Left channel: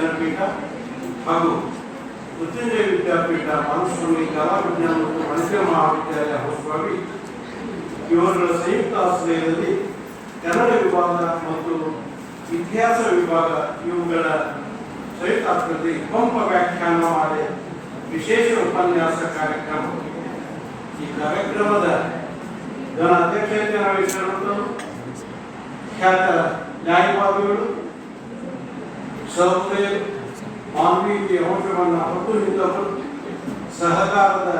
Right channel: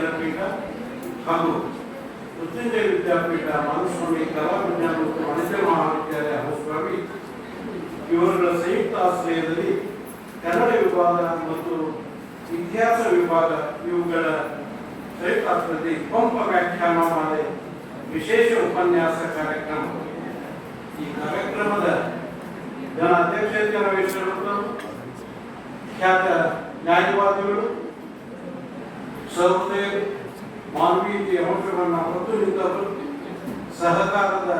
ವಿದ್ಯಾಪೀಠ ಹಾಗೂ ಮೃತ್ಯುಂಜಯ ವಿದ್ಯಾಪೀಠ ಮಾನಸ್ವಾಮಿ ಕಲಾ ವಿಜ್ಞಾನ ಮತ್ತು ವಾಣಿಜ್ಯ ಮಹಾವಿದ್ಯಾಲಯ ಹೊಸವಾಗಿ ಇವರುಗಳ ಸಂಯುಕ್ತ ಆಶ್ರಯದಲ್ಲಿ ಕನ್ನಡ ವಿಭಾಗ ಮತ್ತು ಇತಿಹಾಸ ವಿಭಾಗ ಇವುಗಳ ಸಂಯುಕ್ತ ಆಶ್ರಯದಲ್ಲಿ ಪಂಪ ವ್ಯಾಖ್ಯಾನಮಾಲೆ ವಿಶೇಷ ಉಪನ್ಯಾಸ ಕಾರ್ಯಕ್ರಮ. ಈ ಕಾರ್ಯಕ್ರಮದ ಅಧ್ಯಕ್ಷತೆ ವಹಿಸಿರುವುದು ಖ್ಯಾತ ನ್ಯಾಯವಾದಿಗಳು ಸಹೃದಯರು, ಮಾನವೀಯತೆಯ ಅಂಶವನ್ನು ಹೊತ್ತು ನಿಂತವರು, ಸಹಕಾರದ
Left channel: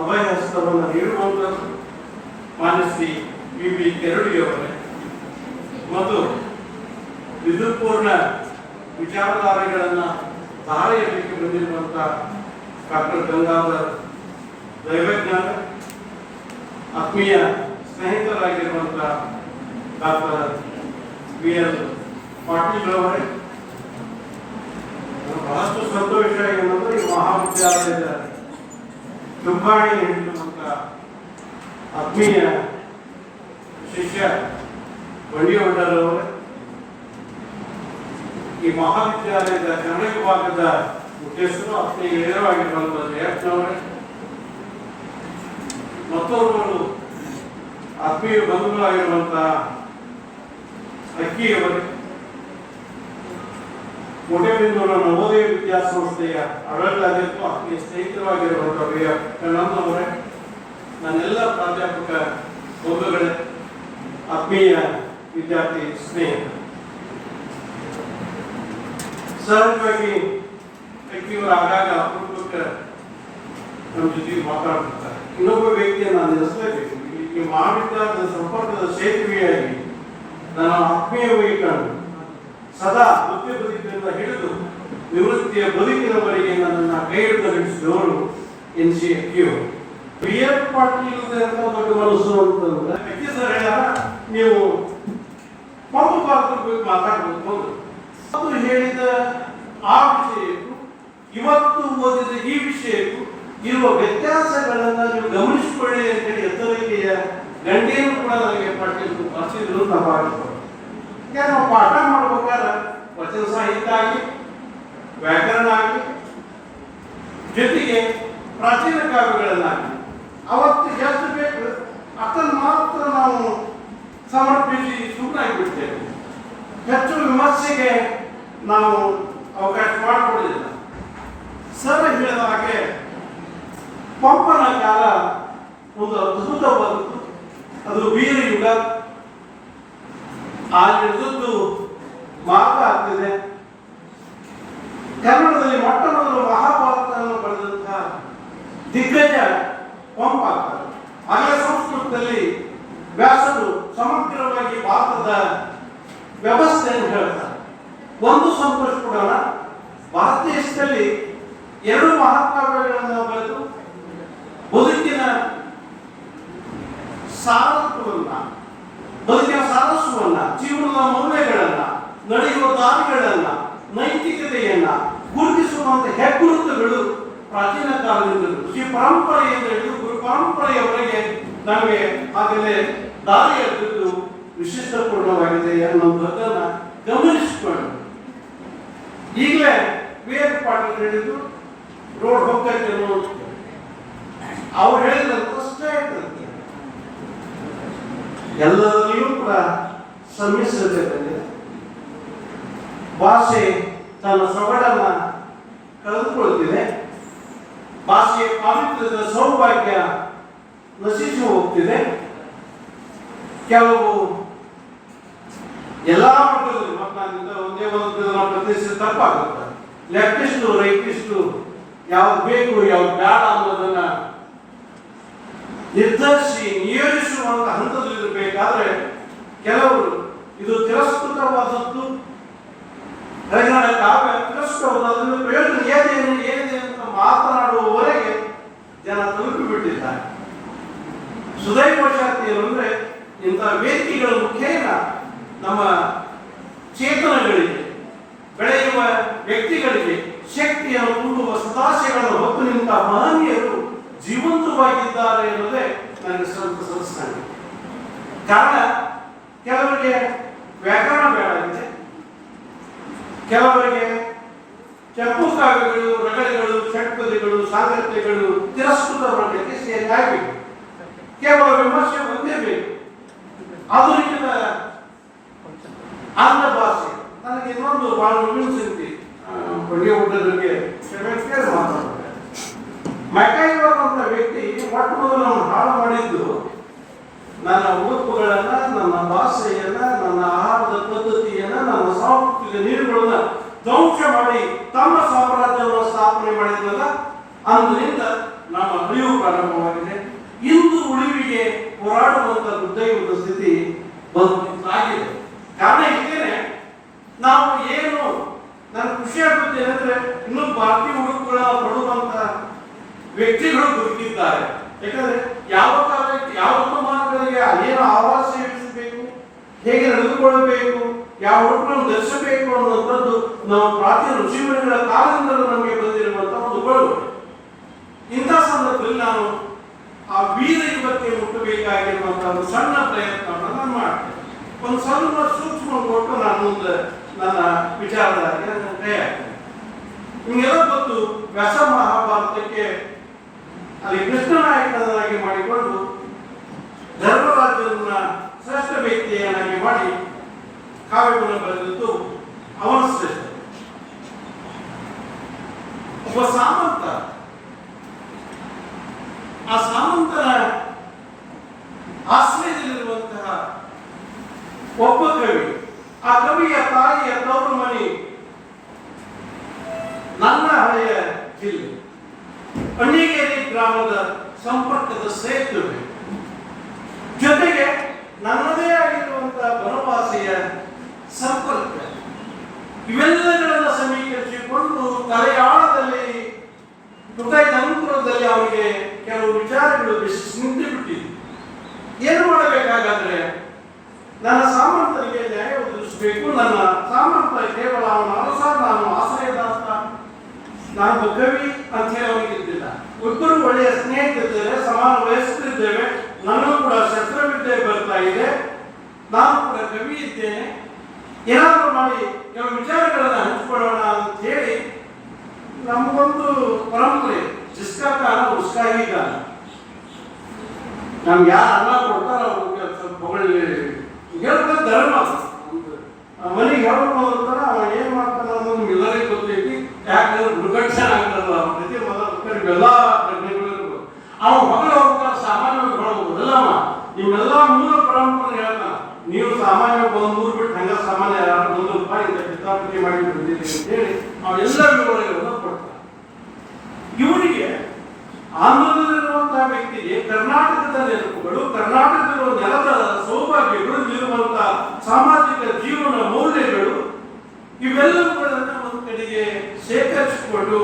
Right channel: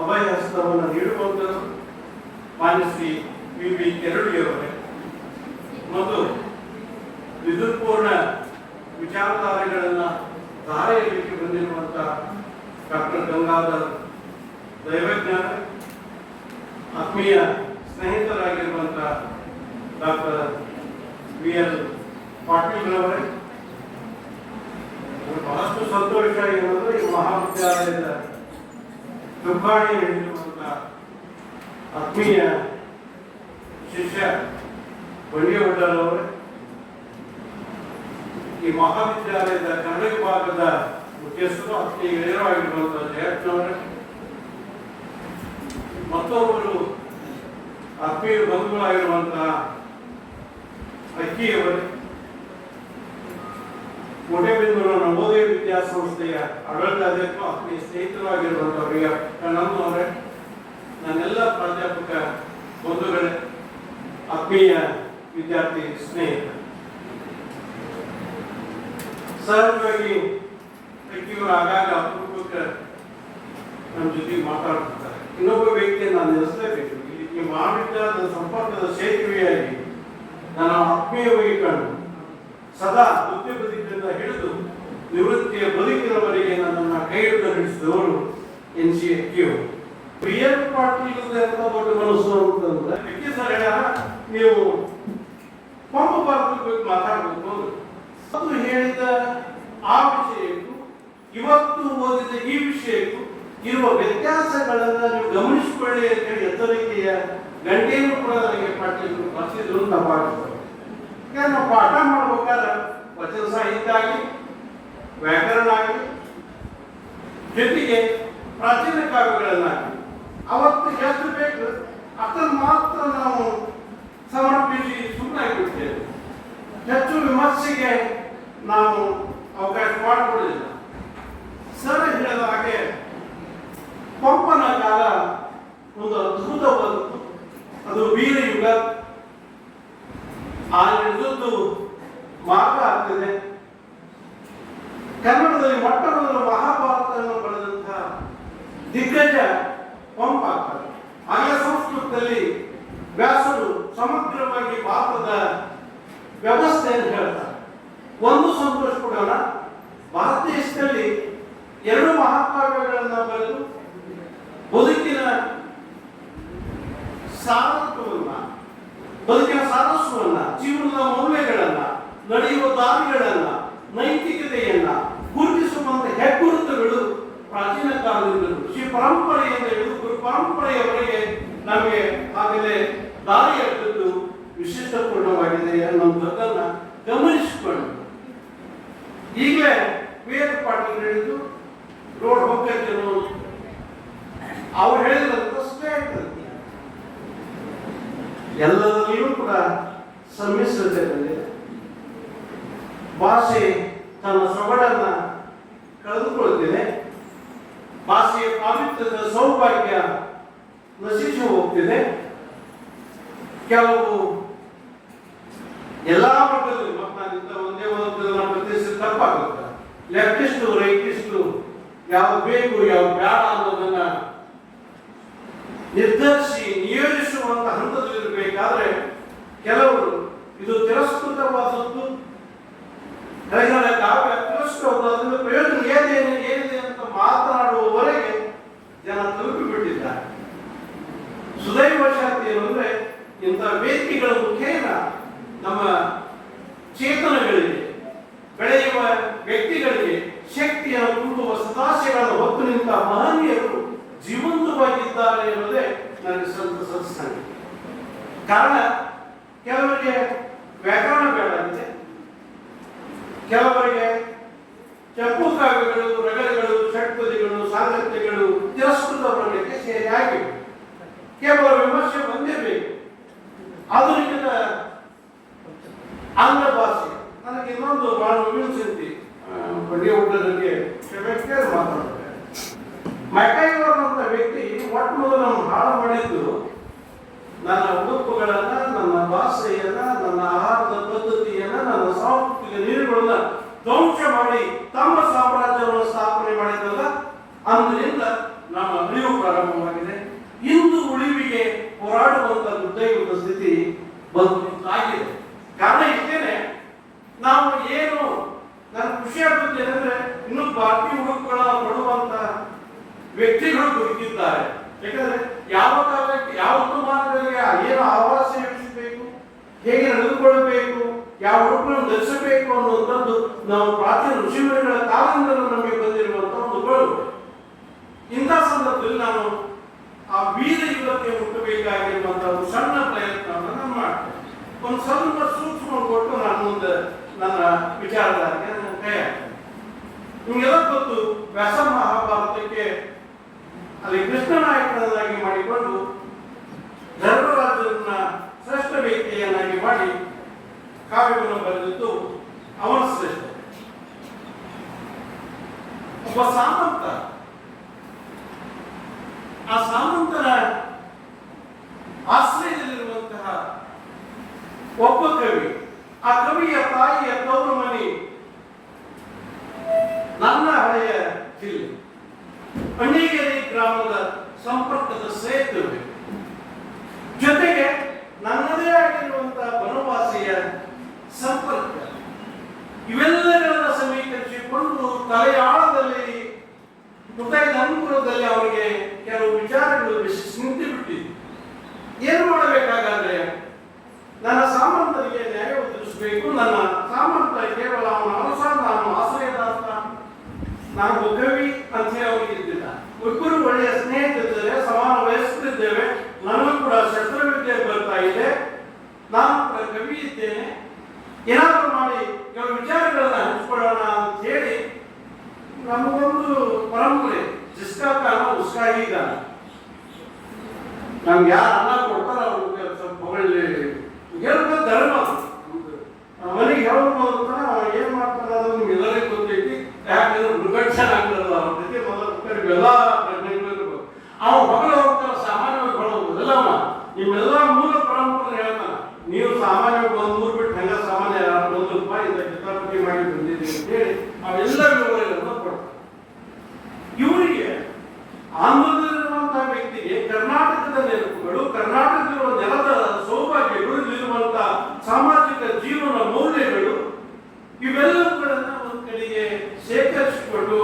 ಅಭಯಹಸ್ತವನ್ನು ನೀಡುವಂಥವರು ಮಾನ್ಯ ಶ್ರೀ ವಿ ಕೆರಡಿಯವರೇ ಮತ್ತು ವಿದ್ಯುತ್ಪೂರ್ಣ ವಿಚಾರಧಾರೆಗಳನ್ನು ಧಾರೆ ಎಡಲಿಕ್ಕೆ ಬಂದಿರುವಂಥ ಡಾಕ್ಟರ್ ಗಂಗಾಧರ್ ದೈವಜ್ಞಾನ, ಆತ್ಮೀಯ ಸ್ನೇಹಿತರಾಗಿರುವಂಥ ಡಾಕ್ಟರ್ BL ಪಾಟೀಲ್ರವರೇ, ಬಹಳಷ್ಟು ಸಂತೋಷ ಎನ್ನುವುದು ಈ ಮಹಾವಿದ್ಯಾಲಯದ ಚುಕ್ಕಾಣಿ ಹಿಡಿದಿರುವಂಥ ಆತ್ಮೀಯ ಶಿಷ್ಯ ಬಂಡಿಹೊಡ್ಡರವರೇ, ಈ ಮಹಾವಿದ್ಯಾಲಯದ ಕನ್ನಡ ವಿಭಾಗದ ಮುಖ್ಯಸ್ಥರು ಆತ್ಮೀಯ ಗೆಳೆಯರಾಗಿರುವಂಥ ಜಯಪ್ಪನವರೇ, ಮತ್ತೊಬ್ಬರು ಆತ್ಮೀಯ ಬಂಧುಗಳಾಗಿರುವಂತಹ ಅಕ್ಕಿಯವರೇ, ಕೋಟೆಬೆನ್ನೂರು ನವೋದಯ ವಿದ್ಯಾಸಂಸ್ಥೆಯ ಆಡಳಿತಾಧ್ಯಕ್ಷರು ಆತ್ಮೀಯ ಸ್ನೇಹಿತರಾಗಿರುವಂತಹ ಕಣ್ಣಮ್ಮನವರೇ, ನನ್ನೆಲ್ಲ ಪ್ರಾಧ್ಯಾಪಕ ಬಂಧುಗಳೇ, ಆತ್ಮೀಯ ವಿದ್ಯಾರ್ಥಿ ಸ್ನೇಹಿತರು, ಸಹಜವಾಗಿ ಅಕ್ಕಿಯವರ ಆಗಾಗ ಅಪರೂಪಕ್ಕೆ ನಮ್ಮ ಜೊತೆಗೆ ಮಾತಾಡ್ತಿರ್ತಾರೆ. ಇನ್ನೊಬ್ಬ ವ್ಯಕ್ತಿಯನ್ನು ನಾನು ನೆನೆಸಲೇಬೇಕು. ಈ ಮಹಾವಿದ್ಯಾಲಯದ ಸಂಪರ್ಕದ ಸೇತುವೆಯಾಗಿ ನನ್ನ ಆತ್ಮೀಯವಾಗಿ ಕಂಡು ಸದಾ ವೃತ್ತಿ ಬದುಕಿನಿಂದ ಹಿಡಿದು ನಿವೃತ್ತಿಯ ಬದುಕಿನವರೆಗೆ ನನ್ನನ್ನು ಕೈ ಹಿಡಿದು ನಡೆಸಿದವರು NC ಅಕ್ಕಿಯವರು. BL ಪಾಟೀಲ್ ಅಂತ ದೊಡ್ಡ ಮನಸ್ಸು ಅಂತಂದ್ರೆ ಅಕ್ಕಿ ಸರ್ ಹೇಳ್ಯಾರ, ನೀವು ಪಂಪ ಪಾತ್ರದ ಬಗ್ಗೆ ಮಾತಾಡಬೇಕು. ಅದು ಹೇಳಿದ ಆ ವಿಷಯಕ್ಕೂ ಇವತ್ತು ಓದಿದ ಈ ವಿಷಯಕ್ಕೂ ಇರುವ ವ್ಯತ್ಯಾಸಗಳನ್ನು ನೀವು ಗಮನಿಸಿಕೊಳ್ಳಿ ಅಂತ ಹೇಳಿ ಎತ್ತರಿಕೆಯ ಗಂಟೆಯನ್ನು ಕೂಡ ನನಗೆ ಪಾಟೀಲ್ ಬರ್ಸಿದ್ರು. ನಾವು ಭಾವಿಸ್ತೇವೆ. ನಾವು ಪಾಠ ಮಾಡ್ಬೇಕಾದ್ರೆ ವಚನ ಸಾಹಿತ್ಯ ಆಗಿ, ವ್ಯಾಕರಣ ಆಗಿ, ಜೊತೆಗೆ ಪ್ರಾಚೀನ ಕಾವ್ಯಗಳನ್ನಾಗಿ ಅವತ್ತು ಎಷ್ಟು ಬೇಕು ಅದನ್ನು ಮಾತ್ರ ನಾವು ಸಮರ್ಪಿಸಿ ಸುಮ್ಮನಾಗಿಬಿಡ್ತೇವೆ. ಹೆಚ್ಚು ವಿಮರ್ಶೆಗೆ ನಾವು ಅವಕಾಶ ಮಾಡಿಕೊಡಲಿಲ್ಲ. ಸರ್ ಹೇಳಿದ ಹಾಗೆ ಪಂಪನ ಕಾಲ ಒಂದು ಅದ್ಭುತವಾದದ್ದು. ಅದು ವೀರ ಯುಗ. ಆ ಯುಗದ್ದು ಮಾರ್ಗ ಆಗ್ತದೆ. ಕನ್ನಡದಲ್ಲಿ ಮೊಟ್ಟ ಮೊದಲು ಮಹಾಭಾರತವನ್ನು ಬರೆದಂತಹ ದಿಗ್ಗಜ ಪಂಪ ಆಗ್ತಾರೆ. ಆಯಾ ಸಂಸ್ಕೃತದಲ್ಲಿ ವ್ಯಾಸರು ಸಮಗ್ರವಾಗಿ ಭಾರತದ ವ್ಯವಸ್ಥೆಯನ್ನು ಹೇಳ್ತಾರೆ. ಒಂದು ಸಂತೋಷ ಕೊಡೋಣ, ಭಾರತ ದೇಶದಲ್ಲಿ 2 ಮಹಾಕಾವ್ಯಗಳನ್ನು ಬರೆದು ಬದುಕಿನ ಸಾರಸ್ವನ್ನ, ಜೀವನದ ಮೌಲ್ಯಗಳನ್ನ, ನಡೆಯುವ ದಾರಿಗಳನ್ನ, ನೈತಿಕತೆಯನ್ನ ಗುರುತಿಸುವಂತ ಹೆಗ್ಗುರುತುಗಳು ಪ್ರಾಚೀನ ಕಾಲದಿಂದ ಶ್ರೀ ಪರಂಪರೆಯಿಂದ ಹಿಡಿದು ಗುರು ಪರಂಪರೆಯವರೆಗೆ ನಮಗೆ ಆಗಲೇ ದಾರಿ ಎತ್ತಿದ್ದು ವಿಶಿಷ್ಟಪೂರ್ಣವಾಗಿದೆ ಅನ್ನೋದನ್ನ ಗಮನಿಸಿಕೊಂಡು ಈಗಲೇ BL ಪಾಟೀಲ್ ಹೇಳಿದ್ದು ರೋಡ್ ಹೋಗ್ತೈತೆ ಅನ್ನೋದು ಅವ್ರು ಹೇಳಿದಂತಷ್ಟೇ ಇರ್ತದೆ. ಎಲ್ಲದರಲ್ಲೂ ಕೂಡ ಸಮ್ಮಿಶ್ರತೆ ಬಂದಿದೆ. ಭಾಷೆ ತನ್ನ ಸೊಗಡನ್ನ ಕಳೆದುಕೊಳ್ಳುತ್ತಿದೆ. ಭಾಷೆಯ ಪಾವಿತ್ರ್ಯದ ಸೌಭಾಗ್ಯ ನಶಿಸಿ ಹೋಗ್ತಿದೆ. ಕೆಲವು ಎಲ್ಲಾ ಮಟ್ಟದಲ್ಲಿ ಒಂದೇ ಒಂದು ಪ್ರತಿಷ್ಠೆ ತಪ್ಪಾಗುತ್ತೆ. ಲೆಫ್ಟಿಸ್ಟು ರೈಟಿಸ್ಟು ಯಾವ್ದು ಬೇಕು ಯಾವ್ದು ಬೇಡ ಅನ್ನೋದನ್ನ ನಿರ್ಧರಿಸಿ ನಿಯೋಜಿಸುವಂತ ಹಂತದಲ್ಲಿರಬೇಕಾದ್ರೆ ಕೆಲವರು ಇದು ತಿರಸ್ಕೃತವಾದದ್ದು, ಕಾವ್ಯ ತಿರಸ್ಕೃತವಾದ ಪ್ರಯೋಜನ ಏನಿದೆ ಅಂತ ಮಾತನಾಡುವವರೆಗೆ ಜನ ತಲುಪಿಬಿಟ್ಟಿದ್ದಾರೆ. ಸುದೈವಶಾತಿ ಏನಂದ್ರೆ ಇಂಥ ವೇದಿಕೆಗಳ ಮುಖೇನ ನಮ್ಮ ಚೇತನಗಳಿಗೆ, ಬೆಳೆಯುವ ವ್ಯಕ್ತಿಗಳಿಗೆ ಶಕ್ತಿಯನ್ನು ತುಂಬುವ ಸದಾಶಯಗಳನ್ನು ಹೊತ್ತು ನಿಂತ ಮಹನೀಯರು ಜೀವಂತವಾಗಿದ್ದಾರೆ ಎನ್ನುವುದೇ ನನಗೆ ಸಂತಸ. ಕಾರಣ ಕೆಲವರಿಗೆ ವ್ಯಾಕರಣ ಬೇಡ ಇದೆ, ಕೆಲವರಿಗೆ ಚಂಪುಕಾವ್ಯಗಳು, ರಗಳೆಗಳು, ಷಟ್ಪದಿಗಳು, ಸಾಂಗತ್ಯಗಳು ತಿರಸ್ಕೃತ ಮಾಡಲಿಕ್ಕೆ ಸೇರಿ ಆಗಿವೆ. ಕೇವಲ ವಿಮರ್ಶೆ ಒಂದೇ ಬೇಕು. ಆಧುನಿಕ ಆಂಗ್ಲ ಭಾಷೆ ನನಗೆ ಇನ್ನೊಂದು ಬಹಳ ವಿಮರ್ಶಿಸಿ ಬಡ್ಡಿ ಊಟದಕ್ಕೆ ಮಾತಾಡ್ತಾರೆ. ಮೆಕೈವರ್ ಅಂತ ವ್ಯಕ್ತಿ ಮೊಟ್ಟ ಮೊದಲು ನಮ್ಮ ಹಾಳು ಮಾಡಿದ್ದು ನನ್ನ ಉಡುಪುಗಳನ್ನ, ನನ್ನ ಭಾಷೆಯನ್ನ, ನನ್ನ ಆಹಾರದ ಪದ್ಧತಿಯನ್ನ, ನನ್ನ ಸಾಂಸ್ಕೃತಿಕ ನೀರುಗಳನ್ನ ಧ್ವಂಸ ಮಾಡಿ ತಮ್ಮ ಸಾಮ್ರಾಜ್ಯವನ್ನು ಸ್ಥಾಪನೆ ಮಾಡಿದ್ರಲ್ಲ, ಅಂದಿನಿಂದ ನಮ್ಮ ಅಳಿವು ಪ್ರಾರಂಭವಾಗಿದೆ. ಇಂದು ಉಳಿವಿಗೆ ಹೋರಾಡುವಂತ ದುರ್ದೈವದ ಸ್ಥಿತಿ ಬಂದಾಗಿದೆ. ಕಾರಣ ಇದ್ದೇನೆ, ನಾವು ಏನು ನನ್ನ ಖುಷಿ ಆಗುತ್ತೆ ಏನಂದ್ರೆ ಇನ್ನು ಭಾರತೀಯ ಉಡುಪುಗಳ ತೊಡುವಂತ ವ್ಯಕ್ತಿಗಳು ಬದುಕಿದ್ದಾರೆ. ಯಾಕಂದ್ರೆ ಯಾವ ಕಾಲಕ್ಕೆ ಯಾವ ಋತುಮಾನಗಳಿಗೆ ಏನು ಆವಾಸ ಎಬ್ಬಿಸಬೇಕು, ಹೇಗೆ ನಡೆದುಕೊಳ್ಳಬೇಕು, ಯಾವ ಉಡುಪನ್ನು ಧರಿಸಬೇಕು ಅನ್ನುವಂಥದ್ದು ನಾವು ಪ್ರಾಚೀನ ಋಷಿಮುನಿಗಳ ಕಾಲದಿಂದಲೂ ನಮಗೆ ಬಂದಿರುವಂತಹ ಒಂದು ಬಳುವಳಿ. ಇಂಥ ಸಂದರ್ಭದಲ್ಲಿ ನಾನು ಆ ವೀರ ಯುವತಿಗೆ ಮುಟ್ಟಬೇಕಾಗಿರುವಂತಹ ಒಂದು ಸಣ್ಣ ಪ್ರಯತ್ನವನ್ನು ನಾನು ಮಾಡ್ತೇನೆ. ಒಂದು ಸಣ್ಣ ಸೂಕ್ಷ್ಮ ಕೊಟ್ಟು ನಾನು ಮುಂದೆ ನನ್ನ ವಿಚಾರಧಾರೆ ಕೈ ಹಾಕ್ತೇನೆ. ನಿಮಗೆಲ್ಲ ಗೊತ್ತು, ವ್ಯಾಸ ಮಹಾಭಾರತಕ್ಕೆ ಅಲ್ಲಿ ಕೃಷ್ಣನಾಯಕನಾಗಿ ಮಾಡಿಕೊಂಡು ಧರ್ಮರಾಜನ ಶ್ರೇಷ್ಠ ವ್ಯಕ್ತಿಯನ್ನಾಗಿ ಮಾಡಿ ಕಾವ್ಯವನ್ನು ಬರೆದಿದ್ದು ಅವನ ಶ್ರೇಷ್ಠ. ಒಬ್ಬ ಸಾಮಂತ, ಆ ಸಾಮಂತನ ಆಶ್ರಯದಲ್ಲಿರುವಂತಹ ಒಬ್ಬ ಕವಿ, ಆ ಕವಿಯ ತಾಯಿಯ ತವರು ಮನೆ ನನ್ನ ಹಳೆಯ ಜಿಲ್ಲೆ ಅಣ್ಣಿಗೇರಿ ಗ್ರಾಮದ ಸಂಪರ್ಕದ ಸೇತುವೆ, ಜೊತೆಗೆ ನನ್ನದೇ ಆಗಿರುವಂತಹ ಬನವಾಸಿಯ ಸಂಪರ್ಕ, ಇವೆಲ್ಲಗಳನ್ನು ಸಮೀಕರಿಸಿಕೊಂಡು ತಲೆಯಾಳದಲ್ಲಿ ಹೃದಯದಂತರದಲ್ಲಿ ಅವನಿಗೆ ಕೆಲವು ವಿಚಾರಗಳು ನಿಂತು ಬಿಟ್ಟಿದೆ. ಏನು ಮಾಡಬೇಕಾಗಾದ್ರೆ ನನ್ನ ಸಾಮಂತನಿಗೆ ನ್ಯಾಯ ಒದಗಿಸಬೇಕು. ನನ್ನ ಸಾಮಂತ ಕೇವಲ ಅವನ ಅರಸ, ನಾನು ಆಶ್ರಯದಾತ, ನಾನು ಕವಿ ಅಂತ ಹೇಳಿ ಅವನಿಗೆ ಇದ್ದಿಲ್ಲ. ಇಬ್ಬರು ಒಳ್ಳೆಯ ಸ್ನೇಹಿತರಿದ್ದೇವೆ, ಸಮಾನ ವಯಸ್ಕರಿದ್ದೇವೆ. ನನಗೂ ಕೂಡ ಶಸ್ತ್ರವಿದ್ಯೆ ಬರ್ತಾ ಇದೆ, ನಾನು ಕೂಡ ಕವಿ ಇದ್ದೇನೆ. ಏನಾದರೂ ಮಾಡಿ ಕೆಲವು ವಿಚಾರಗಳನ್ನು ಹಂಚಿಕೊಳ್ಳೋಣ ಅಂತ ಹೇಳಿ ನಮಗೊಂದು ಪರಂಪರೆ, ಜಿಸ್ಕಾ ಕಾಲ ಉಸ್ಕಾಹಿ ಕಾಲ. ನಮ್ಗೆ ಯಾರು ಅನ್ನ ಕೊಡ್ತಾರ ಅವ್ರಿಗೆ ಹೊಗಳಿ ಹೇಳ್ಬೇಕು. ಧರ್ಮ ಮನೆಗೆ ಹೇಳ್ಬೋದು ಅಂತಾರ, ಅವ ಏನ್ ಮಾಡ್ತಾನ ಅನ್ನೋದು ನಿಮ್ಗೆಲ್ಲರಿಗೂ ಗೊತ್ತೈತಿ. ಯಾಕಂದ್ರೆ ದುರ್ಘಟನೆ ಆಗ್ತಾರಲ್ಲ ಅವ್ರ ಜೊತೆ ಮೊದಲು ಎಲ್ಲ ಪ್ರಜ್ಞೆಗಳು ಇರ್ಬೋದು. ಅವ ಹೊಗಳಿ ಹೋಗ್ತಾರ, ಸಾಮಾನ್ಯವಾಗಿ ಹೊಳಬಹುದು ಅಲ್ಲಮ್ಮ. ನಿಮ್ಮೆಲ್ಲ ಮೂಲ ಪರಂಪರೆ ಹೇಳ್ತಾನ, ನೀವು ಸಾಮಾನ್ಯವಾಗಿ ಒಂದು ಮೂರು ಬಿಟ್ಟು ಹಂಗ ಸಾಮಾನ್ಯ ₹1 ಇಂದ ಕಿತಾಪತಿ ಮಾಡಿ ಬಂದಿದ್ದೀರಿ ಅಂತ ಹೇಳಿ ಅವೆಲ್ಲ ವಿವರಗಳನ್ನು ಕೊಡ್ತಾರೆ. ಇವರಿಗೆ ಆಂಧ್ರದಲ್ಲಿರುವಂತಹ ವ್ಯಕ್ತಿಗೆ ಕರ್ನಾಟಕದ ನೆನಪುಗಳು, ಕರ್ನಾಟಕದ ನೆಲದ ಸೌಭಾಗ್ಯಗಳು, ಇರುವಂತಹ ಸಾಮಾಜಿಕ ಜೀವನ ಮೌಲ್ಯಗಳು, ಇವೆಲ್ಲವುಗಳನ್ನ ಒಂದು ಕಡೆಗೆ ಶೇಖರಿಸಿಕೊಂಡು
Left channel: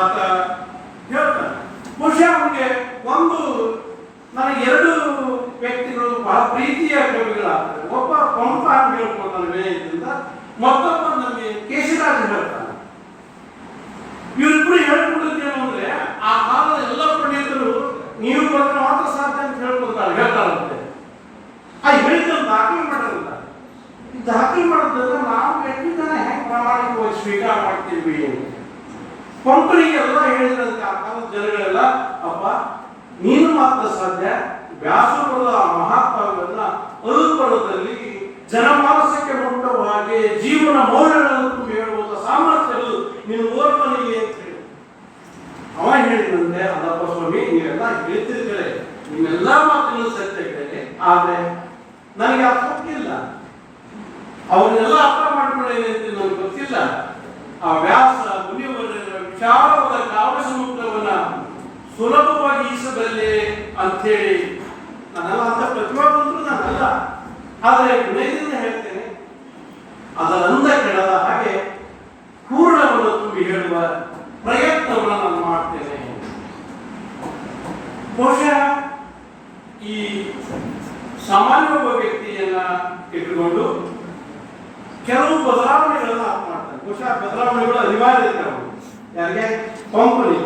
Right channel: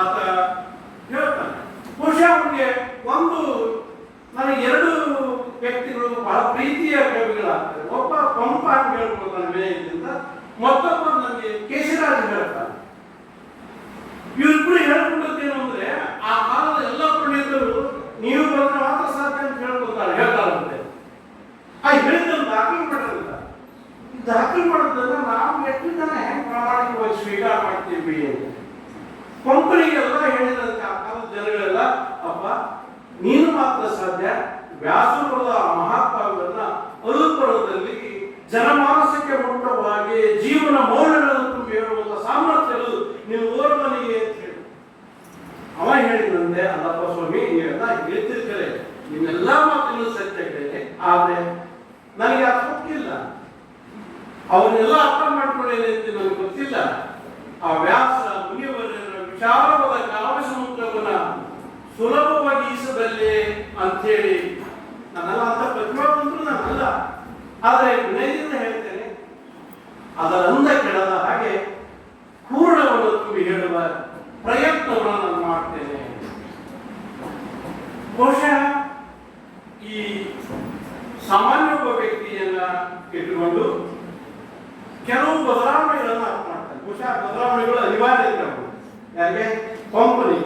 ಆತ ಹೇಳ್ತಾನೆ. ಬಹುಶಃ ಅವನಿಗೆ ನನಗೆ 2 ವ್ಯಕ್ತಿಗಳು ಬಹಳ ಪ್ರೀತಿಯ ಕವಿಗಳಾಗ್ತದೆ. ಒಬ್ಬ ಪಂಪ ಅಂತ ಹೇಳ್ಕೊಳ್ತಾನೆ ವಿನಯದಿಂದ, ಮತ್ತೊಬ್ಬ ನನಗೆ ಕೇಶರಾಜ್ ಹೇಳ್ತಾನೆ. ಇವರಿಬ್ಬರು ಹೇಳ್ಕೊಡೋದೇನು ಅಂದ್ರೆ, ಆ ಕಾಲದ ಎಲ್ಲ ಪಂಡಿತರು ನೀವು ಬರೆದ್ರೆ ಮಾತ್ರ ಸಾಧ್ಯ ಅಂತ ಹೇಳ್ತಾರಂತೆ. ಆ ಹೇಳಿದ್ದನ್ನು ದಾಖಲೆ ಮಾಡಿರಲ್ಲ. ಈ ದಾಖಲೆ ಮಾಡೋದ್ರಿಂದ ನಾವು ವ್ಯಕ್ತಿಗಳನ್ನ ಹೆಂಗೆ ಪ್ರಾಮಾಣಿಕವಾಗಿ ಸ್ವೀಕಾರ ಮಾಡ್ತೀವಿ ಅಂತ ಪಂಪನಿಗೆಲ್ಲ ಹೇಳಿದ್ರಂತೆ ಆ ಕಾಲದ ಜನಗಳೆಲ್ಲ, ಅಪ್ಪ ನೀನು ಮಾತ್ರ ಸಾಧ್ಯ, ವ್ಯಾಸರದ ಮಹಾಕಾವ್ಯವನ್ನ ಅನುಕರಣದಲ್ಲಿ ಜನಮಾನಸಕ್ಕೆ ಮುಟ್ಟುವ ಹಾಗೆ ಜೀವನ ಮೌಲ್ಯಗಳನ್ನು ಹೇಳುವಂತ ಸಾಮರ್ಥ್ಯಗಳು ನೀನು ಓರ್ವನಿಗೆ ಅಂತ ಹೇಳಿ. ಅವ ಹೇಳಿದಂತೆ, ಅಲ್ಲಪ್ಪ ಸ್ವಾಮಿ ನೀವೆಲ್ಲ ಹೇಳ್ತಿರ್ತಾರೆ, ನಿಮ್ಮೆಲ್ಲ ಮಾತುಗಳು ಸತ್ಯಗಳಿದೆ, ಆದ್ರೆ ನನಗೆ ಅದು ಗೊತ್ತಿಲ್ಲ, ಅವನ್ನೆಲ್ಲ ಅರ್ಥ ಮಾಡ್ಕೊಳ್ಳೇನೆ ಅಂತ ನನಗೆ ಗೊತ್ತಿಲ್ಲ. ಆ ವ್ಯಾಸ ಮುನಿಯವರ ವಿಚಾರವಾದ ಕಾವ್ಯ ಸಮುದ್ರವನ್ನ ಸುಲಭವಾಗಿ ಈಸಬಲ್ಲೆ ಅಂಥೇಳಿ ನಾನೆಲ್ಲ ಅಂತ ಪ್ರತಿಭಾವಂತರು ನಾನಲ್ಲ, ಆದರೆ ವಿನಯದಿಂದ ಹೇಳ್ತೇನೆ, ಅದರ ಅಂದ ಕೆಳದ ಹಾಗೆ ಪೂರ್ಣವನ್ನು ತುಂಬಿ ಹೇಳುವ ಪ್ರಯತ್ನವನ್ನು ನಾನು ಮಾಡ್ತೇನೆ. ಬಹುಶಃ ಈ ಸಾಮಾನ್ಯ ಒಬ್ಬ ವ್ಯಕ್ತಿಯನ್ನ ಇಟ್ಟುಕೊಂಡು ಕೆಲವು ಬದಲಾವಣೆಗಳನ್ನ ಮಾಡ್ತಾರೆ. ಬಹುಶಃ ಬದಲಾವಣೆಗಳು ಅನಿವಾರ್ಯ ಇರ್ತವೆ. ಯಾಕೆ ಪಂಪನಿ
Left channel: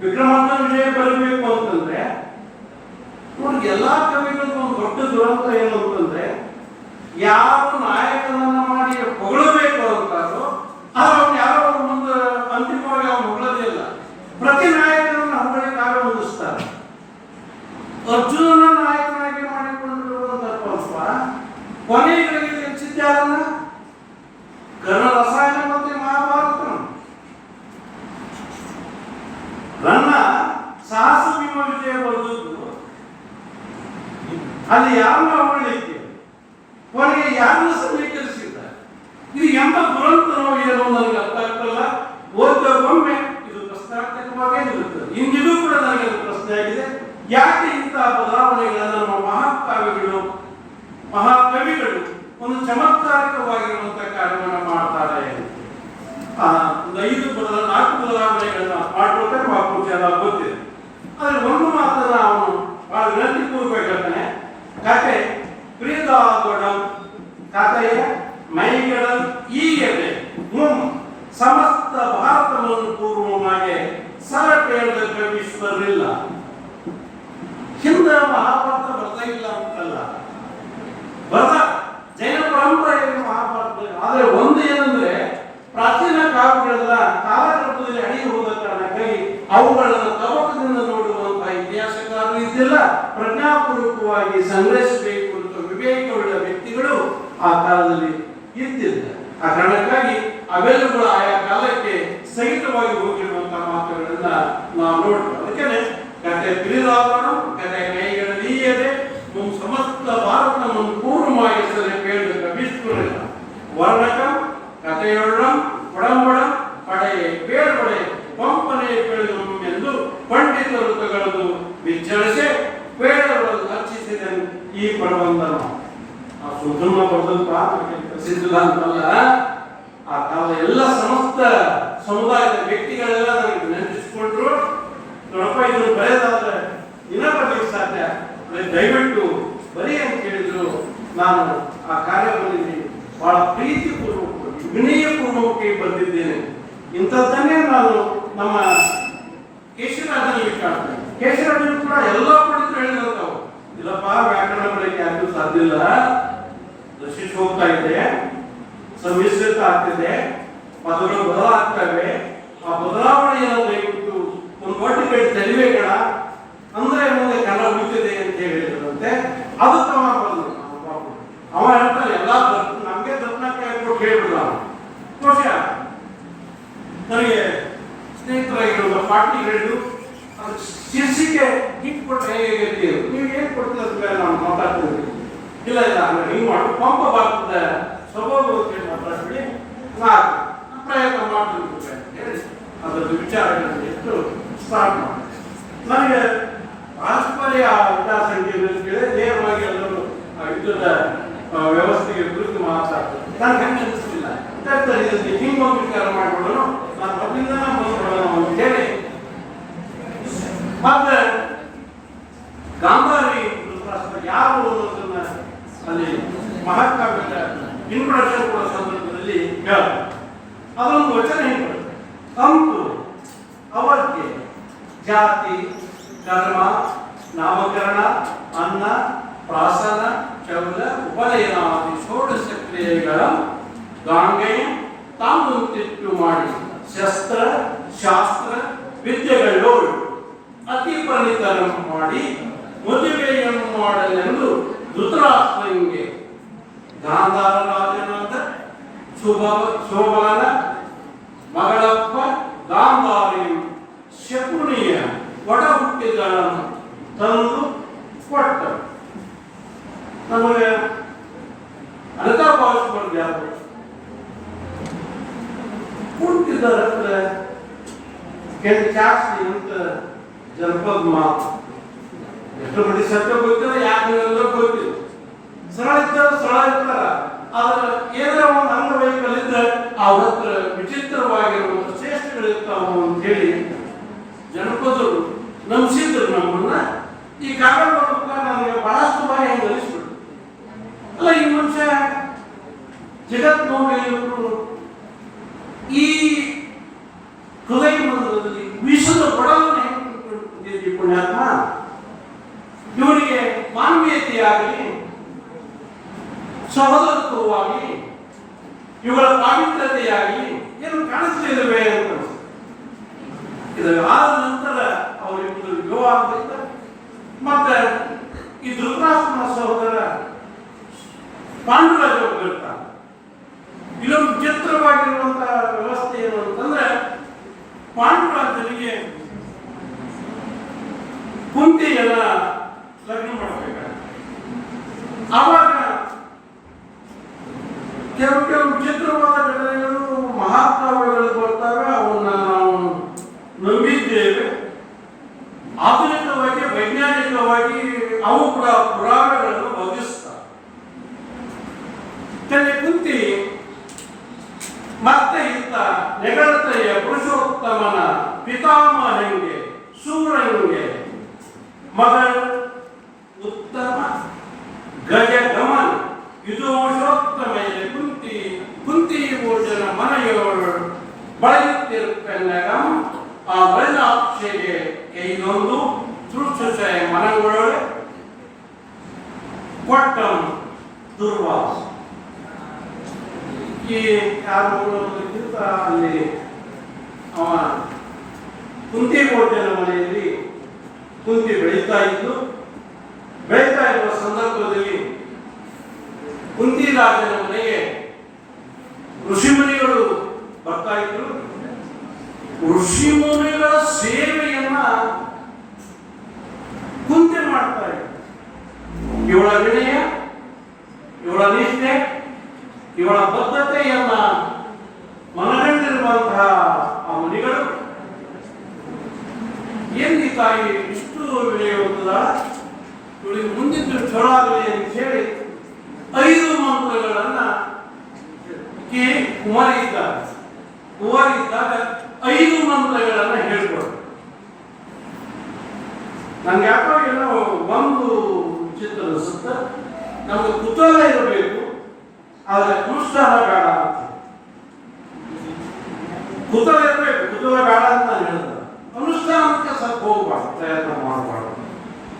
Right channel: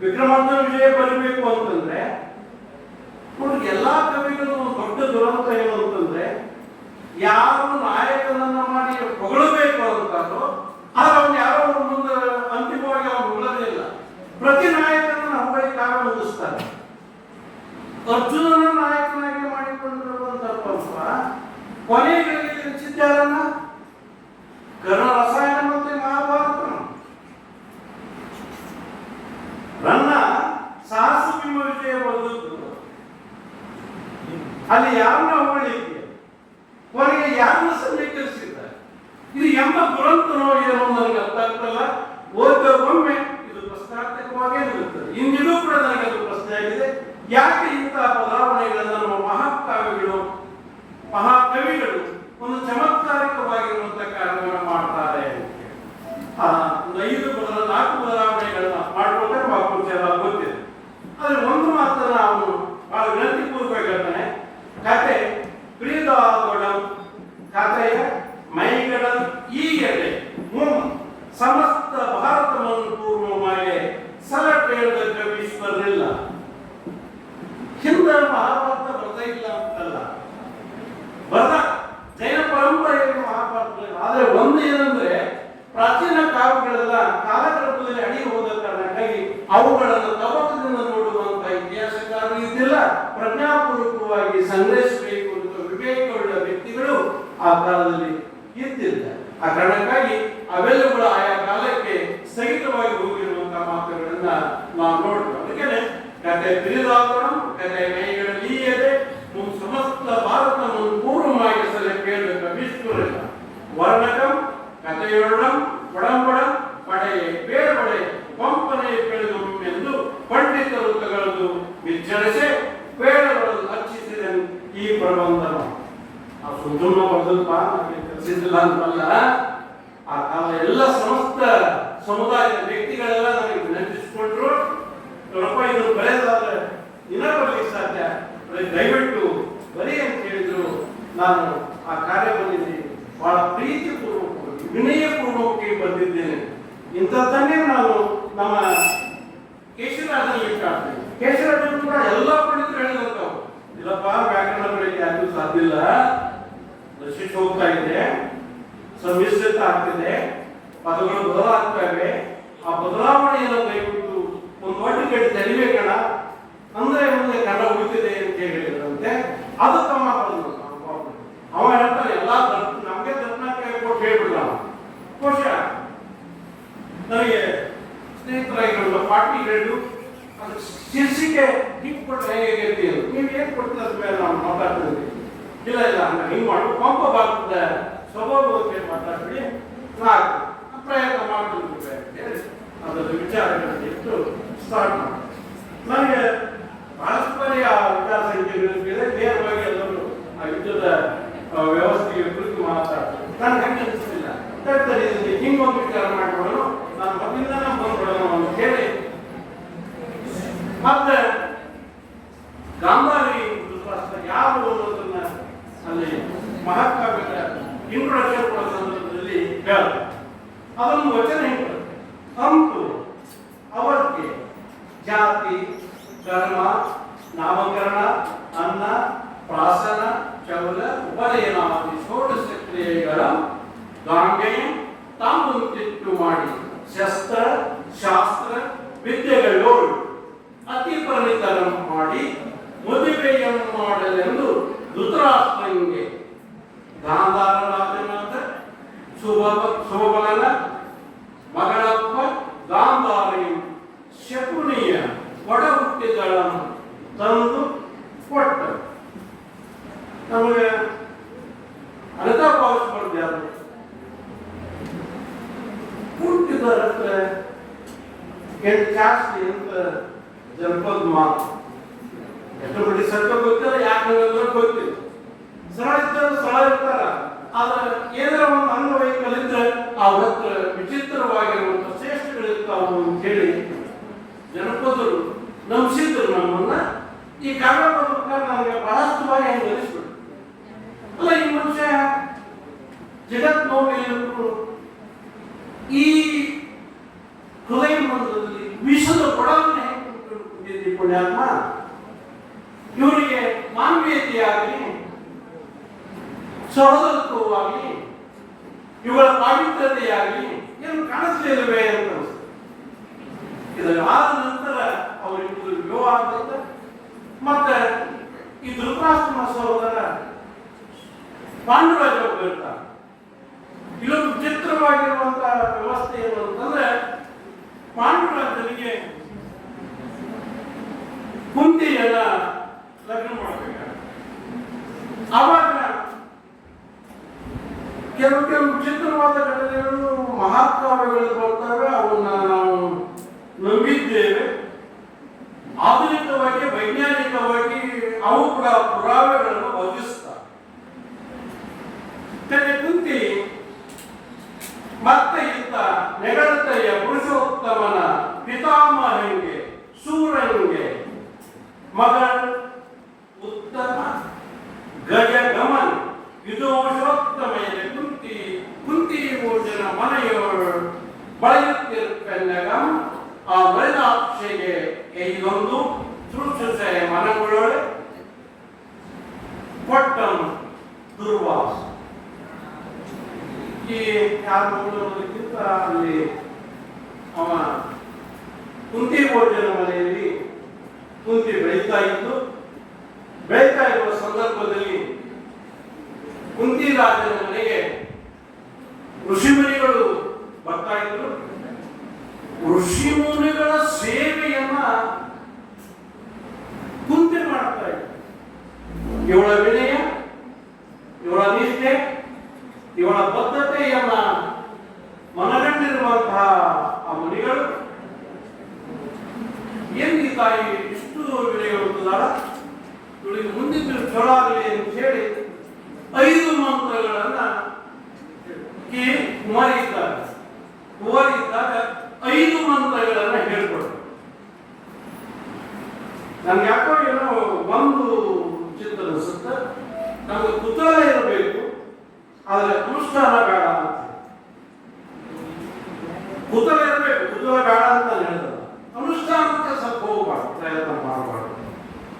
ವಿಕ್ರಮಾರ್ಜುನ ವಿಜಯ ಬರಬೇಕು ಅಂತಂದ್ರೆ ನೋಡಿ, ಎಲ್ಲಾ ಕವಿಗಳು ಒಂದು ದೊಡ್ಡ ದುರಂತ ಏನು ಅಂತಂದ್ರೆ, ಯಾರು ನಾಯಕನನ್ನ ಮಾಡಿ ಹೊಗಳಬೇಕು ಅಂತಾರೋ ಆದ್ರೆ ಅವ್ನು ಯಾರೋ ಮುಂದೆ ಅಂತ್ಯ ಹೊಂದಿಸ್ತಾರೆ. ಅರ್ಜುನನ ನಾಯಕನಾಗಿ ಮಾಡಿಕೊಂಡಿರುವಂತ ಪಂಪ ಕೊನೆಗಳಿಗೆ ಹೆಚ್ಚಿದ್ದಾರನ್ನ ಕರ್ಣ ರಸಾಯನ ಮತ್ತು ಮಹಾಭಾರತ ನನ್ನ ಸಾಹಸ ಭೀಮ ವಿಜಯ ಬರೆದದ್ದು ಅಲ್ಲಿ ಯಾರನ್ನ ಹೊಗಳಿಕೆ ಕೊನೆಗೆ ಯಾರನ್ನ ಸಮೀಕರಿಸಿದ್ದಾರೆ. ಇದು ಎಂಬ ದುರಂತನೋ ಏನೋ ನನಗೆ ಅರ್ಥ ಆಗ್ತಲ್ಲ. ಓದೊಮ್ಮೆ ಇದು ಪ್ರಶ್ನಾರ್ಥಕವಾಗೇ ಇರುತ್ತದೆ. ಇಂದಿಗೂ ಕೂಡ ನನಗೆ ಅದು ಪ್ರಶ್ನೆ ಆಗಿದೆ, ಯಾಕೆ ಇಂತಹ ಬದಲಾವಣೆಗಳನ್ನು ನಮ್ಮ ಮಹಾಕವಿಗಳು ಒಂದು ಚಮತ್ಕಾರಿಕವಾಗಿರುವಂತಹ ಕಾರ್ಯವನ್ನು ಮಾಡ್ತಾರೆ. ಒಂದು 4 ಬದಲಾವಣೆಗಳನ್ನ ಮಾಡಿಕೊಂಡ್ರೆ ಮಕ್ಕಳು ಚೆನ್ನಾಗಿ ಗೊತ್ತಿದೆ. ಆದ್ರೆ ಒಂದು ಮಾತ್ರ ಅವನು ಬಹಳ ವಿನಂತಿಪೂರ್ವಕ ಹೇಳ್ತಾನೆ. ಕತೆ ಪ್ರೀದಾದೊಡ ಕಥೆಯ ಮೈಗಡಲ್ ಈಗೆಡೆ ಸಮಸ್ತ ಭಾರತವನ್ನು ಪೂರ್ವಮಾಗೆ ಸಲಪೇಳದ ಕವಿಶ್ವರಿಲ್ಲ. ಹಿಂದೆ ಮಹಾಭಾರತ ಬರ್ತಾ ಇಲ್ಲ ಅಂತಲ್ಲ, ಬರ್ದ ಜೈನ ಪರಂಪರೆಯಲ್ಲಿ ಮಹಾಭಾರತ. ಆದ್ರೆ ಒಂದು ಏನಂದ್ರೆ ಪ್ರಾಚೀನ ಕಾವ್ಯಗಳೆಲ್ಲ ಕಾಲಕ್ರಮದಲ್ಲಿ ಅಡಿಗೆ ಹೋದ ಕಾರಣಕ್ಕಾಗಿ ಅವುಗಳನ್ನು ತವಕದಿಂದ ನೋಡುವಂತಹ ಇತಿಹಾಸಕಾರರು ಇದ್ದಿಲ್ಲ. ಪ್ರಜ್ಞಾಪೂರ್ವಕವಾಗಿ ಸಂಗ್ರಹಿಸಬೇಕು ಅಂತ ವಿವೇಕವುಳ್ಳ ವ್ಯಕ್ತಿಗಳು ಆ ಕಾಲದಲ್ಲಿ ಇದ್ದಿಲ್ಲ. ಆ ಕಾರಣಕ್ಕಾಗಿ ಅವೆಲ್ಲಗಳು ಆಯಾ ಕಾಲಕ್ಕೆ ಸಹಿತವಾಗಿ ಹೋಗಿರುವಂತಹ ಮಾತುಗಳನ್ನ ನಾವು ನೋಡ್ತೇವೆ. ಅದಕ್ಕೆ ಕತೆ ಪಿರಿದಾಗೋಣ, ಕತೆ ಮೈಗಳಲ್ಲಿಯದೆ ಸಮಸ್ತ ಭಾರತವನ್ನು ಪೂರ್ವವಾಗಿ ಪೇಳಿದ ಕವಿಶ್ವರಿಲ್ಲ. ವರ್ಣಕ ಕಥೆಯೊಳಂ ಒಡಂಬಡ ಪಡೆಯೇ ಬೇರ್ಪಡೆ ಪಂಪನೆ ಪೇಳಿದು ಎಂದು ಪಂಡಿತರು ತಗಳದು ವಿಚಾರಿಸಿ ಪೇಳಗಳನ್ನು ಅರ್ಚಿಸಿದ ಈ ಪ್ರಬಂಧನ ಸುಧರ್ಮ ಬರೆದಪ್ಪ ಪ್ರಸಿದ್ಧ ಅಂತಲ್ಲ. ಆ ಕಾಲ ಎಲ್ಲ ಸಮಸ್ತ ಸಮುದಾಯದ ವ್ಯಕ್ತಿಗಳೆಲ್ಲ ನನಗೆ ನೆನಪಿಸಿಕೊಂಡ್ರು. ನೋಡಪ್ಪ ಇದನ್ನು ಬರೆದಾದ್ರೆ ದಿನ ಬರಲಿಕ್ಕೆ ಸಾಧ್ಯ, ದಯವಿಟ್ಟು ಬರೀ ಅಂತ ಹೇಳಿದ್ರು. ನಾನು ಆ ಕಾರ್ಯದಲ್ಲಿ ಬಹಳ ಪ್ರೀತಿಪೂರ್ವಕವಾಗಿ ವಿನಯಪೂರ್ವಕವಾಗಿ ಬಂದಿದ್ದೇನೆ. ಇಂಥದ್ದನ್ನೇ ನಾನು ನಮ್ಮ ಕೇಶರಾಜನಲ್ಲಿ ಕಾಣ್ತೇನೆ. ಕೇಶರಾಜಲ್ಲಿ ಕೂಡ ಎಲ್ಲ ಪಂಡಿತರು ಹೇಳಿದಂಥವು, ಇಲ್ಲಪ್ಪ ವ್ಯಾಕರಣ ಬರೀಕ್ಕೆ ಯಾರಿಗೂ ಸಾಧ್ಯ ಇಲ್ಲ, ಶಿಶು ಹೋಗ್ತಾ ಇದೆ, ಸಮ್ಮಿಶ್ರಿತ ಆಗ್ತಿದೆ, ಪದಗಳು ಬದಲಾಗ್ತವೆ. ಆ ಬದಲಾವಣೆಯನ್ನು ದಯವಿಟ್ಟು ಒಂದು ಒಟ್ಟಿಗೆ ತೆರಿಬೇಕಣ ಅಂದ್ರೆ ಮುಂದೆ ಕನ್ನಡ ಉಳಿತಿದೆ ಅಂತ ಹೇಳಿದ್ರಂತೆ. ಅದು ತಮ್ಮ ಬಂದು ಅವ ಹೇಳ್ತಾನೆ ಎಲ್ಲ ನಮ್ಗೆ ದರ್ಶನಕ್ಕೆ ಕೊಟ್ಟು ಹೇಳ್ಬಿಡ್ಲ. ಬಹುಶಃ ನನಗೆ ಸ್ನೇಹಿತರಾಗಿರುವ ಪಾರ್ಟಿ ರೇಟು ಅದು ಶೀರ್ಷಿಕೆ ಹಿಂಗೆ ಕೊಟ್ಟು ಹೇಗೆ ನೀವು ಏನು ಕೊಡ್ತೀರ ಮೇಲೆ ನಾವು ಮಾತಾಡ್ತೀವಿ. ಇಲ್ಲ ಹಿಂಗೆ ಮಾಡು ಪಂಪ ಭಾರತದ ಸ್ವಭಾವಕ್ಕೆ ಮಾತಾಡ್ಬಿಡಿ, ನಾಲ್ಕು ಪ್ರಯತ್ನ ಮಾಡ್ತಿರ್ಬೇಕು ಅದರ ವಿಚಾರಗಳನ್ನು ಇಟ್ಟು ಸ್ಟಾರ್ಟ್ ಮಾಡಿ. ನನಗೆ ಪಾರಸ್ಪರ್ಯ ವಿಚಾರಸಂಖ್ಯೆಗಳು ಕೇಳಿ ನೇರವಾಗಿ ಎಲ್ಲರೂ ಆ ಯುದ್ಧದ ವ್ಯವಸ್ಥೆಗೆ ಕುರಿತು ಮಾತಾಡ್ತಾರೆ. ನನಗೆ ಹೆಂಗೆ ಅನಿಸ್ತಿಲ್ಲ ಹೇಳ್ತಾರೆ, ಇದಕ್ಕೆ ಹಿಂಗೆ ಒಂದು ವಿಚಾರ ಮಾಡಿಬಿಡೋಣ, ನಾನು ಮೊದಲಿಂದ ಬಂದ್ಬಿಡೋಣ ಅಂತ ಹೇಳಿ ಮತ್ತೆ ಗಾಂಧಾರಿ ಯಾರು ಅನ್ನೋದನ್ನ ಅಲ್ಲಿ ಮಹಾಕಾವ್ಯದ ಇಂಟ್ರೊಡಕ್ಷನ್ ಕೊಡೋ ಸಂದರ್ಭದಲ್ಲಿ ಹೇಳ್ತಾರೆ. ಅದೊಂದು ವಚನ ಹೇಳ್ತಾರೆ, ಅಂತು ಅವಕ್ಕೆ ಜಾತಿ ಕರ್ಮ ನಾಮಕರಣ ಅನ್ನ ಪ್ರಾಸನ ಚೌಲ ಉಪನಯನಾದಿ ಷೋಡಶ ಕ್ರಿಯೆಗಳ ಗಾಂಗೆಯ ತಾಮುತ್ತಿಟ್ಟು ಮಾಡಿ ಶಸ್ತ್ರ ಶಾಸ್ತ್ರ ವಿದ್ಯೆಗಳು ಅತಿ ಪರಿತರ ಮಾಡಿ ಮದುವೆಯನ್ನು ಮಾಡಲೆಂದು ಧೃತರಾಷ್ಟ್ರನಿಗೆ ಗಾಂಧಾರ ರಾಜನಾದ ಶೋಭಲನ ಮಗಳಪ್ಪ ಗಾಂಧಾರಿ ಶಕುನಿಯ ಒಡ ಹುಟ್ಟಿಗಳನ್ನು ತಂದು ಕೊಟ್ಟರು. ನಮಗೆ ಅನಕ ಭಾವಿಸ್ಬಾರ್ದು ಯಾರು ಹುಟ್ಟಿದ ಹತ್ರ ಜಾಸ್ತಿ ಅಂತ ಜನಪದ ಮಾತು. ಎಷ್ಟು ಮಂದಿ ಸತ್ಯ ಗೊತ್ತಿಲ್ಲ, ಯಾಕೆ ಗೊತ್ತಿಲ್ಲ. ಸರಳ ಇರ್ತಾರೆ, ಸರಳ ಇರ್ತಾರ. ಆದ್ರೆ ಏನಾರ ಒಂದು ಅಂಗವೈಕಲ್ಯದ ಅವ್ರ ಹತ್ರ ವಿಚಿತ್ರವಾಗಿರುವಂತ ಶ್ರೇಷ್ಠಗಳಿರ್ತಾವ ಅಂತ ಹೇಳಿ ಜನಪದರು ನಂಬಿಸಿದ್ರು ನಮ್ಮನ್ನ. ಈ ಕಾರಣ ನಮಗೆ ಬಹಳಷ್ಟು ಬಾರಿ ಹೆಂಗೆ ಅನಿಸ್ಬಿಟ್ಟು ಅಲ್ಲ, ಈ ಮನುಷ್ಯ ಜಗತ್ ನೋಡಿ ಈ ಹೃದಯ ಮಂದಿರದಲ್ಲಿ ವಿಶ್ವದ ಕೊಡಲನ್ನು ಹೆಂಗೆ ಪುಣ್ಯಾತ್ಮ ಇವರಿಗೆ ಮಾನವೀಯತೆಯಾಗಲಿ ಸಹೋದರತ್ವವಾಗಿ ಇವುಗಳ ಪಾವಿತ್ರತೆಯಾಗಿ ಏನು ಕಾಣಿಸ್ಲಿಲ್ಲವೇ ಅಂತ. ಇದರ ಆದ ನಂತರ ಅವರಿಬ್ಬರು ವಿವಾಹ ಕುಂತಿಯನ್ನ ಲಗ್ನ ಮಾಡಬೇಕು. ಆವಾಗ ಕೆಲವು ಚಿತ್ರವಾದ ಘಟನೆಗಳು ಮಹಾಕಾವ್ಯಗಳು ಬರ್ತವೆ, ಅವನ್ನ ನಾವು ನಂಬಿದ್ದೇವೆ. ಆಧುನಿಕವಾಗಿ ವೈಜ್ಞಾನಿಕವಾಗಿ ಅವು ಪುರಾವೆಗಳನ್ನು ಒದಗಿಸ್ತಾರೆ. ಕುಂತಿ ಮತ್ತೆ ಇತ್ತ ನೆಗಳತೆಯ ಪುರುಷೋತ್ತಮನ ಪಿತಾಮಹನಿಗೆ ಸೂರನಿಗೆ ಮಗಳ ಉತ್ತಮ ಗಜ ಗಮನ ಯುಧೋಷೋತ್ತಮೆಯಲ್ಲಿ ಕುಂತಿ ಭೋಜನ ಮನೆಯೋಳು ಬಳಯುತ್ತಿರುಕನ್ನಗ ಆ ಬಲ್ಲಾಕ್ಷೆಗೆ ಇದೊಂದು ಸೃಷ್ಟಿಸೆ ಮನಗಳೊಳೆ ಕೊಟ್ಟಂ ದುರ್ವಾಸ. ಈ ಯಾರು ಅಲ್ಲಿ ಅವ ಕುಂತಿ ಭೋಜನ ಮನೆಯಲ್ಲಿ ಕುಂತಿ ಬೆಳೀತಾ ಇರುವ ಸಂದರ್ಭದಲ್ಲಿ ಕುಂತಿ ರಾಜನ ಮನೆಗೆ ಋಷಿಮುನಿಗಳು ಬರ್ತಾ ಇದ್ರು. ಋಷಿಮುನಿಗಳ ಸೇವೆಯನ್ನ ಕುಂತಿ ಮಾಡ್ತಾ ಇದ್ರು. ಇವಳ ವಿನಯ, ಇವಳ ನಿಷ್ಠೆ, ಇವಳ ಬದ್ಧತೆಯನ್ನ ಮನಗಂಡಿರುವಂತಹ ಆ ಮುನಿಗಳು ಎಲ್ಲಿ ತಾಯಿ ಇಷ್ಟು ವಿನಯವಂತದ ಇವಳಿಗೆ ಮುಂದಿದ್ದು ಚಲೋ ಆಗಲಿ ಅಂತ ಹೇಳಿ 5 ಮಂತ್ರಗಳನ್ನ ಕುಮಾರಿ ಇದ್ದಾಗ 5 ಮಂತ್ರಗಳನ್ನ ಹೇಳ್ಕೊಡು. ನನ್ಗೆ ಯಾಕೋ ಏನೋ ಒಂದು ಚಿತ್ರ ಅನಿಸುತ್ತೆ, ನಮಗೆ ಕುತೂಹಲ ಇರಬೇಕು, ಆದರೆ ಅನುಷ್ಠಾನ ಬೇಡ ಅಂತ. ಕುತೂಹಲ ಇರಬೇಕು, ಕುತೂಹಲ ಬೇಡ ಅಂತ ಹೇಳಿದ ಅನುಷ್ಠಾನಕ್ಕೆ ಸ್ವಲ್ಪ ಹೋಗಬಾರ್ದು, ಪ್ರಯತ್ನ ಮಾಡಬಾರ್ದು.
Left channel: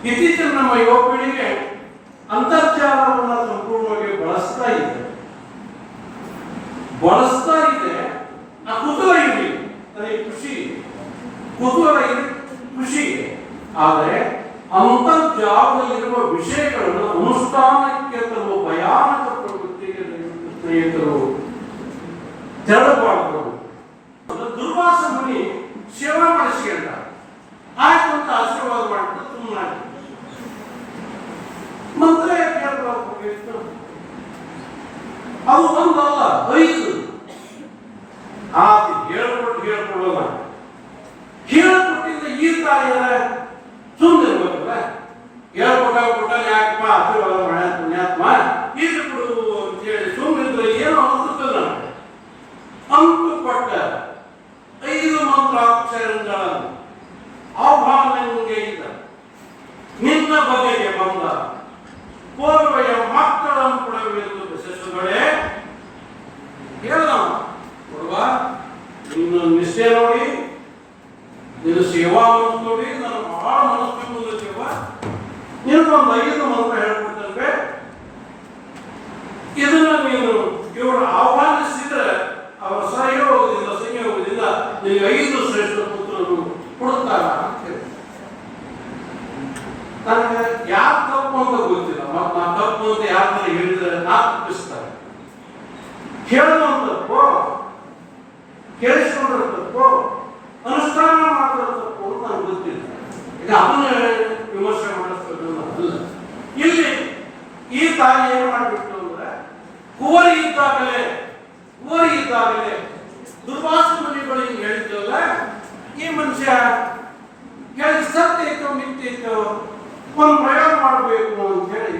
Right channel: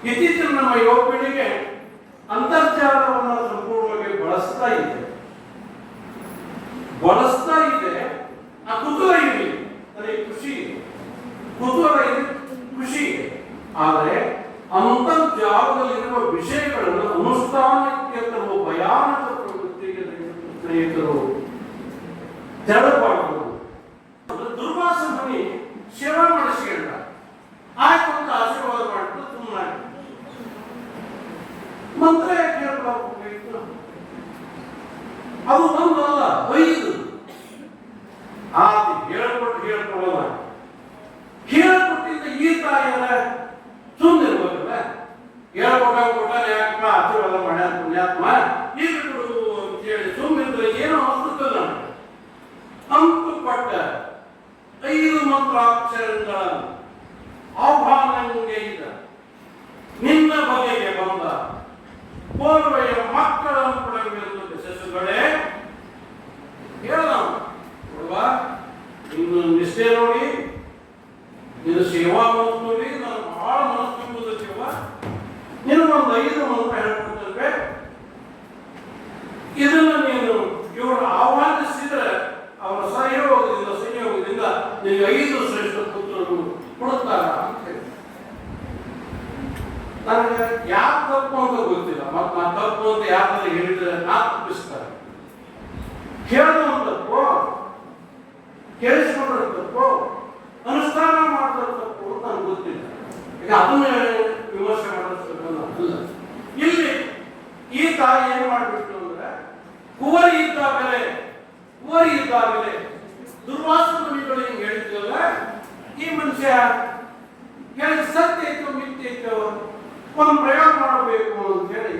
ಇತ್ತೀಚಿನ ನಮ್ಮ ಯುವ ಪೀಳಿಗೆ ಅಂತರ್ಜಾಲವನ್ನು ಸಂಪೂರ್ಣವಾಗಿ ಬಳಸ್ತಾ ಇದೆ. ಆ ಕುತೂಹಲ ಇರಲಿ, ನನಗೆ ಖುಷಿ, ಕುತೂಹಲ ಇದೆ, ಖುಷಿ. ಆದರೆ ಅಂತರ್ಜಾಲದಲ್ಲಿರುವ ವಿಷಯಗಳನ್ನು ಅನುಷ್ಠಾನಕ್ಕೆ ತರುವ ಭಯಾನಕ ಪ್ರವೃತ್ತಿಗೆ ಸ್ನೇಹಿತರು ತೆರಳಬಾರದು. ದುರ್ವಾಸ ಮುನಿ ಸೇವಾ ಮಾಡಿಸಿಕೊಂಡ, ಆಯ್ತು ಅಂತ ಆಶೀರ್ವಾದ ಮಾಡಿದ್ರು. ಸುಮ್ಮನೆ ಮಂತ್ರ ಕೇಳಬೇಕು, ಅದು ಒಂದಲ್ಲ 5 ಆತು ಹೇಳ್ಕೊಡಲ್ಲ. ಹೇಳ್ಕೊಟ್ಟಿದ್ದ ಈ ತಾಯಿಯರ ಸುಮ್ಮನಿರ್ಬೇಕಲ್ಲ, ಹೇಳ್ಕೊಟ್ಟ ಯಾಕಪ್ಪ ಆಶೀರ್ವಾದ ಮಾಡ ಪುಣ್ಯಾತ್ಮ ಈಗ ಕೊಡು ಅಂತ ಹೇಳಿ ಸುಮ್ಮನಿದ್ರೆ ಏನೋ ಅನ್ಸುತ್ತಲ್ಲ. ಅಂಕು ಕೊಟ್ಟ 5 ಮಂತ್ರಾಕ್ಷರಗಳನ್ನು ಆಹ್ವಾನಂಗೆ ಇದ್ದ ನಿನ್ನ ಬಗೆಗೆ ಬಂದ ಪೂರ್ವೆಯ ಮಕ್ಕಳನ್ನು ಕೊಡವೆಂದು ಬಸಸುಗಳೇ ಹೇಳ ಕೊಡುವ. ನಿನ್ನ ನಿಷ್ಠೆ ನೋಡಿ, ನಿನ್ನ ಸೇವಾ ಮನಸ್ಸು ನೋಡಿ, ನಾನು ಬಹಳ ಮನಸ್ಸು ನಿನಗೊಂದು 5 ಮಂತ್ರ ಹೇಳ್ಕೊಡ್ತೇವೆ. ಇದನ್ನ ನೀನು ಇವರು ಆಹ್ವಾನಿಸಿದ್ರೆ ಅವರ ಸಂಯೋಗದಿಂದ ನಿನಗೆ 5 ಶ್ರೇಷ್ಠ ಪುತ್ರರು ಕೊಡುತ್ತಾರ ಅಂತ ಹೇಳಿ. ನನಗೆ ಯಾರು ತಪ್ಪು ಅಂತ ಗೊತ್ತಿಲ್ಲ, ಮತ್ತು ನಾ ತಪ್ಪು ಅಂತ ಯಾರು ಹೇಳಿದ್ರೆ ನಾ ತಪ್ಪಿಸ್ತಾರೆ. ಕೇಳೋದು ತಪ್ಪು, ಕೇಳಿಸ್ಕೊಂಡ್ರೆ ತಪ್ಪು, ಅನುಷ್ಠಾನ ಮಾಡಿದ್ರೆ ತಪ್ಪು ಅಂತ ನನಗೆ ಗೊತ್ತಿಲ್ಲ. ಈಗ ಅದನ್ನ ವಿಮರ್ಶೆ ಮಾಡಿಸ್ಬೇಕು ಅಲ್ಲ. ಇಲ್ಲಿ ಈ ತಾಯಿ ಏನು ಮಾಡಿಬಿಟ್ಟು ಅಂದ್ರೆ ಕುವರಿ ಇದ್ದಾಗಲೇ ದುರ್ವಾಸ ಮುನಿಗಳಿಗೆ ಹೇಳಿದ್ದಲ್ಲ, ಈ ಮನುಷ್ಯ ಹೇಳಿ ಸತ್ಯ ಐತೋ ಮಿಥ್ಯ ಐತೋ ಒಂದು ಪ್ರಯೋಗ ಮಾಡಬೇಕು ಅಂತ ಹೇಳಿ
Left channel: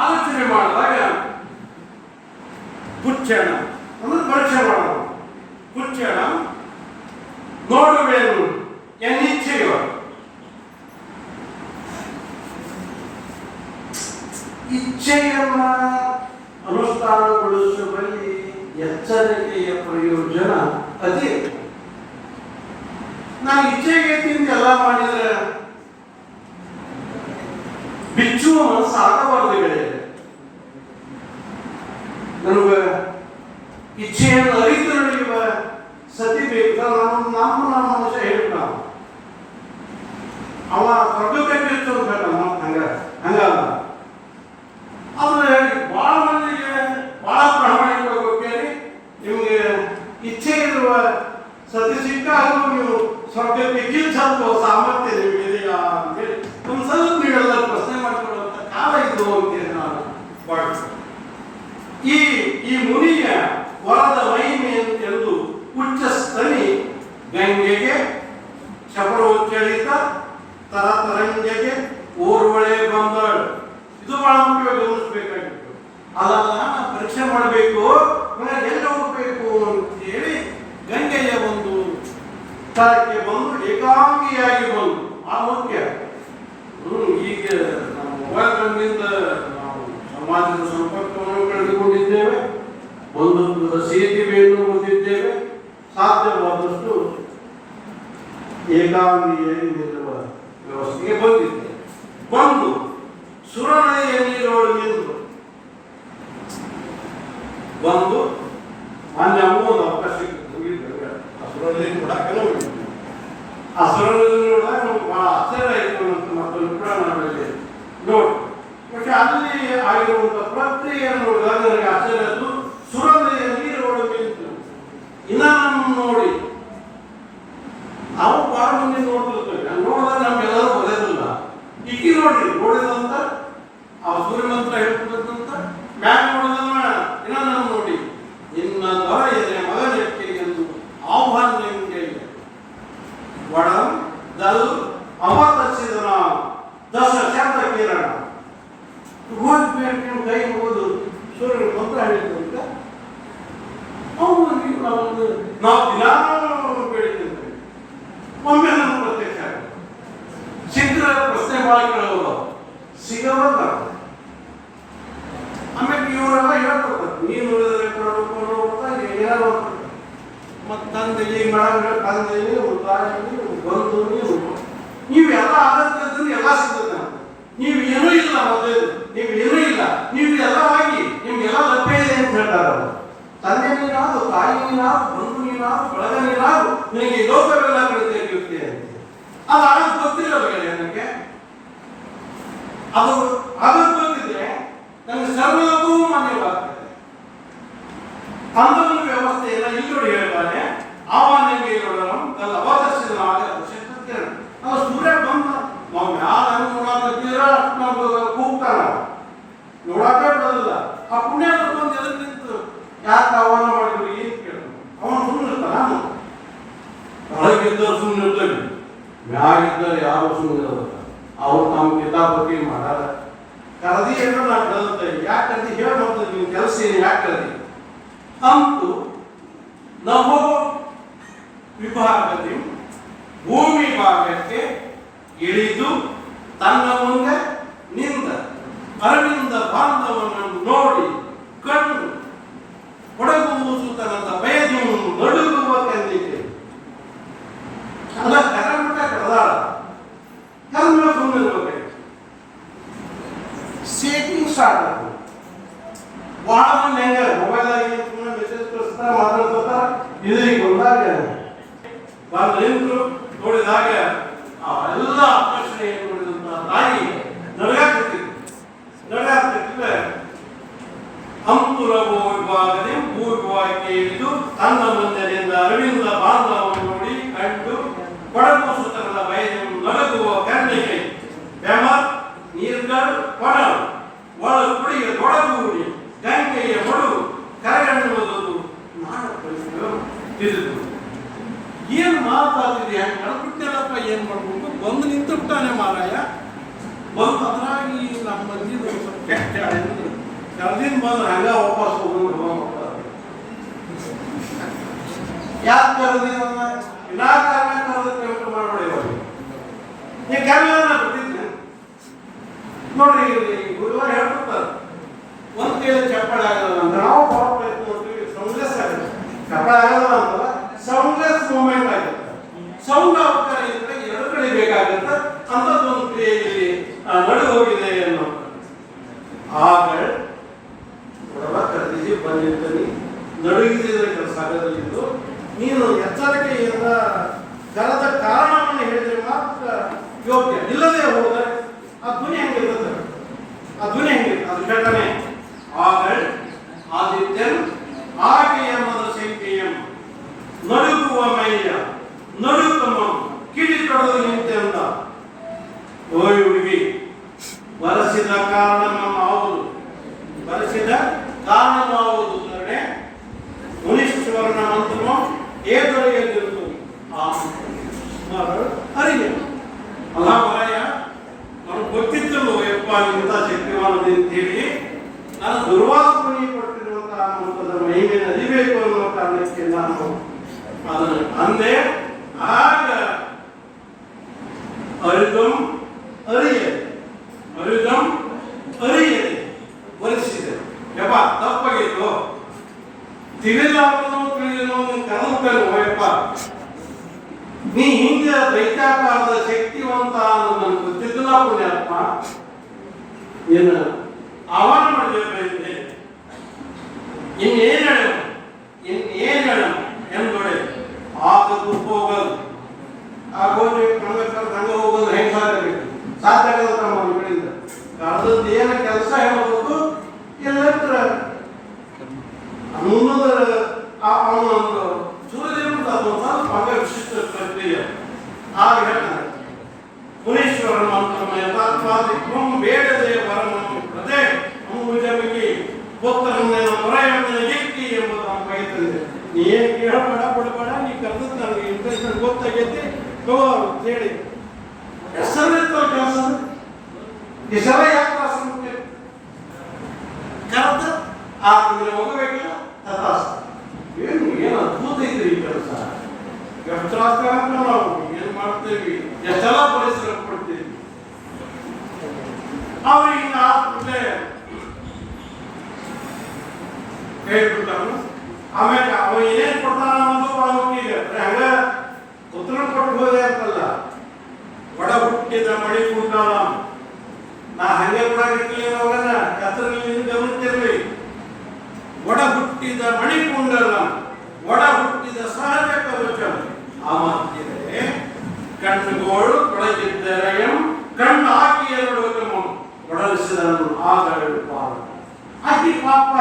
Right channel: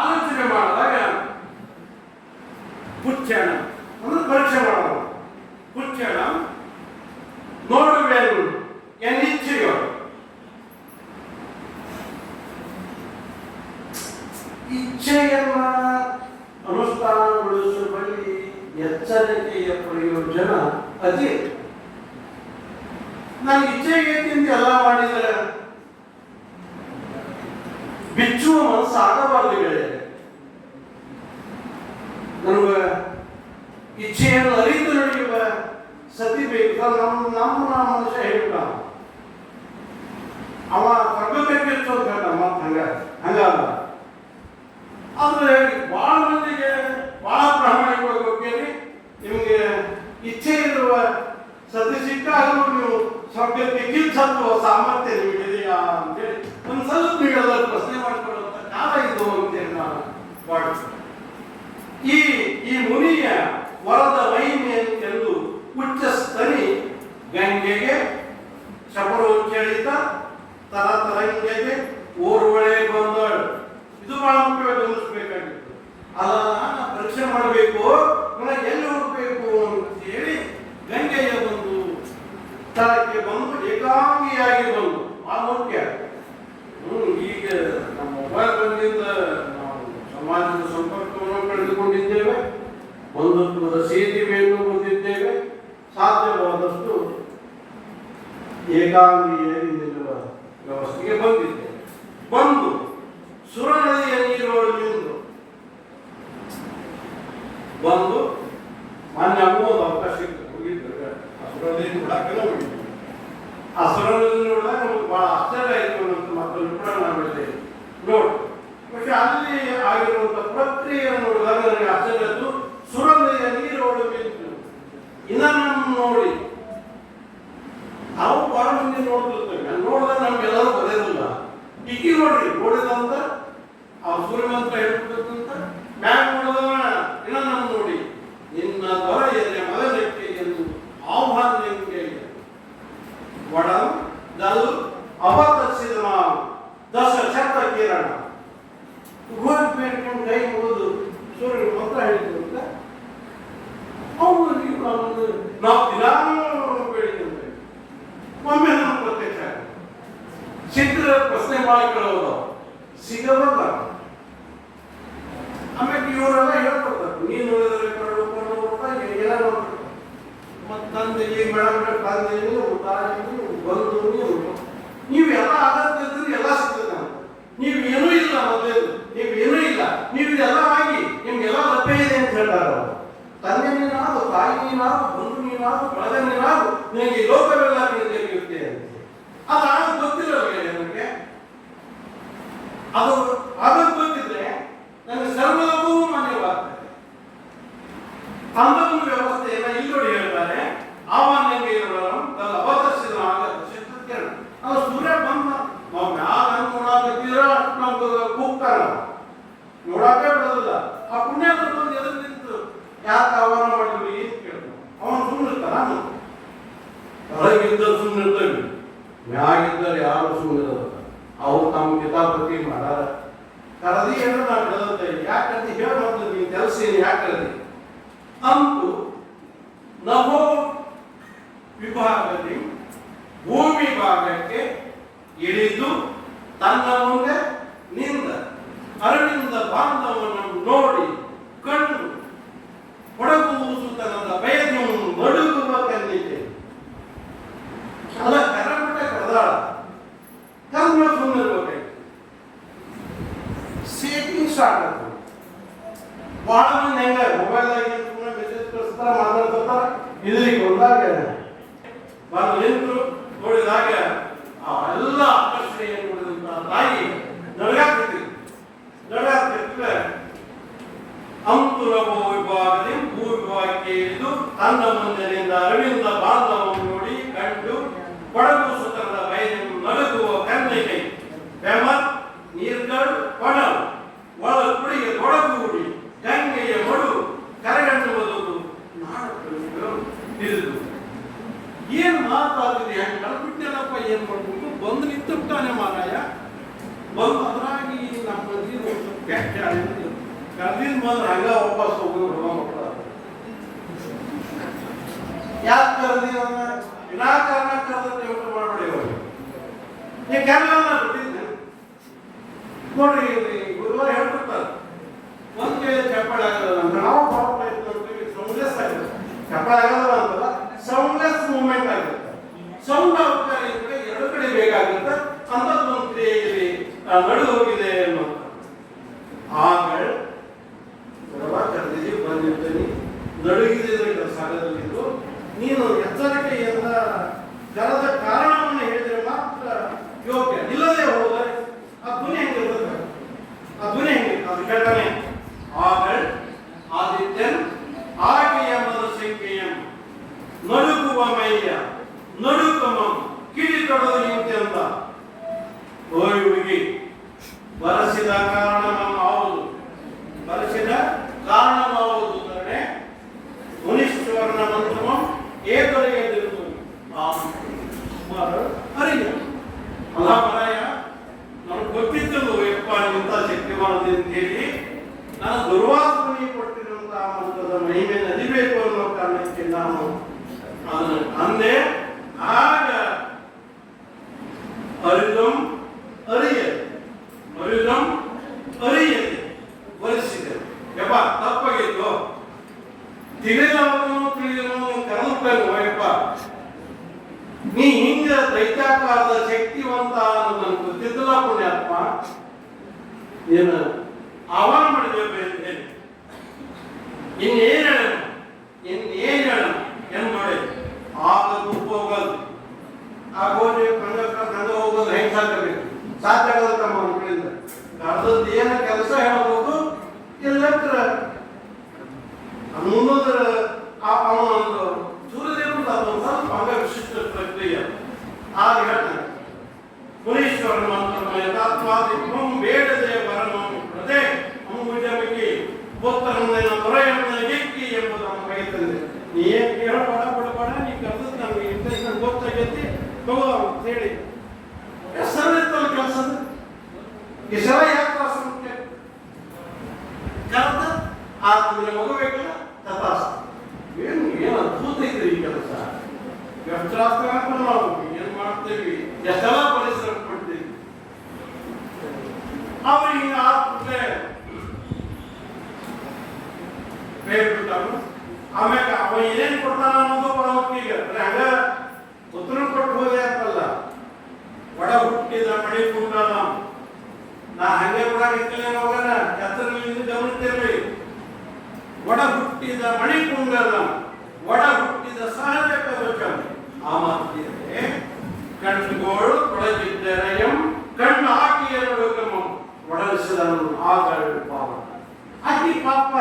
ಆಲೋಚನೆ ಮಾಡಿದಾಗ ಪುಚ್ಚಣ ಅಂದ್ರೆ ಪರೀಕ್ಷೆ ಮಾಡೋದು. ಪುಚ್ಚಣ ನೋಡುವೇನು ಎನ್ನಿಚ್ಛೆಯೋ ಇಚ್ಛೆಯನ್ನ ಅನುಷ್ಠಾನಗೊಳಿಸುವಲ್ಲಿ ಎಚ್ಚರಿಕೆಯ ಪ್ರಯೋಜನ ಅದೇ. ನಾನು ಇಚ್ಛೆಗೆ ಎಲ್ಲ ಮಾಡಿದರೆ ಬಿಚ್ಚುವ ಮನಸ್ಸು ಆಗಬಾರದು ಗೆಳೆಯ. ನನಗೆ ಇಚ್ಛೆಯನ್ನು ಅರಿತು ನಡೆಯುವ ಸತಿ ಬೇಕು. ನಮ್ಮ ಮನುಷ್ಯ ಹೇಳ್ತ ಅವ ಪ್ರಭುತ್ವಕ್ಕೆ ಅಂತ ಹೇಳ್ತಾನ. ಹಂಗಲ್ಲ. ಆದ್ರೆ ಬಹಳ ಮಂದಿಗೆ ಬಹಳ ಪ್ರಾಮಾಣಿಕವಾಗಿ ಹೋಗ್ತೇನೆ. ನಿಮಗೆ ಇಚ್ಛೆ ಇರುವ ಸತಿ ಸಿಕ್ಕಾಗಲೂ ನೀವು ಸ್ವರ್ಗಕ್ಕೆ ತೀರ್ಥತ್ವ ಸಾಮರ್ಥ್ಯ ನಿಮಗಿದೆಯಾ ಅಂತೇಳಿ ಒಂದು ಸ್ವಲ್ಪ ನೀವೆಲ್ಲರೂ ಪ್ರಶ್ನೆ ಮಾಡಿಕೊಳ್ಳುವಂಥ ಕಾಲ ಇದು ಅಂತೇಳಿ ನಾನು ಭಾವಿಸ್ತೇನೆ. ಈ ಮುನಿಯ ವರದ ಮಹಿಮೆ ಎಂದು ಉಚ್ಚಸ್ತನಿ ಗಂಗೆಗೆ ಶಪರೋಚ್ಚರಿತ ತರತರಂಗೆಗೆ ಓರ್ವಳೆ ಬಂದಳು. ಇದು ಬಹಳ ಮುಖ್ಯವಾಗಿ ಗಮನಿಸಬೇಕಾಗಿತ್ತು. ಅಲ್ಲ ಪರೀಕ್ಷೆ ಮಾಡಬೇಕು, ಎಲ್ಲಿ ಹೋಗ್ಬೇಕು ಅಂತ ಹೇಳಿ ಗಂಗೆಯ ಒಂದು ಸ್ಥಳಕ್ಕೆ ಬಂದು ಏಕಾಂಗಿಯಾಗಿ ಬಂದು ಆ ಮುಖ್ಯ. ಈಗ ನಮ್ಮ ಮೊಬೈಲ್ಗಳಿಂದ ನಾವು ಸಮಾಜದ ಸಂಪರ್ಕವನ್ನು ಕಳೆದುಕೊಂಡಿದ್ದೇವೆ, ಬಂಧುತ್ವದ ಸೇತುವೆಯನ್ನು ಹೊಂದಿದ್ದೇವೆ. ಸಾಧ್ಯವಾದಷ್ಟು ಏಕಾಂಗಿಯಾಗಿ ನಿಲ್ಲುವ ವ್ಯವಸ್ಥೆಗೆ ಬಂದಿದ್ದೇವೆ. ಬಂದು ಸುರನದಿಯ ನೀರೊಳಗೆ ನಿಂತು ಬಂದು ಮೊನ್ನೆ ಒಂದು ಅವಕಾಶ ಹೋಗಿದ್ದೇವೆ. ಆ ಸುರನದಿ ನೋಡಕ್ಕೆ ಹೋಗಿದ್ದೇವೆ. ಆ ಸುರನದಿ ನೋಡಿದಾಗ ನಮ್ಗೆ ಬಹಳ ಆಶ್ಚರ್ಯ ಆಯಿತು ಅಂತ ಮತ್ತೊಂದು ಕೂಡ ನಾವಲ್ಲಿ ನೋಡಿ. പക്ഷെ ಅಲ್ಲಿ ಆಗಿರುವಂಥ ಪ್ರಕ್ರಿಯೆಯನ್ನು ನೋಡಿದಾಗ ನನಗೆ ಆಶ್ಚರ್ಯ ಆಯಿತು. ಸುರನದಿಯ ನೀರೊಳಗೆ ನಿಂತು ಇನ್ನ ನಮ್ಮ ನೋಡಿ ನಾವು ಬಹಳ ಮಂದಿ ನೋಡ್ತಿರ್ತೇವೆ. ನೋಡಿದಾಗ ನಮ್ಗೆಲ್ಲರೂ ಬರೋದಿಲ್ಲ. ಇಕ್ಕಿ ನೋಡ್ರಿ ನೋಡಿದಂತ ಆ ಸೂರ್ಯ ಮಂತ್ರ ಹೇಳ್ತಿರ್ತಂತ ಮ್ಯಾಗ ನೋಡಿದವ ಇನ್ನ ನಮ್ಮ ನೋಡಿ ನಿನ್ನ ದೊರೆಯನೆ ಮಗನೆಕ್ಕೆ ಎಂದು ಆಹ್ವಾನ ನಿಮಗೆ ಒಡಂ ದಲ್ ಅವತರಿಸಿದ ನಾವು ದಶ ಶಬ್ದ ಕಿರಣ ಗೋಲ್ಪೇಟಿನ ಕೈ ಮುಗಿದು ಸೂರ್ಯನ ಮಂತ್ರ ಹೇಳಿದ್ರಂತ ಅವನಿಗೆ ನಾವು ದಿನಾನು ಬೇಡಿದ್ದೇವೆ. ಒಮ್ಮೆ ನಮ್ಮ ಪ್ರತ್ಯಕ್ಷ ಸಿಕ್ಕರೆ ಪ್ರಶ್ನೆ ಮಾಡಿಕೊಳ್ಳೋದು ಸಿಗವಲ್ಲ. ಆಮೇಲೆ ಇವರೆಲ್ಲ ಹೇಳ್ಕೊಡ್ತಾರೆ ನೀನು ಮತ್ತು ತಂದೆಗೆ ತಂದೆಗೆ ಬಂದು ನೀವೆಲ್ಲ ಆಗತ್ತಿದ್ರೆ ಎಲ್ಲ ಸಿಗ್ತದೆ. ನೀವು ಏನೂ ಇಲ್ಲ, ಮತ್ತೆ ನೀವು ಏನೂ ಇಲ್ಲ, ನೀವು ಎಲ್ಲವಾಗಿ ನಿಮ್ಗೆಲ್ಲ ತಪ್ಪೇ ಇದೆ ಅಂತ ಹೇಳ್ತಾರೆ. ತಂದೆ ನೀನಾದ್ರು, ತಾಯಿ ನೀನಾದ್ರು, ಬಂಧು ನೀನಾದ್ರು, ಬಳಗ ನೀನಾದ್ರು, ನಿನಗೆ ಲೋಕವೆಲ್ಲ ಕಳಿಸಿರುತ್ತೆ ಅಂತ. ಅದು ಆಗ ಗೊತ್ತಿಲ್ಲ ನನಗೆ. ಅದು ಆಗೋದು ಗೊತ್ತಿದ್ರೆ ನನಗೆ ಸರ್ವದಕ್ಕೂ ಮಾನ್ಯವಾಗ್ತದೆ. ಅಂದೊಂದು ವ್ಯವಸ್ಥೆಯನ್ನ ಇಲ್ಲಿ ಹೇಳ್ತಾರೆ. ಆಹ್ವಾನಂಗೆ ತನ್ನ ಅವತರಿಸಿದ ನಾವು ಸೂರ್ಯ ಬಂದ ನಾವು ಯಾರು ನೋಡಾಕತ್ತೀರ ನಾವು ಕೂಗ್ತಾನ ನೋಡಾಕೆ ಬಿಡೋದಿಲ್ಲ. ಆ ಪುಣ್ಯ ಬಂದು ಎದುರು ನಿಂತು ಯಾಕೆ ಆಹ್ವಾನ ಮಾಡಿದ್ವಿ ಏನು ಕೇಳಿದ್ರು. ಅವನು ಸುಮ್ಮನೆ ಇರ್ತಾನ. ಒಳಗಿದ್ದರು ಸುಮ್ಮನೆ ಇರ್ತೇವೆ, ಮ್ಯಾಗಿದ್ದರು ಯಾರು ಸುಮ್ಮನೆ ಇರೋದಿಲ್ಲ. ಅವ್ರು ನಮ್ಮ ಕಿತಾಪತಿ ಮಾಡಾರ ಕರದಿ ಅಂತ ನಾವು ಕೇಳುತ್ತೇವೆ. ಯಾಕೆ ಕರದಿ ಹೇಳಿ ಮಾಡ್ತೀವಿ, ನೀವು ಕೆಲಸ ಏನು ಯಾಕೆ ಕರದಿ ಅಂತೂ ನಭೋ ವಿಭಾಗದಿ ಭೂಮಿ ಭಾಗಕ್ಕೆ ಇಳಿದು ತನ್ನ ಮುಂದೆ ನಿಂದ ಅರವಿಂದ ಬಾಂಧವನನ್ನು ನೋಡಿ ಕಣ್ಣು ಹೊಡಗುಸುತ್ತನದ ಭಯದಿ ನಡುಗುವ ಕಣ್ಣಿಗೆ ಅಲ್ಲ ಕರ್ನಾಟಕ ಕಡದಾಳ ಕರ್ಮ ಸುಂದರವಾಗಿ ಸೇಟಿಂಗ್ ಸ್ಟಾರ್ಟ್ ಆಗ್ತದೆ. ಬಹಳ ಮಂದಿ ಹೆಂಗ ಮೊಬೈಲ್ ಆಗಿ ಮೆಸೇಜ್ ಕಳಿಸ್ತಾರೆ, ಮಾತಾಡ್ತಾರೆ. ಇದರಿಗೆ ಬಂದಾಗ ಬಂದು ನಿಂತರು ನೋಡಿದಾಗ ಆ ಎಲ್ಲ ಆಕರ್ಷಣೆಯನ್ನು ನೋಡಿದಂತ ತಾಯಿ ನಡಗಾಗ್ತಿದ್ರೆ ಅಂತುರಭೋ ವಿಭಾಗದಿ ಭೂ ವಿಭಾಗಕ್ಕೆ ಇಳಿದು ತನ್ನ ಮುಂದಿನಿಂದ ಅರವಿಂದ ಬಾಂಧವನ್ನು ನೋಡಿ ಕಂಡು ಕೊಡಗು ಸುತ್ತರದ ಭಯದಿಂದ ನಡುಗುವ ಕಣ್ಣಿಗೆ ಬೆಮ ನೀರ್ಗಳು ಕೊಡಲು ಒಳ ಕುಡಿಗೆ ತೊಡಗೂಡಿ ಗಂಗೆಯ ಮಡು ಕರೆಗಣ್ಣುವುದು ನಾನು ತಿಳಿದು ಏನು ಮಾತಾಡ್ತಿದೆ ಹೆಂಗೆ ಕಳ್ಬಿಟ್ಟೆಲ್ಲಪ್ಪ ಏನು ಮಾಡ್ಬೇಕು ಬಂದು ನಿಂತಿರ್ತಾನೆ ಮಾರಾಯ. ಬಂದು ಅದ್ರಾಗಿ ನಮ್ಮ ಮಂದಿ ಸ್ವಲ್ಪ ಕೆಟ್ಟ ಕರ್ದಿನ ಬಂದ್ರೆ ಹಂಗ ವಾಪಸ್ ಹೋಗಿ ಯಾಕೆ ಕರೆದಿನ ವಿನಾಕಾರಣ ಕರೆದ ಮಾಡಬೇಡಿ. ಈ ಕರ್ಮನ ಬಿಟ್ಟಿದ್ದೆ ನೋಡ್ರಿ, ಗುರುವಾರ ಹೇಳ್ಬಿಡ್ತಾರೆ ಒಂದು ಕೇಳಿ ಚಪ್ಪಾಳೆ ಆಗಲ್ಲ ಅಂತ ನಾವು ಬಹಳ ಪ್ರಯತ್ನ ಮಾಡ್ತೀವಿ. ಸೌಂಡ್ಲೆಸ್ ಆಗಿದೆ, ಚಪ್ಪಾಳೆ ಆಗಲ್ಲ ಅಂತಲ್ಲ, ಸೌಂಡ್ಲೆಸ್ ಮೂಮೆಂಟ್ ಆಗುತ್ತೆ. ಸೌಂಡ್ ಅವಕಾಶ ಇದ್ರೆ ಎರಡು ಕಡೆ ಬೇಕಾಗುತ್ತೆ. ಅಂಥದ್ದೊಂದು ಕ್ರಿಯೆಯಲ್ಲಿ ನಡು ಹೋಗಿದೆ ಅನ್ನೋ ಆಗ ಕರೆದಿಸಿ ಬಂದಿರ್ತೀನಿ ನಡುಗಿದ್ರೆ ಕೆಲಸ ಆಗದಲ್ಲಿದ್ದು ನೀನು ಎಚ್ಚರಿಕೆಯಿಂದ ಕರೆದ ಕಾರಣವನ್ನು ಹೇಳಿದರೆ ಮಾತ್ರ ಯೋಗ್ಯ. ಇಲ್ಲದೆ ಹೋದರೆ ಆ ಧ್ವನಿ ಹೆಂಗಿರ್ತದೆ, ಆ ಧ್ವನಿ ಹೆಂಗೆ ಅದು ಹೇಳ್ತಾನೆ. ಆಗಳ್ ಆದಿತ್ಯನ್ ಆಕೆಯ ಸಂಖ್ಯೆಯಂ ನಡುಗುವ ಮೈಯ ನಡುಕಮ ಕಿಡಿತೊಡ ಕಡದು ನಿಂತೆ ಅಂತ. ಓಯ್ ಹುಡುಗಿ, ಬರಸಿದ ಕಾರಣವಾಗುವುದು, ಬರಸಿದ ಕಾರಣವಾಗುವುದು ಅಂದರೆ ಮುನೀಶ್ವರನ ಮಂತ್ರವು ಏದೊರೆಯದಿರುವುದು ಅರಿಯ ಅಲ್ಲ ಮರಾಯ. ನಮ್ಗೆ ಗೊತ್ತಿದ್ದಳು ಯಪ್ಪ ಇಂಥ ಶಕ್ತಿವಾನದಿ ಅಂತ ಹೇಳಿ. ನಾನು ದುರ್ವಾಸನೆ ಪಟ್ಟಿರುವಂತಹ ಮಂತ್ರದ ಮಹಿಮೆ ನದಿಬೇಕು ಅನ್ನೋ ಕಾರಣಕ್ಕೆ ನಾನು ಅದನ್ನು ಅಂದೆ. ಆಗ ಅರಿದಂ ಅರಿಯದೆ, ಅರಿದಂ ಅರಿಯದೆ ಒಲಿಸಿದೆ. ಯಪ್ಪ ತಪ್ಪಾಗಿತ್ತು, ತಿಳಿಲಾರನು ತಿಳಿಯಲು ಕನಪೇನು ಯಪ್ಪ, ನೀ ಹಿಂಗೆ ದೈತ್ಯಾಕಾರದ ಶಕ್ತಿವಂತ ಅನ್ನೋದು ನನಗೆ ಗೊತ್ತಿದ್ದಿಲ್ಲ ಪುಣ್ಯಾತ್ಮ. ಏನು ಆಹ್ವಾನ ಮಾಡಬೇಕು, ಇನ್ನೇನು ಹೇಳ, ಇನ್ನೇನು ಹೇಳ ನೋಡಿ. ಆಗ ತುಪ್ಪ ಹೋಗೋದು, ಆಗೋದು ಹಂಗ ಹೋಗೋದು ಹೆಂಗೆ ಸಾಕಬೇಕು, ಸಾಧ್ಯ ಆಗದ ನಮ್ಮ ಕಡೆಯಿಂದ ಕಳೆದದ್ದು ಏನು ಕೆಲಸ ಹೇಳಬೇಕು. ಎಲ್ಲರ ಮುನ್ನೋದರ ಅವನೊಂದು ಸೂರ್ಯದೇವದ ಅದೊಂದು ಸ್ವಲ್ಪ ಹಂಗ ವಿಶಿಷ್ಟ ಪ್ರಕ್ರಿಯೆ. ಆಗ ಹೇಳ್ತಾನೆ ಮುನೀಶ್ವರನ ಮಂತ್ರಮ ಬೇಡದೆ ಬರಮನು ಕತೆ ಅಂಬುಜಮಿಗೆ ಗೊತ್ತನೇ ಹೊರೆಯಣ್ಣೆ ಗೆಟ್ಟಿ ಎಂಬುದು ಅವನು ಕೈ ತಂದೆ. ನೀ ಏನು ಕೇಳಬೇಡ ಬಿಡಬೇಡ, ನೀ ಕರೆದದ್ದು ನನಗೆ ಇಂಟ್ರೆಸ್ಟ್ ಗೊತ್ತಾಗೈತಿ ತಗೋ ಅಂತ ಹೇಳಿ ಹೆಸರಿತ್ತಲ್ಲ ಕೆಲಸ. ಹೆಸರ ಯಾಕೆ ತ್ರಾಸ ಮುಖ್ಯ ಕರೆದ ಆ ತಿಂಗಳ ಮಗು ಬೇಕಲ್ಲ ತಥಾಸ. ಏನು ಏನು ಅದ್ಭುತ ಐತ್ರಿ ಈ ಕೆಲಸ. ಎಷ್ಟು ತ್ರಾಸ ನಾವು ಏನು ಮಾಡ್ತೇವಿ, ಎಷ್ಟೆಲ್ಲ ಪರಿಸರ ಪಡ್ತೀವಿ. ಅವ್ರಿಗೆ ಆದ್ಮೇಲೆ ಹೇಳ್ಬಿಡ್ತಾನು. ಆಮ್ಯಾಗ ಅವ ಏನೇನು ಕೊಡ್ತಾನ ಅನ್ನೋದು ಅವನಿಗೆ ಹಂಗ ಉತ್ತರ ಕೊಟ್ಟು ಹೋದೆ ಅಂತಲ್ಲ. ಒಡ ಹುಟ್ಟಿದ ಮಳಿ ಕುಂಟಾಳ ನಾ ಹಂಗೆ ಕೂಡ ಇರ್ತೀವಿ ಹೋಗಣ ಹೆಸರಲ್ಲಿ ಗಮನಿಸಿರ್ಲಿ. ಒಡ ಹುಟ್ಟಿದ ಮಣಿ ಕುಂಡಲ, ಒಡ ಹುಟ್ಟಿದ ಸಹಜ ಕವಚ. ಆ ಮಾತಿದೆ ಕಣ್ಣುಗೋಳು ತೊಡಗಿದ್ದರೆ ಕಣ್ಣು ಹಾಕಿಯರು ಒಡಲಿಸಿದನು ಆಗಳು ಪಾಪ. ಅತಿ ಪಾಪ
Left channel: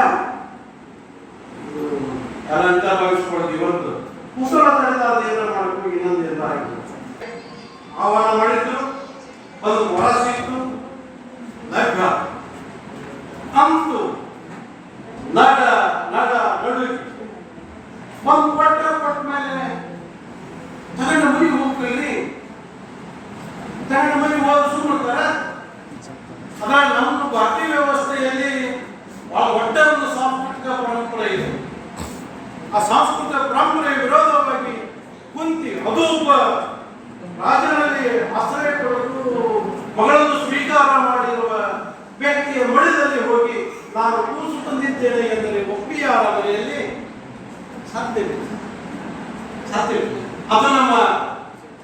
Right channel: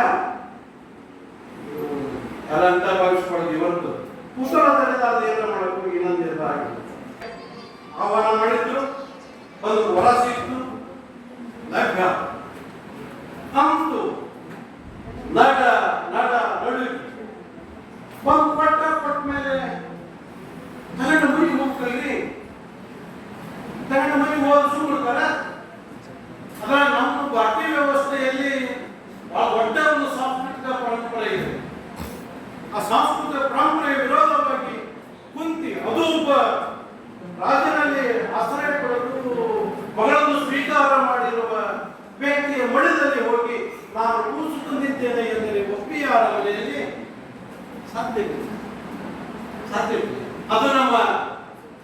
ಅದಂತ ಭವಿಷ್ಯವಾಗಿ ಇವತ್ತು ಮುಸಳದಲ್ಲಿ ಅದೇನ ಮಾಡಬೇಕು, ಇನ್ನೊಂದೆಲ್ಲ ಆಗಿದೆ. ಆಹ್ವಾನ ಮಾಡಿದ್ರು, ಒಂದು ವರ ಸಿಕ್ತು, ನಗ್ನ ಅಂತು ನಡ ನಡ ನಡು ಒಂದು ಕೊಟ್ಟ ಮೇಲೆ ತಗಣ ಮನೆ ಹೋಗ್ತೀವಿ. ತಗಣ ಮನೆ ಹೋದ ಸುಮ್ಮನೆ ಅದ ನಮ್ಮ ಭಾರತೀಯ ವ್ಯವಸ್ಥೆಯಲ್ಲಿ ಒಟ್ಟೆ ಒಂದು ಸಾಂಸ್ಕೃತಿಕ ಪರಂಪರೆ ಇದೆ. ಆ ಸಾಂಸ್ಕೃತಿಕ ಪರಂಪರೆಯ ವಿರೋಧವಾಗಿ ಕುಂತಿ ಅದು ಒಬ್ಬ ರಾಜನಲ್ಲಿ ಆಶ್ರಯ ಪಡೆದು ಮಗಳನ್ನು ಸ್ವೀಕಾರ ಮಾಡಿರುವ ವ್ಯಕ್ತಿಯ ಮಡಿದಲ್ಲಿ ಹೋಗಿ ನಾನು ಕೂಸು ತಂದಿದ್ದೇನೆ ಎಂದರೆ ಒಪ್ಪಿಯಾರ ಮನೆಯಲ್ಲಿ ಸಾಧ್ಯವಿಲ್ಲ, ಸಾಧ್ಯವಿಲ್ಲ. ಅದು ನಮ್ಮ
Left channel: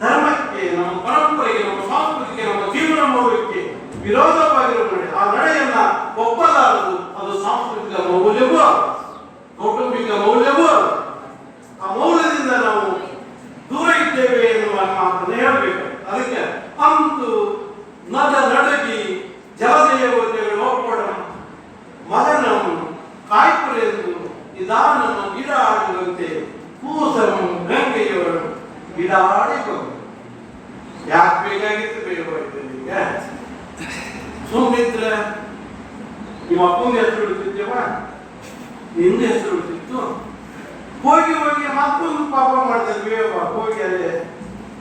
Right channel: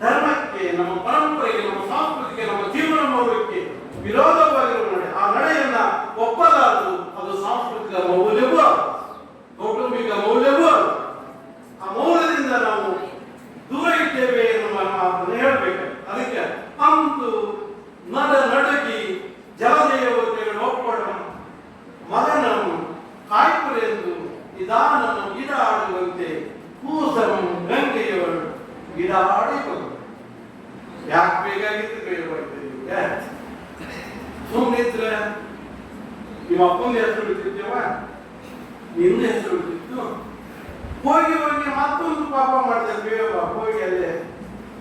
ಧರ್ಮಕ್ಕೆ, ನಮ್ಮ ಪರಂಪರೆಗೆ, ನಮ್ಮ ಸಂಸ್ಕೃತಿಗೆ, ನಮ್ಮ ಜೀವನ ಮೌಲ್ಯಕ್ಕೆ ವಿರೋಧವಾಗಿರುವ ನಡೆ. ಆ ನಡೆಯನ್ನ ಒಪ್ಪಲಾರದು. ಅದು ಸಾಂಸ್ಕೃತಿಕ ಮೌಲ್ಯವೂ, ಕೌಟುಂಬಿಕ ಮೌಲ್ಯವೂ. ಆ ಮೌಲ್ಯದಿಂದ ನಾವು ದೂರ ಇದ್ದೇವೆ ಎನ್ನುವ ಮಾತನ್ನು ಹೇಳಬೇಕು. ಅದಕ್ಕೆ ಅಂತು ನಡ ನಡಗಿ ಜಲದೇವತೆಗಳು ಒಪ್ಪಡ ಮಗನನ್ನು ಕಾಯ್ಪುರೆಂದು ನಿಧಾನನ್ನು ಗಿಡ ಆಡುವಂತೆ ಕೂಸನ್ನು ಗಂಗೆಯವರು ಗಿಡ ಆಡಿಕೊಂಡು. ಯಾಕೆ ಬೇಕಾಗಿತ್ತು ಬೇಡವಾಗ್ತದೆ ಸುಮ್ಮನಿದ್ರೆ ನಿಮ್ಮ ಅಪ್ಪನ ಹೆಸರು ಉಳಿತಿದ್ದೇವ, ನಿನ್ನ ಹೆಸರು ಉಳಿತಿತ್ತು. ಹೋಗಿ ಹೋಗಿ ಮತ್ತೊಂದು ಪಾಪ ಮಾಡ್ತಿದ್ವಿ. ಹೋಗಿ ಅಲ್ಲಿ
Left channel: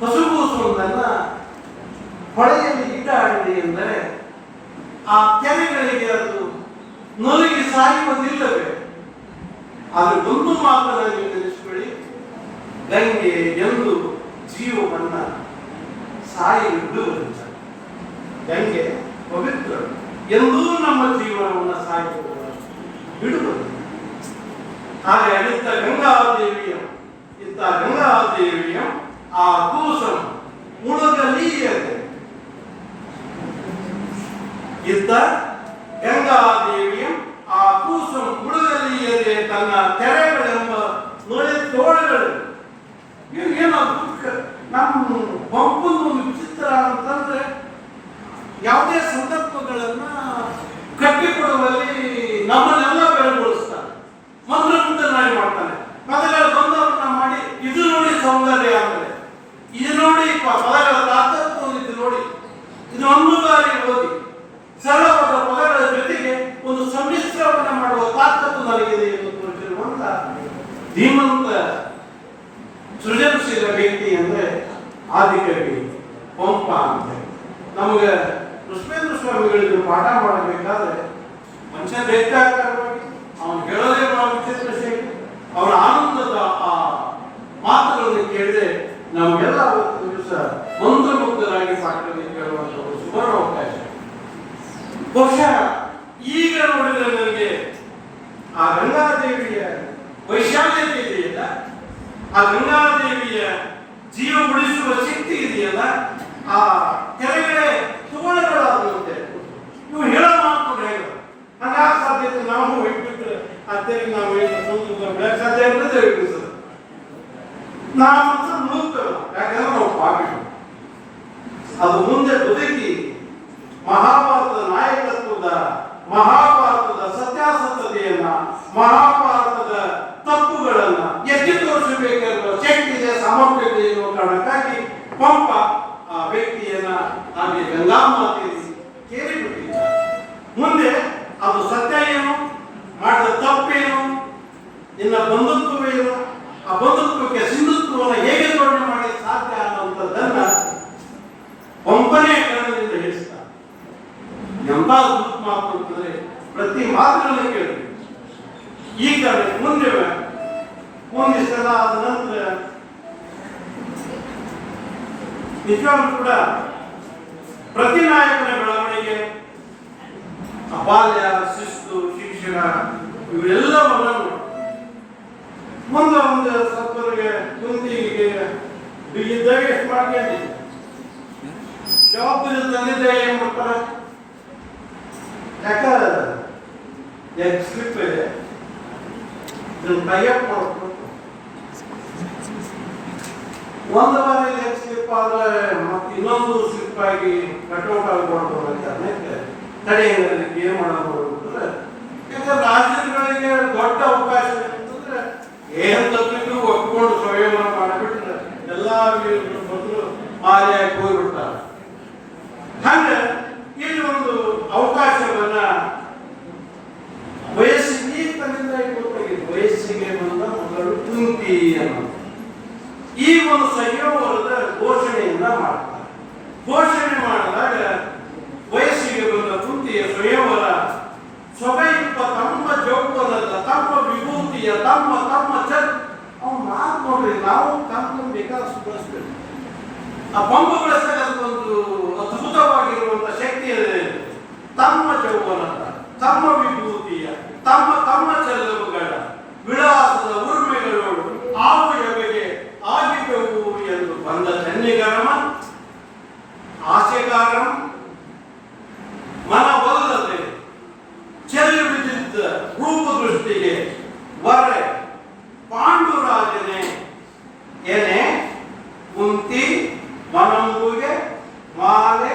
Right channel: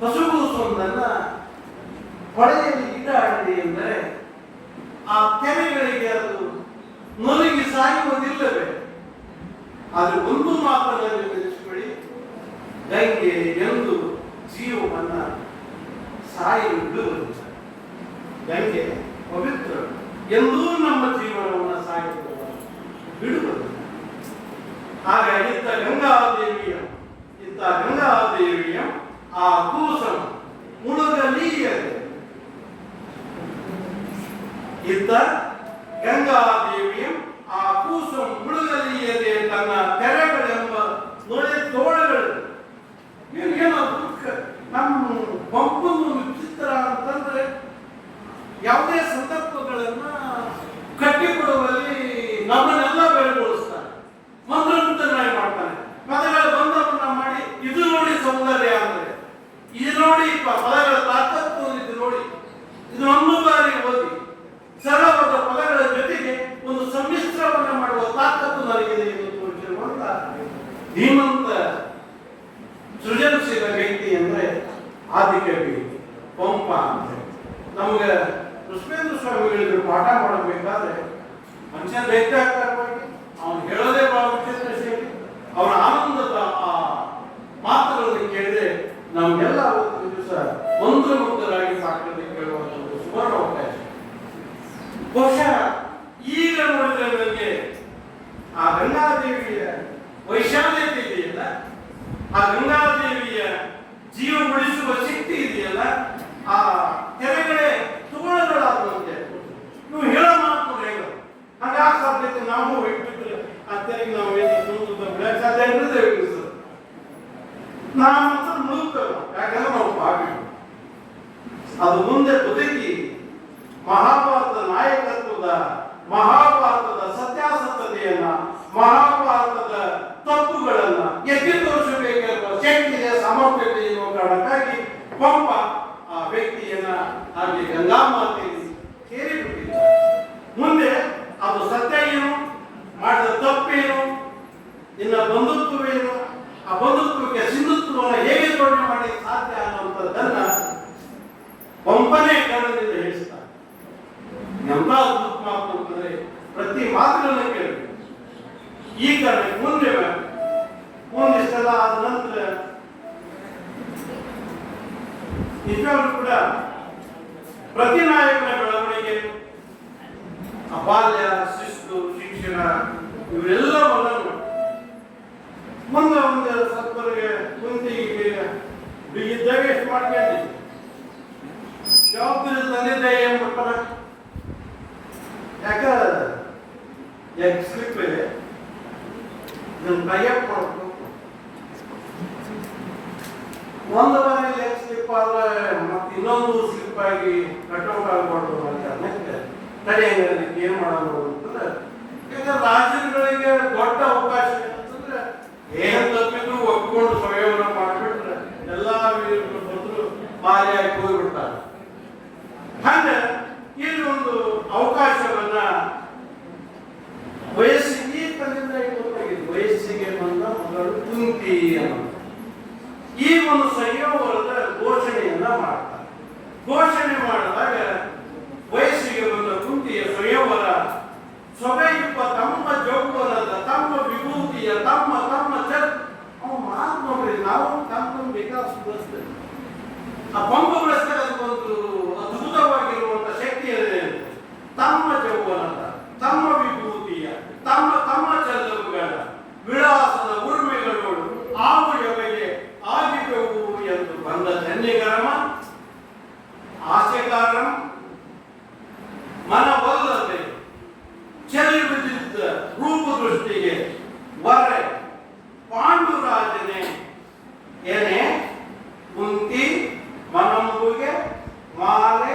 ಹಸುಗೂಸುವುದನ್ನ ಹೊಳೆಯಲ್ಲಿ ಗಿಡ ಆಡಿದೆ ಎಂದರೆ ಆ ತೆರೆಗಳಿಗೆ ಅದು ನೊಲಗಿ ಸಾಯುವುದಿಲ್ಲವೇ? ಅದು ಒಂದು ಮಾತನ್ನು ತಿಳಿಸ್ಕೊಳ್ಳಿ, ಗಂಗೆ ಎಂದು ಜೀವವನ್ನ ಸಾಯುವುದು. ಗಂಗೆ ಪವಿತ್ರ ಎಂದೂ ನಮ್ಮ ಜೀವನವನ್ನು ಸಾಯುವುದು ಬಿಡುವುದು. ಹಾಗೆ ಇಂಥ ಗಂಗಾದೇವಿಯ ಆ ಕೂಸಂ ಉಣಗಲೀಯದೆ ಇದ್ದ ಗಂಗಾದೇವಿಯ ಆ ಕೂಸಂ ಉಣಗಲೀಯದೆ ತನ್ನ ತೆರೆಗಳೆಂಬ ನೊಳೆ ತೋಳುಗಳು. ಏನೋ ದುಃಖ ನಮ್ಮ ಪಂಪನ ಒಂದು ವಿಚಿತ್ರ ಅಂತಂದ್ರೆ ಯಾವುದೇ ಸಂದರ್ಭಗಳನ್ನ ಕಟ್ಟಿಕೊಡುವಲ್ಲಿ ನಮ್ಮನ್ನೆಲ್ಲ ಬೆಳಗೊಳಿಸ್ತಾರೆ. ಮಂತ್ರಮುಗ್ಧನಾಗಿ ಮಾಡ್ತಾನೆ. ಪದಗಳ ಬಂದವನ್ನ ಮಾಡಿ ಇದು ನೋಡಿ ಸೌಂದರ್ಯ ಅಂದರೆ, ಇದು ನೋಡಿ ಪದಗಳ ಇದು ಒಂದು ಬಾರಿ ಓದಿ ಸರಳವಾದ ಪದಗಳ ಜೊತೆಗೆ ಒಂದು ಸಮ್ಮಿಶ್ರವನ್ನ ಮಾಡುವ ತಾಕತ್ತು ನನಗಿದೆ ಎಂದು ತೋರಿಸಿರುವಂತ ಧೀಮಂತ ಸೃಜನಶೀಲ ವ್ಯಕ್ತಿ ಅಂದ್ರೆ ಆದಿಕವಿ ಪಂಪ ಅಂತ. ನಮಗೆ ಕೃಷ್ಣೇಂದ್ರ ಸ್ವಾಮಿಗಳಿಗೆ ಪಾಠ ಮಾಡಬೇಕಾದ್ರೆ ಮನುಷ್ಯ ದೈತ್ಯಾಕಾರವಾಗಿ ಅವನು ಹೇಳೋದೇ ಬಹಳ ವಿಚಿತ್ರ ಶೈಲಿ. ಅವನ ಆನಂದದ ಆ ಮಾತುಗಳನ್ನು ಕೇಳಿದ್ರೆ ನಮಗೆಲ್ಲ ಅವತ್ತಿನ ದಿವಸ ಮಂತ್ರಮುಗ್ಧರಾಗಿ ಸಾಕಲಿಕ್ಕೆ ಕೇಳುವಂತ ಒಂದು ಸುವರ್ಣ ಅವಕಾಶ. ಬಹುಶಃ ಈಗ ನೋಡಿದ್ರೆ ನನಗೆ ಆ ಗಂಗಾದೇವಿಯ ವೈಶಾಲ್ಯತೆ ಇದೆಯಲ್ಲ, ಆ ಗಂಗಾದೇವಿಯ ಜೀವ ಉಳಿಸುವ ಶಕ್ತಿ ಇದೆಯಲ್ಲ, ಆ ಕೆಳಗಡೆ ತೋಳಗಳಾಗುವಂತೆ ಇವು ಹೇಳೋ ಮಾತು ಹೇಳು ಹಾಗಾಗ ಸಾಧ್ಯತೆ ನಾವು ಇಟ್ಬಿಟ್ರೆ ಅತ್ತೆಗೆ ನಾವು ಬೆಳಗ್ಗೆ ಸಾಧ್ಯ ಇರ್ತದೆ ಸರ್. ನಾವು ಮಾತ್ರ ನೂತನ, ಯಾಕಂದ್ರೆ ನಾವು ಪಾಪಿ. ಅದು ಮುಂದೆ ಬದುಕಿ ಮಹಾಭಾರತದ ನಾಯಕತ್ವದ, ಮಹಾಭಾರತದ ಸತ್ಯಾಸತ್ಯತೆಯನ್ನ, ಮಹಾಭಾರತದ ತಪ್ಪುಗಳನ್ನ ಎತ್ತಿ ತೋರಿಸಬೇಕಾಗಿರುವ ಶಕ್ತಿಗೆ ಸಾಮರ್ಥ್ಯತೆ ಎನ್ನುವ ಕಾರಣಕ್ಕಾಗಿ ಪಂಪ ಆ ವ್ಯಕ್ತಿಯನ್ನ ಹಾಗೆ ಗಂಗಾ ಮಾತೆಯಲ್ಲಿ ಕೇಳಿಬಿಟ್ಟಿದ್ದಾರೆ. ಮುಂದೆ ಅದು ಸತ್ಯ ಏನು, ಮಾಡಿದ ತಪ್ಪೇನು, ನಿನ್ನ ಬಂಧುತ್ವವೇನು, ಆ ಬಂಧುತ್ವಕ್ಕೆ ಸಿಂಧುತ್ವವನ್ನು ಹೇಗೆ ಜೋಡಣೆ ಮಾಡಲಿಕ್ಕೆ ಸಾಧ್ಯ ಅನ್ನುವಂಥದ್ದನ್ನ ಪಂಪನೇ ಕನ್ನಡದಿಂದ ಹೇಳಿಸ್ತಾರೆ. ಎಂತ ಅದ್ಭುತ ಮಾತು ಅಂತಂದ್ರೆ ಪ್ರತಿ ಮಾತುಗಳನ್ನು ಕೇಳಿ ಈ ಕಡೆ ಮುಂದೆ ಒಂದಿಷ್ಟೆಲ್ಲ ಆದ ನಂತರ ನಿಜವಾಗ್ಲೂ ಕೂಡ ಪ್ರತಿ ನಾಯಕನ ಬೆಳವಣಿಗೆ, ಬಾಲ್ಯ, ಶಿಸ್ತು, ಶಿಕ್ಷಣ ಇವೆಲ್ಲವನ್ನು ಮುಂದೆ ಒಂದು ಸ್ವಲ್ಪರಿಗೆ ಕುಂತಿಗೆ ಇದ್ದಾಗ ಎಷ್ಟು ಮಾಡ್ಕೊಂಡಿದ್ದೆ ಜವಾಬ್ದಾರಿ ತಂದಿದ್ದ ಏನ್ ಮಾಡ್ತಾರೆ. ಯಾಕಂದ್ರೆ ಸ್ಲಿಪ್ ಇದೆ ಟೈಅಪ್ ಮಾಡಬೇಕು. ಒಂದು ಬಾರಿ ಸ್ಲಿಪ್ ಆದ್ರೆ ಮತ್ತೆ ಇನ್ನೊಂದು ಸ್ಲಿಪ್ ಆಗಿ ಕಟ್ಔಟ್ ಆಗ್ಬಾರ್ದು ಅಂತ ತಡೆ ಏನ್ ಮಾಡೋದು ಅಂತಂದ್ರೆ, ಯಾಕಂದ್ರೆ ರಾಜ್ಯಗಳಿಗೆ ದೊಡ್ಡ ಅವಕಾಶ ಅಂತಂದ್ರೆ ಏನ್ ತಪ್ಪಿಗೂ ಒಪ್ಕೊಂಡು ಸಂಯೋಜನೆ ಮಾಡಿಬಿಟ್ರೆ ಎಲ್ಲಾ ಬಂದ್ರು ಮಾರಿಯಾಗಿ ಹೋಗ್ಬಿಡ್ತಾರೆ. ಹಾಗೆ ಇಲ್ಲಿ ಒಂದು ಅವಕಾಶವನ್ನ ವಯಸ್ಸಿಗೆ ತನ್ನಿಂದ ಗೊತ್ತಾಗಿದ್ದು, ವಯಸ್ಸಿಗೆ ಬಂದ ಮೊದಲು ಕುಂತಿ ಅನ್ನೋದು ಈ ಒಂದು ಸಂಯೋಗದ ಘೋಷಣೆಯನ್ನ ಮಾಡ್ತಾರೆ. ಘೋಷಣೆ ಮಾಡಿದಾಗ ವಯಸ್ಸಿಗೆ ಬಂದ ಕುಂತಿಯ ಸಂಯವರ ಸ್ವಭೈಪ ತಮ್ಮ ಜೋಗವನದ ತಮ್ಮ ವಿಭೂತಿಯ ತಮ್ಮ ತಮ್ಮ ಅವ್ನು ಮಾತು ನೋಡ್ರಿ, ನಾವು ತಮ್ಮ ಬೇಕಾದಷ್ಟು ಬಳಸ್ತೇವೆ. ಆ ಪಂಪುಗಳಿಸಿದಾಗ ಅದಕ್ಕೊಂದು ಅದ್ಭುತವಾಗಿರುವಂತ ಶಕ್ತಿ ಇದೆ. ತಮ್ಮ ಜೌವನದ ತಮ್ಮ ವಿಭೂತಿಯ ತಮ್ಮ ತಮ್ಮ ಚೆಲ್ಲುವುಗಳ ವಿಳಾಸದ ಉರ್ಮೆಗಳು ಆವು ಎವೆಗೆ ಆಗಿದ್ದವು ಎಂದು ಬಂದ ಧನ್ಯಗರಮ ಆಸೆಗಾರಂ ಮನವಲ್ಲದೆ ಚೆಲ್ಲಿ ಬಿದ್ದಿದ್ದ ರೂಪ ದೃಷ್ಟಿಗೆ ವರೆ ಪಾಂಡುರಾಜನೇ ಏನೇ ಕುಂತಿ ಮನಂಬುಗೆ ಮಾಲೆ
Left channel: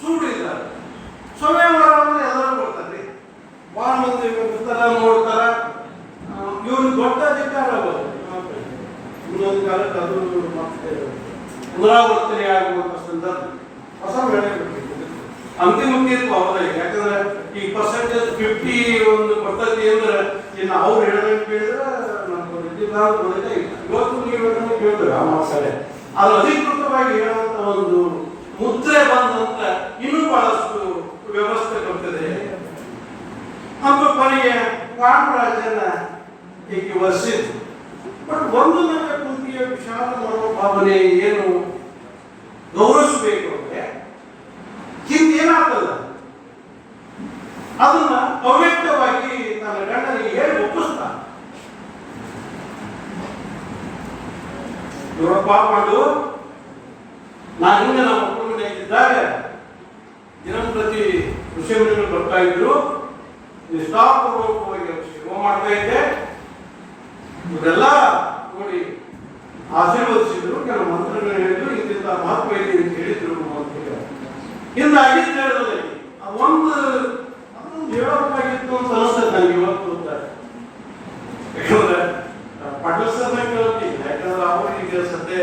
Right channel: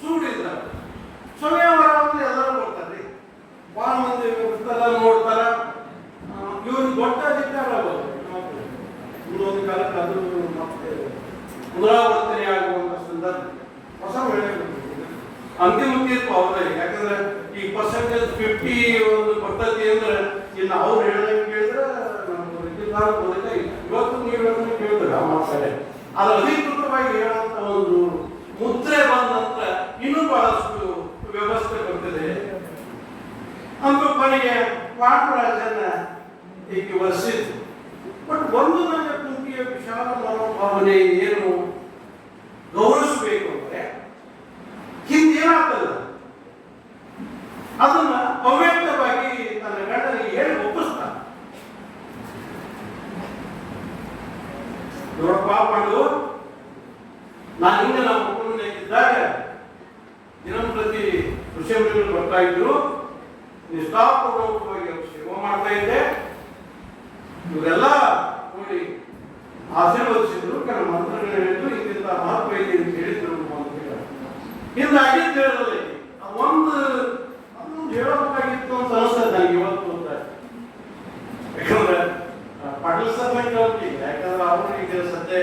ಸೂಡಿದ್ದಾರೆ. ಸ್ವಯಂವರವನ್ನು ಎಲ್ಲರೂ ಬರ್ತಾರೆ, ಬಹಳ ಮಂದಿ ನೋಡ್ತಾರೆ. ಇವ್ರು ದೊಡ್ಡ ಅಧಿಕಾರ ಇನ್ನೊಂದು ಕಾಲಕ್ಕೆ ಅದು ಮತ್ತೆ ಪುನರಾವರ್ತನೆ ಆಗುವಂತ ಸಂದರ್ಭ ಹೊಸ ವೇಳೆ ಅಂತಿಮ ತೀರ್ಪು ಅವರೇ. ಯಾಕಂದ್ರೆ ಈ ಪರ್ಸೆಂಟೇಜ್ 50 ಒಂದು ಪದ್ಧತಿ ಅಂದ್ರೆ ಇನ್ನು ಅವ್ರು ಹೇಳೋದಕ್ಕೆ ಕೇಳಿದ್ರೆ ನಮ್ಗೆ ಬೇಕಾಗಿಲ್ಲ. ಇವತ್ತು ನೀವು ಹೇಳೋದನ್ನು ಕೇಳಿದ್ರೆ ಆ ಮಾತಾಡೆ ಅದು ಅಧಿಕೃತವಾಗಿ ಹೇಳುವಂತ ಒಂದು ಮುದ್ರೆ ಬಂದಂತ ಇನ್ನೂ ಬಹಳಷ್ಟು ವ್ಯವಸ್ಥೆ ಬರ್ತದೆ. ಅಂತ ಕೊನೆಗೆ ಪಾಂಡುರಾಜನ ಏಕೆ ವರ್ಷಿತ್ತು. ಬಟ್ ಒಂದು ನನ್ನ ಕುಂತಿಯ ವಿಶಾಲ ಮನೋಭಾವನೆ ಏನು ಗೌರವಿಸಬೇಕು ಅಂದ್ರೆ ಹಿಂದೇನಾಗ್ತದ ಅದನ್ನ ಅವ್ಯಕ್ತವಾಗಿ ತನ್ನ ಗಂಡನಿಗೆ ಹೇಳಿ ಒಪ್ಪಿಸ್ತಾನೆ. ನೋಡಪ್ಪ ಮಾಡು, ನಾನು ಹಿಂಗೆ ನಮ್ಮ ಮಕ್ಕಳಿದ್ದಾಗ ದಿನಂಪ್ರತಿ ಋಷಿಮುನಿಗಳು ಬರ್ತಾ ಇದ್ರು, ನಿಷ್ಠಾಪೂರ್ವಕವಾಗಿ ಸೇವೆ ಮಾಡ್ತಾ ಇದ್ದೆ. ಇವರೆಲ್ಲ ನೋಡಿ ಆಶೀರ್ವದಿಸಿದ್ರು, ಕೆಲವು ಮಂತ್ರಗಳು ಹೇಳಿದ್ರು, ಇಂತಿಂತ ಮಹತ್ವ ಇದೆ ಅಂತ ಹೇಳಿದ್ರು. ಹಿಂದಾಗಿ ಹೇಳಿದ್ರೆ ಒಂದು ಹೇಳಬೇಕಾಗಿತ್ತು ಅಂತ ಅನಿಸ್ತದೆ ನನಗೆ ಇವತ್ತು. ಯಾಕಂದ್ರೆ ಪಾಟೀಲ್ ಸರ್ನ ಕೇಳ್ತೀನಿ, ಯಾಕಂದ್ರೆ ಅವರಿಗೆ ಸದ್ಯ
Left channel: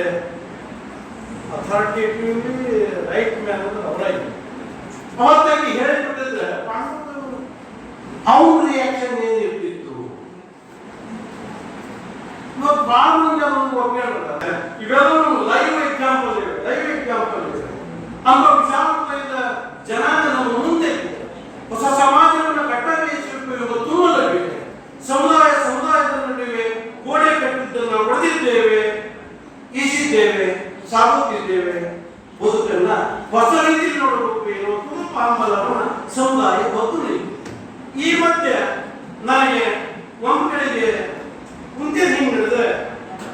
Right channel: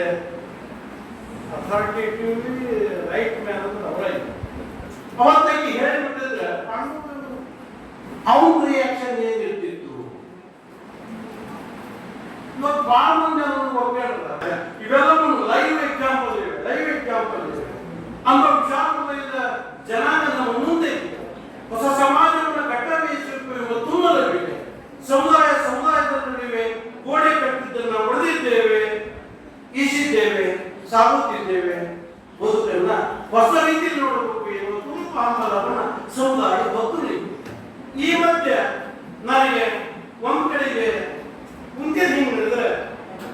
ಅಥಾರಿಟೇಟಿವ್ಲಿ ರೈಟ್ ಮ್ಯಾನ್ ಅಂದ್ರೆ ಅವರೇ. ಅವತ್ತಾಗಿ ಹೇಳಿಬಿಟ್ಟಿದ್ರೆ ಪಾಂಡವರು ಅವ್ರ ರಿಯಾಕ್ಷನ್ ಏನಿರ್ತಿತ್ತು. ಇವತ್ತು ಬಹಳ ಮಂದಿ ಅದನ್ನು ಒಪ್ಪಿದ್ದಾರೆ. ಇವೆಲ್ಲ ಲೈವ್ ಎಕ್ಸಾಂಪಲ್ ಇವೆ. ನಮ್ಮ ವಿಶಾಲವಾದ ಜನಾಂಗ ನಮ್ಮ ಮುಂದೆ ಹೊಸ ಸಮಾಜವನ್ನು ಕಟ್ಟಬೇಕು ತುಂಬಲಬೇಕೆ. ಸಮುದಾಯದ ನಡುವೆ ಗೋಡೆ ಕಟ್ಟಿದ್ದನ್ನು ಒಡೆದಿದ್ದೇವೆ, ಈಸಿದ್ದೇವೆ, ಸಾಗುತ್ತಿದ್ದೇವೆ. ಬದುಕನ್ನ ಹೊಸ ರೀತಿಯಲ್ಲಿ ನೋಡಬೇಕು ಎನ್ನುವ ತುಂಬ ಹಂಬಲವನ್ನು ಸಮುದಾಯ ಹೊತ್ತು ನಿಂತಿದೆ. ಈ ಮಧ್ಯೆ ನನಗೆ ಒಂದು ಕಡೆಗೆ ಕುಂತೆ ಹಿಂಗೆ ಹೇಳಿದ್ರೆ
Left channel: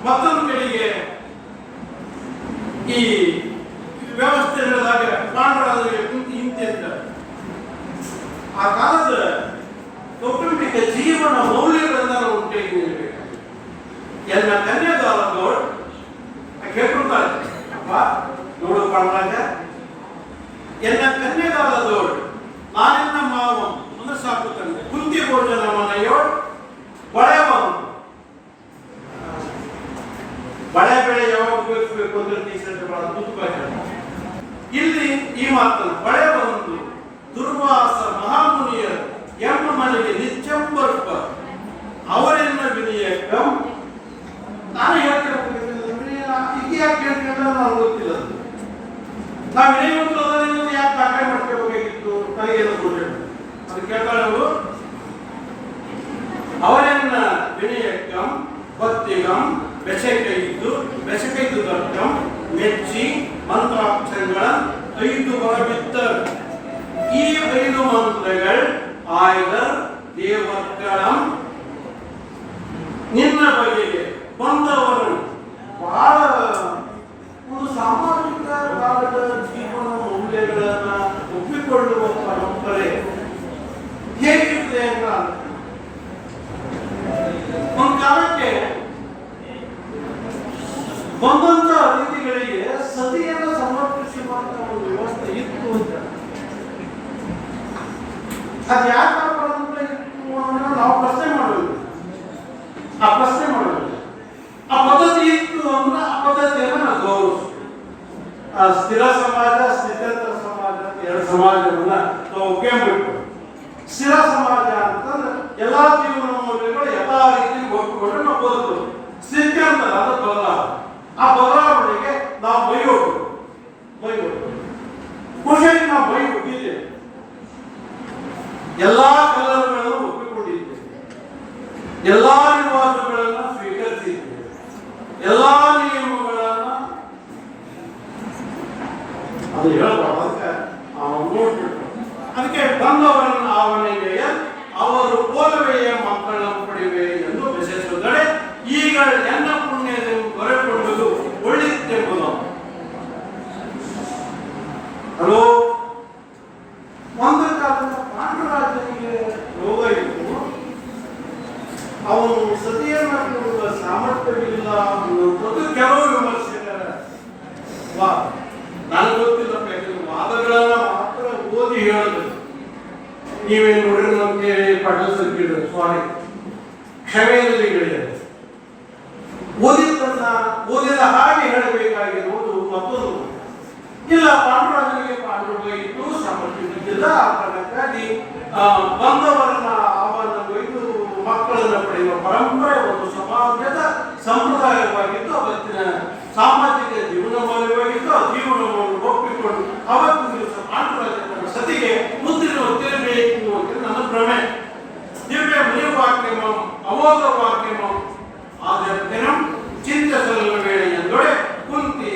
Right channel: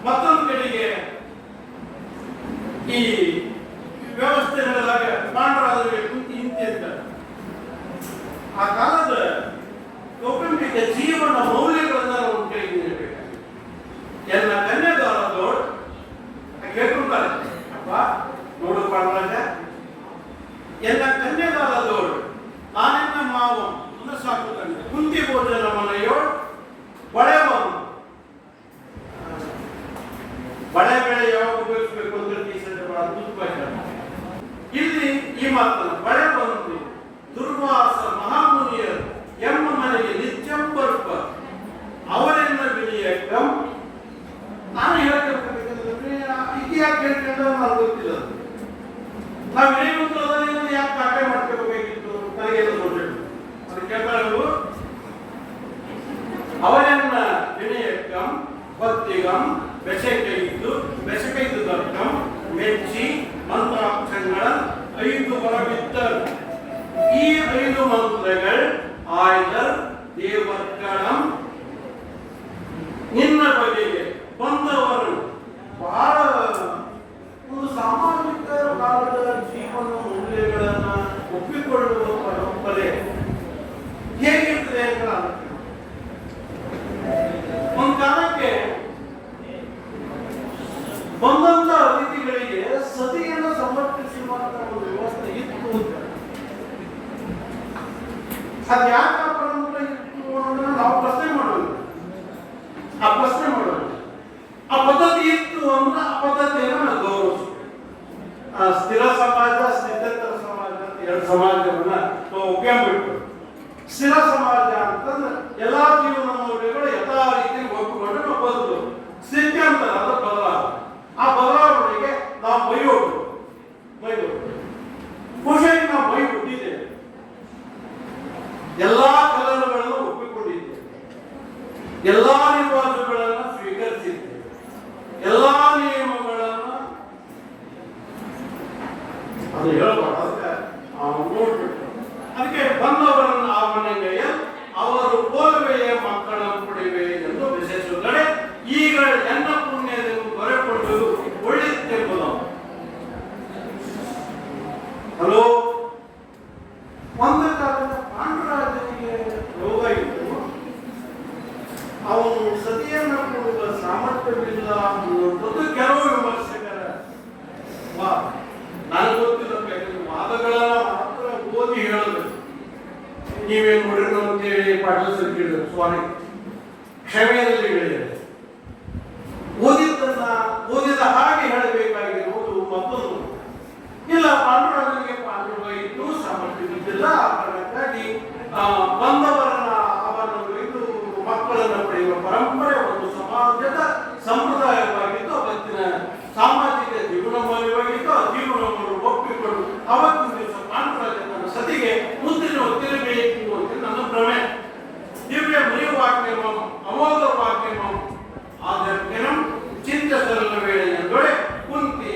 ಮತ್ತೊಂದು ಕಡೆಗೆ ಈ ವ್ಯವಸ್ಥೆ ನಡೆದಾಗ ಪಾಂಡವರಿಗೆ ಕುಂತಿ ಹಿಂತೆ ಅಂತ ಆ ಕಾಲದ ಕೌಟುಂಬಿಕ ಜೀವನ ಮೌಲ್ಯಗಳನ್ನ ನಾವು ಕೈಗೊಳ್ಳಬೇಕು. ಎಲ್ಲ ಕನ್ಯಾದಾರದವರು ಕೇಳ್ಕೊಂತಾರೆ, ಅಪ್ಪ ನೋಡು ಪಾಂಡರಾಜ, ಎಲ್ಲ ಕನ್ಯಾದಾರದವರು ನಾನೆಲ್ಲ ಮಾವು ಅಂದ್ರೆ ಸಾಕುತ್ತಾನೆ. ಕುಂತಿ ಭೋಜನ ಮನೆಯೋಳು ಬಳೆವನು ಬಳೆ ಬೆಳೆ ಯಾವಾಗ ಉಪಯೋಗಿಸಬೇಕು ಅಂದ್ರೆ ಟೀಚರ್ ಬಹಳ ಅದ್ಭುತವಾಗಿ ಇಲ್ಲಿ ಈ ಮಾತನ್ನು ಬಳೆ ಬಂತು ದುರ್ವಾಸ ಮಹಾಮುನಿಯರು ಎಮ್ಮ ಮನೆಗೆ ನಿತ್ಯಂಬರ್ಪ ಅವರೆಲ್ಲ ವಿನಿಯಕಂ. ನಾನು ಇತಿಹಾಸ ಕೇಳ್ಕೊಂಡ್ರೆ ನಾನು ಗೊತ್ತಿಲ್ಲ. ನಾವು ವಿನಯವಂತರಾದ ಯಾಕೆ ದಾಖಲೆ ಮಾಡ್ಕೋಬೇಕಾಗಿತ್ತು ನನಗೆ ಅದು ಕೇಳ್ತಾರೆ ಅವರು. ಅವರನ್ನ ವಿನಯಕಂ ಭಕ್ತಿಗಂ ಬೆಸಕೈದು ದರ್ಕಂ ಮೆಚ್ಚಿ ಮಂತ್ರಾಕ್ಷರಗಳ 5 ಹೊರಬಿತ್ತರು. ಈ 5 ಮಂತ್ರಗಳು ಆಯ್ದರ್ ದೇವರ್ಗಳಂ ನಿನ್ನ ಬಗೆಗೆ ಬಂದವರನ್ನು ಬಹಳ ಒಂದು ಸಾಮಾಜಿಕ ಕಾಲದ ಜೀವನ ಮೌಲ್ಯಗಳನ್ನು ಒಪ್ಪಿಕೊಳ್ಳುವ ಪರಂಪರೆ ಹೇಗಿರ್ತದೆ ಅಂತ ಒಂದು ಕಾಲಕ್ಕೆ ಬಂದಂತ ಅತಿಥಿಗಳಿಗೆ ಸತಿಯನ್ನು ಸಮರ್ಪಿಸುವಂತ ಒಂದು ವ್ಯವಸ್ಥೆ ಇತ್ತು ಅಂತ. ಅದು ಯಾಕೆ ಇತ್ತು ಅಂದ್ರೆ ನಾವು ಪ್ರಶ್ನೆ ಮಾಡೋದು. ಆ ಪದ್ಧತಿ ಇತ್ತು ಅಂದ್ರೆ ಆ ಪದ್ಧತಿಯನ್ನು ನಾವು ಗೌರವಿಸ್ತೀವಿ. ಸ್ಥಿರ ಸಮಾಜ, ಸ್ಥಿತೇತರ ಸಮಾಜ, 2 ಸಮಾಜವನ್ನ ನಾವು ಒಪ್ಪಿಕೊಂಡು, ಸ್ಥಿರ ಸಮಾಜ ಅಂತಂದ್ರೆ ಎಲ್ಲಾ ಜೀವನ ಮೌಲ್ಯಗಳು ಎಲ್ಲಾ ರೀತಿ ಒಪ್ಪಿಕೊಂಡು ನಾವು ಬದುಕೋದು. ಸ್ಥಿತಿ ಅಂತಾರೆ ಅದು ಬದಲಾವಣೆ. ಆ ಬದಲಾವಣೆಗೆ ನಾವು ಬೈಯೋದು ಖುಷಿಯಾಗಿ ನಾವು ಬೈ ಹುಟ್ಟಿದ್ದೇವೆ. ಎಲ್ಲಾ ಕಲನಗಳನ್ನು ಒಪ್ಪಿಕೊಂಡಿದ್ದೇವೆ, ಎಲ್ಲಾ ರಿವಾಜುಗಳನ್ನು ಸ್ವೀಕರಿಸಿದ್ದೇವೆ, ಎಲ್ಲಾ ನಿಯಮಗಳನ್ನು ಅದು ಹೇಳಬಾರ್ದು. ನೋಡ್ಬಿಟ್ಟು ಅದಕ್ಕೆ ಬಂದವರನ್ನು ಆವನೆಯ ಅವರು ಕೋಲುವೆಯ ಮಕ್ಕಳನ್ನು ಪಡೆಯುವೆ ಎಂದು ವಿಶೇಷಿಸಿದರೆ ಈಗ ಎನ್ನ ಪುಣ್ಯವನ್ನು ಹೊರಕೊಳ್ಳುವುದು ಒಳ್ಳೆಯದೆಂಬುದು. ಹಲೋ, ಒಂದು ಕಾಲದ ಪಾಂಡುರಾಜನಿಗೆ ರೋಗ ಇತ್ತು. ಅವನು ಸತಿಯನ್ನು ಕೊಡುವ ಸಾಮರ್ಥ್ಯವಿಲ್ಲ ಅನ್ನೋದು ಕೆಲವು ವಿಮರ್ಶಕರ ವಾದ. ನನಗೆ ಗೊತ್ತಿಲ್ಲ, ವಾದಗಳನ್ನ ಮಾತ್ರ ಓದಿ ಹೇಳಬೇಕು. ನೀವೇನು ನೋಡಿದ್ರು ಅಂತೇಳಿ ಪಾಟೀಲ್ ಸರ್ಕಿದ್ರು ಸ್ವಾಮಿ ಕ್ಷಮೆಯಲ್ಲಿ ಹೇಳಿದ್ದಾರೆ. ಓದಿದ ಹಾಗೆ ಹೇಳಬೇಕಾಗಿರುವುದು ಮತ್ತೊಂದು. ಇಲ್ಲ, ಪಾಂಡುರಾಜನಿಗೆ ಪಾಂಡುರ ಇತ್ತು, ಸಾಮರ್ಥ್ಯವಿದ್ದಿಲ್ಲ. ಆ ಕಾರಣಕ್ಕಾಗಿ ಬಂದವರನ್ನ ಅವನ ಒಯ್ದು ಮಕ್ಕಳನ್ನು ಪಡೆಯುವ ಪರಂಪರೆ ಒಂದು ಸಮಾಜದ ಸಂಪ್ರದಾಯವಾಗಿತ್ತು. ಅವತ್ತಿನ ಸಾಮಾಜಿಕ ಜೀವನ ಮೌಲ್ಯವಾಗಿತ್ತು. ಆ ಜೀವನ ಮೌಲ್ಯ ಒಪ್ಪಿಕೊಂಡು ಅವತ್ತಿನ ದಿವಸ ಪಾಂಡುರಾಜನ ಸತಿಗೆ ಮುದ್ರಿನ ಒತ್ತಿರಬೇಕು ಅಂತ ನನ್ನ ಭ್ರಮೆ. ದಿವ್ಯ ಮುನಿವಾಕ್ಯಮಂ ಅಮೋಘ ವಾಕ್ಯಮಂ ಆದರ್ಶನಂ ಚಿಂತಸರಳ ವೇಳೆ ಎಂದೊಡೆ ಕುಂತಿ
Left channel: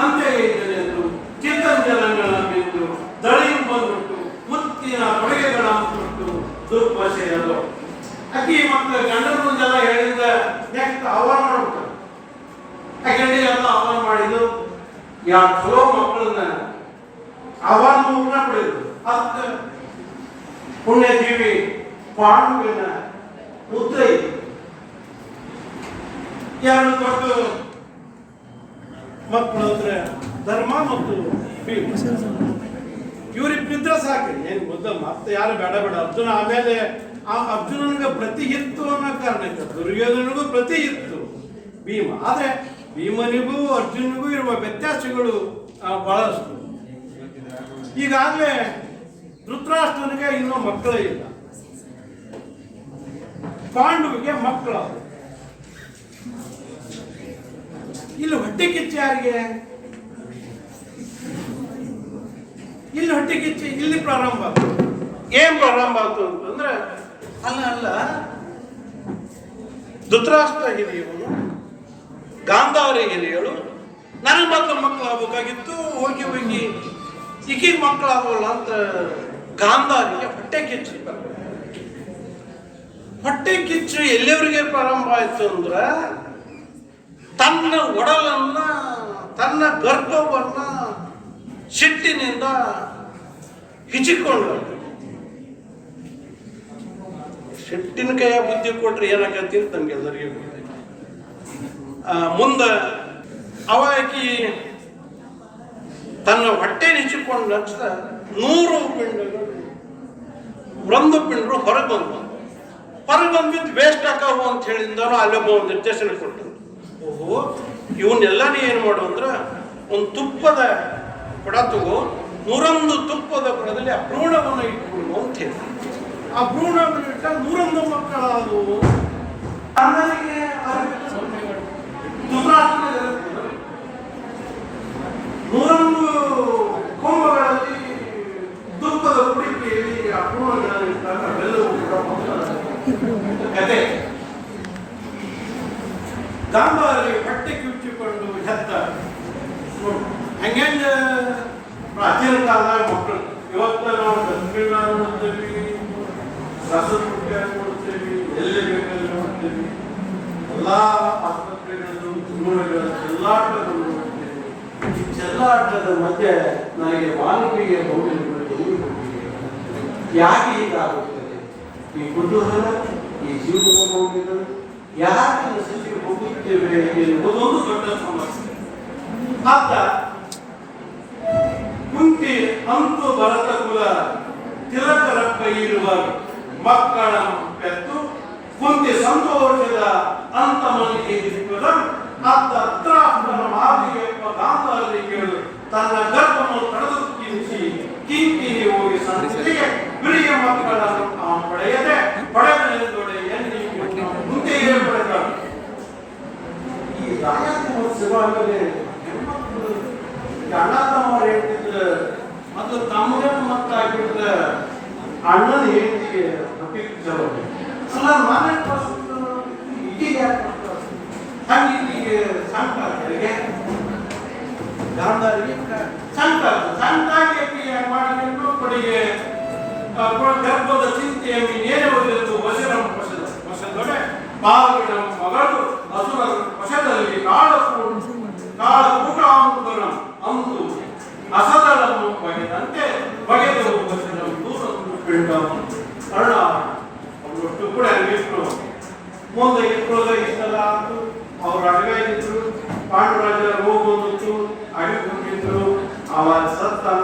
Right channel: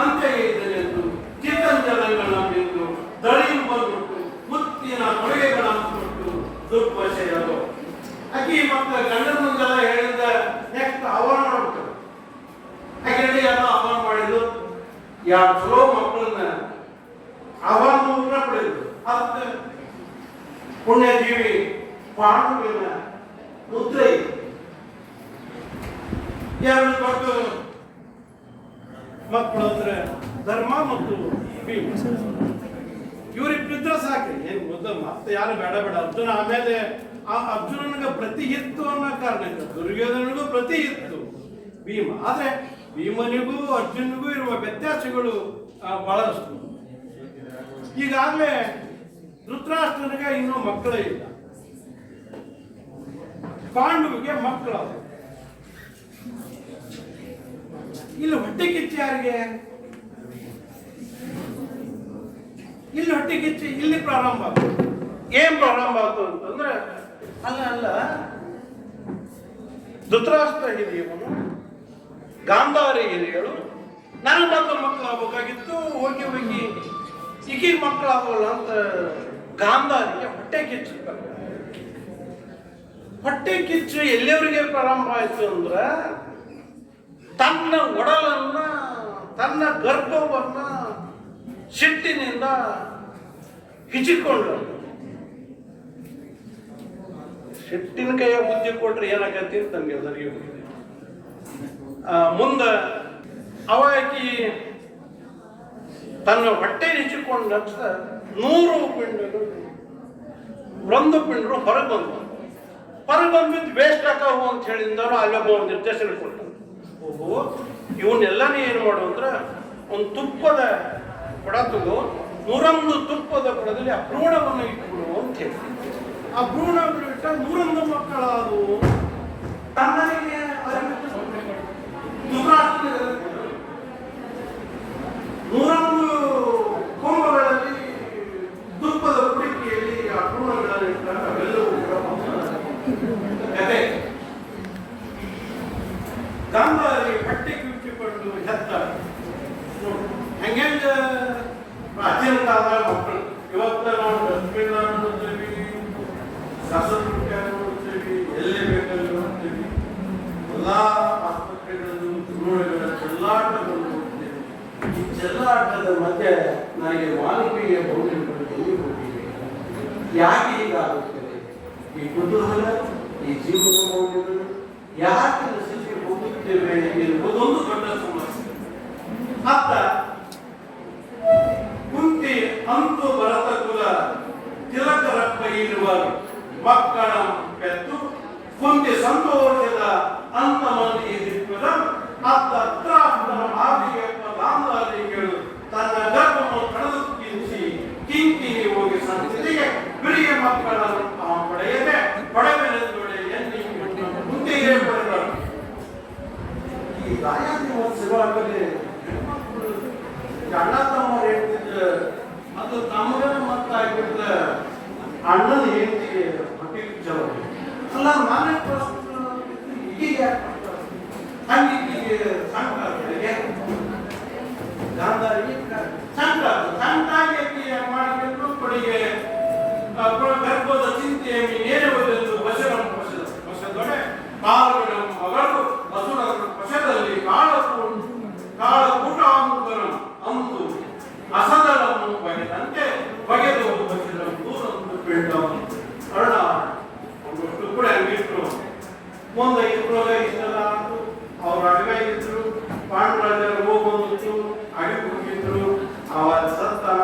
ಅಂತ್ಯಗೈದನೆಂದು ಚಿತ್ತಂಜನಗಳ ಬಿದ್ದು ದಳಿ ಬಂದುಟ್ಟು ಮುತ್ತಿನ ಕೊಡುಗೆಗಳಂತುಟ್ಟು ದುರ್ಭಷೆಯದು. ಅಕ್ಕಿ ಮತ್ತು ಗಂಡನ ಮುಂದೆಲ್ಲ ಹೇಳಿದ ನೆಕ್ಸ್ಟ್ ಆಹ್ವಾನ ಮಾಡ್ತಾರೆ. ಅಕ್ಕಿ ಎಲ್ಲ ಆಹ್ವಾನ ಮಾಡಿದ್ದು ಯಾರು ಚಲೋ ಮಕ್ಕಳನ್ನ ಆಹ್ವಾನ ಪಡೆಯುದು. ಅದ ಪುಣ್ಯಜೀವಿ ಪಾಂಡುವಿನ ಮುದ್ರೆ 2 ದೊಡ್ಡ ಮಕ್ಕಳು ಅಂದ್ರೆ ಧರ್ಮ ಮತ್ತು ಇವ್ರಿಗೆ ಬಿದ್ರೆ ಸಾಕು. ಏನು ಗೊತ್ತ, ಮತ್ತೆ ಯಾರು ಬೇಡ ಅರ್ಜುನ. ಆಮೇಲೆ ಆ ಅರ್ಜುನನಿಗೆ ಪ್ರತಿ ಇತ್ತು ಅನ್ನೋ ಕಾರಣಕ್ಕೆ ದುರ್ಯೋಧನಿಗೂ ಪ್ರತಿ ಇತ್ತು ಭೀಮ. ಆದ್ರೆ ಭೀಮನಿಗೂ ಅರ್ಜುನಿಗೂ ಇರುವ ವ್ಯತ್ಯಾಸಗಳು ಬಹಳಷ್ಟು. ಈಗಾಗಲೇ ಧೃತರಾಷ್ಟ್ರನಿಗೆ ಇನ್ನೂ ಮಕ್ಕಳೇ ಇಲ್ಲ. ಪಾಂಡುವಿಗೆ ಮಕ್ಕಳು. ಇಲ್ಲಿ ಹೊಟ್ಟೆ ಕಿಚ್ಚು ಯಾರಿಗೆ? ಇಲ್ಲಿ ಹೊಟ್ಟೆ ಕಿಚ್ಚು ಇಲ್ಲಿ ಪ್ರಾರಂಭ ಆಯ್ತು. ಏನ್ ಪ್ರಾರಂಭ ಆಯ್ತು ಅಂತಂದ್ರೆ, ಅಲ್ಲ ಧೃತರಾಷ್ಟ್ರ ಹಿರಿಯವನು, ಗಾಂಧಾರಿ ಹಿರಿಯಳು, ನನಗೆ ಮೊದಲು ಮಕ್ಕಳು ಆಗ್ಬೇಕಾಗಿತ್ತು, ಹೋಗಿ ಈಗೀಗ ಮಕ್ಕಳಾಗಲ್ಲ ಅಂತ ಗಾಂಧಾರಿಗೆ ಹೊಟ್ಟೆ ಕಿಚ್ಚು. ಹೊಟ್ಟೆ ಕಿಚ್ಚು ಎಲ್ಲಿಯವರಿಗೆ ಪ್ರಾರಂಭ ಆಯ್ತು ಅಂದ್ರೆ, ತನ್ನ ಒಡಲನ್ನ, ತನ್ನ ಗರ್ಭವನ್ನ ಸಿಟ್ಟಿನಿಂದ ಹಿಚಿಕೊಂಡು, ಸಿಟ್ಟಿನ ಕೈಯ ಬುದ್ಧಿ ಕೊಟ್ರೆ ಏನಾಗತ್ತೆ ನಮ್ಗೆ ಎಲ್ಲರಿಗೂ ಮುಂದೆ ಅವಾಕಿ ತನ್ನ ಹೊಟ್ಟೆ ನಿಚ್ಚಿಕೊಂಡು ನಚ್ಚಿದ 100 ಪಿಂಡಗಳು, ಒಂದು ಪಿಂಡರು ಹೊರಗೆ ಬಂದ್ಬಿಟ್ಟು ವೇಸ್ಟ್ ಹಾಕವು ಅಂತ ಹೇಳಿದ್ರು. ಅಲ್ಲೊಬ್ಬ ಒಂದು ನಿರ್ದೇಶನ ಕೊಟ್ಟು, ಓಹೋ ಇವನ್ನೆಲ್ಲನೇ ಏನು ಮಾಡು ಅಂದ್ರೆ, ಒಂದು ತುಪ್ಪದ ಕೊಡ ತಗೋ, 101 ತುಪ್ಪದ ಕೊಡದಲ್ಲಿ ಆ ಭ್ರೂಣವನ್ನು ಇಟ್ಬಿಡು ಅಂತ ಹೇಳಿ. ಆ ಭ್ರೂಣವನ್ನು ಇಟ್ಟ 101 ಮಕ್ಕಳಾದವು. ಅಣ್ಣನಿಗೆ 101 ಕೊಂಬಗಳಲ್ಲಿ ತುಪ್ಪದ ಕುಡಿಕೆಯಲ್ಲಿ ಆ ಭ್ರೂಣಗಳನ್ನು ಇಟ್ಟಾಗ ಎಲ್ಲವೂ ಕತೆ. ಗಾಂಧಾರಿ ಹೊಟ್ಟೆ ಕಿಚ್ಚಿಕೊಂಡು ಹೆತ್ತ. ಹಂಗಂಗ ಪ್ರಾಚೀನ ಕಾಲದ ಮಕ್ಕಳು. ಇವತ್ತು ನಾವು ಡಸ್ಟ್ಬಿನ್ ನೋಡ್ತೀವಿ, ರಸದ ಪುಟ್ಟಿ ನೋಡ್ತೀವಿ, ಎಲ್ಲಿ ಬೇಕಲ್ಲಿ ನೋಡ್ತೀವಿ, ಎಲ್ಲ ಆಸ್ಪತ್ರೆಗಳು, ಜೀವನಗಳ ಚೆಲ್ಲಾಟಗಳು ನೋಡ್ತೀವಿ. ಈ ಚೆಲ್ಲಾಟದ ಮಧ್ಯೆ ನನಗೆ ಮಾನವೀಯ ಮೌಲ್ಯಗಳು ಎಲ್ಲಿ ಹೋಗಿವೆ? ಯಾಕೆ ಹೀಗಾಗುತ್ತದೆ? ಈ ಕುತೂಹಲ, ಈ ಜೀವನದ ಮೌಲ್ಯಗಳು ಯಾಕೆ ನಶಿಸಿ ಹೋಗುತ್ತೇವೆ ಎನ್ನುವುದೊಂದು ದೊಡ್ಡ ಸಮಸ್ಯೆ. ಅತ್ತ ಕುಂತಿ ಅಂತು ಭರತ ಕುಲ ತಿಲಕರಪ್ಪ ಇರುವ ಮಕ್ಕಳ ಪೆತ್ತು ಕುಂತಿ ಸಂತೋಷದ ಅಂತ ಮಂದಿಗೆ ಇರುತ್ತದೆ. ಅತ್ತ ಧೃತರಾಷ್ಟ್ರನ ಮಾತಿಗೆ ಗಾಂಧಾರಿ ಕೇಳು ತನ್ನ ಗರ್ಭವನ್ನು ತಡೆದು ಕಿಂಕಿನಿ ಹೋಗಿ ಸಂಸ್ಥೆಗೆ ಬಿಳಿಯ ಮಕ್ಕಳನ್ನು ಪಡೆಯದೆ ಪಡೆಯಲೆಂದೊಡೆ ಎನ್ನಿಗೆ ಮುಂದೆಯೇ ಪಡೆದರು. ಈ ರಾಜ್ಯೋತ್ಸವ ಆಮೇಲೆ ಹೆಣ್ಮಕ್ಳು ಅಣ್ಣ ತಮ್ಮವ್ರು ಹೇಳ್ತಿದ್ರೆ ಅದು ತಮಗೆ ಮಕ್ಕಳಾಗಿಬಿಟ್ರೆ ಅಣ್ಣನ ಹೆಂಡತಿಗೆ ಹೊಟ್ಟೆ ಜವಾಬ್ದಾರಿ. ಅಲ್ಲ ನಾನೇ ಈಗ ಹಂಗೆ ಸಂಕ್ರಾಂತಿಗೆ ಗಾಂಧಾರಿಗೆ ಸಂಕ್ರಾಂತಿ ಮಾಡಿಕೊಂಡು ಕೊಡಿಗೆ ಗರ್ಭದ ಚಿಂತೆಯನ್ನು ಏನೇ ಓದಿದ್ದು ವಶರಂ ವಶದೊಡೆ ಪಾಲ್ಗಡ ಮಗಳು ಅಸುರರ ವಶದಲ್ಲಿ ಕಾಳಕೂಟಾಮೃತನ ಅಂತು ಅಸದಳನ್ನು ಬಗೆದಂತೆ ಬಗೆದು ವಶರಂ ದೂರನ್ನು ಪಿಂಡವನ್ನು ಅರುಣ ಅವರಷ್ಟು ಕೂಡ ಹಂಗಿಟ್ರು. ಮುಂದೆ ಇಬ್ಬರೋಗ ಇಷ್ಟೆಲ್ಲ ಆಯ್ತು. ಅವ್ರು ಅಡಗಾಯಿದ್ರು, ಪಾಂಡುರಾಜರ ಹೋಗೋದಿತ್ತು, ಅಡಿ ಹೋಗಿದ್ರು. ಅವಾಗ ಸತ್ತಾನ.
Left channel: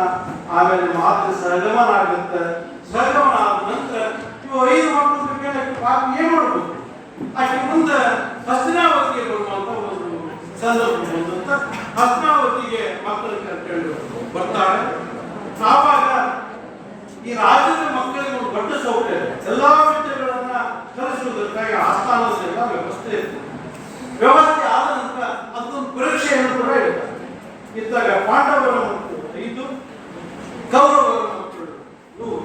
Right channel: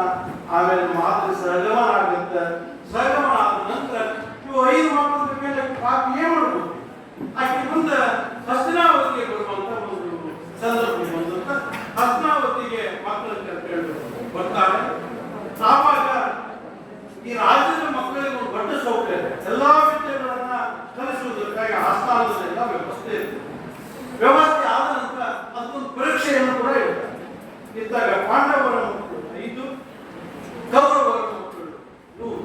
ಆಮೇಲೆ ಮಾತು ಸಹಗಮನ ಆಗುತ್ತೆ. ಸಹಗಮನ ಆದ ನಂತರ ಇವು 5 ಮಕ್ಕಳ ಮೇಲೆ ಪಾಪ ಏನ್ ಮಾಡ್ಬೇಕು? ಆಕೆ ಮುಂದೆ ಹಸ್ತಿನಾವತಿಗೆ ಬರುವಂತ ಒಂದು ಸಂದರ್ಭ ಬಂದಂತ ಹಸ್ತಿನಾವತಿಗೆ ಮಕ್ಕಳ ಕರ್ಕೊಂಡು ಬರ್ತಾರೆ. ಆವಾಗ ಈ ರಾಜ್ಯದ ಮಕ್ಕಳಿಗೆ ಒಂದು ದೊಡ್ಡ ಸೌಕರ್ಯ ಇದೆ. ಎಲ್ಲಾ ವಿದ್ಯೆಗಳನ್ನ ಕಲಿಸುವುದಕ್ಕಾಗಿ ಆಸ್ಥಾನದಲ್ಲೆಲ್ಲ ವ್ಯವಸ್ಥೆ ಇತ್ತು. ವ್ಯವಸ್ಥೆ ಆದ ನಂತರ ಅದೊಂದು ಪರೀಕ್ಷೆಯನ್ನು ಕೂಡ ಇರ್ತಾರೆ. ಇದ್ದಾಗ ಪಾಂಡವರ ಮಕ್ಕಳು 5, ಕೌರವರ ಮಕ್ಕಳು 100.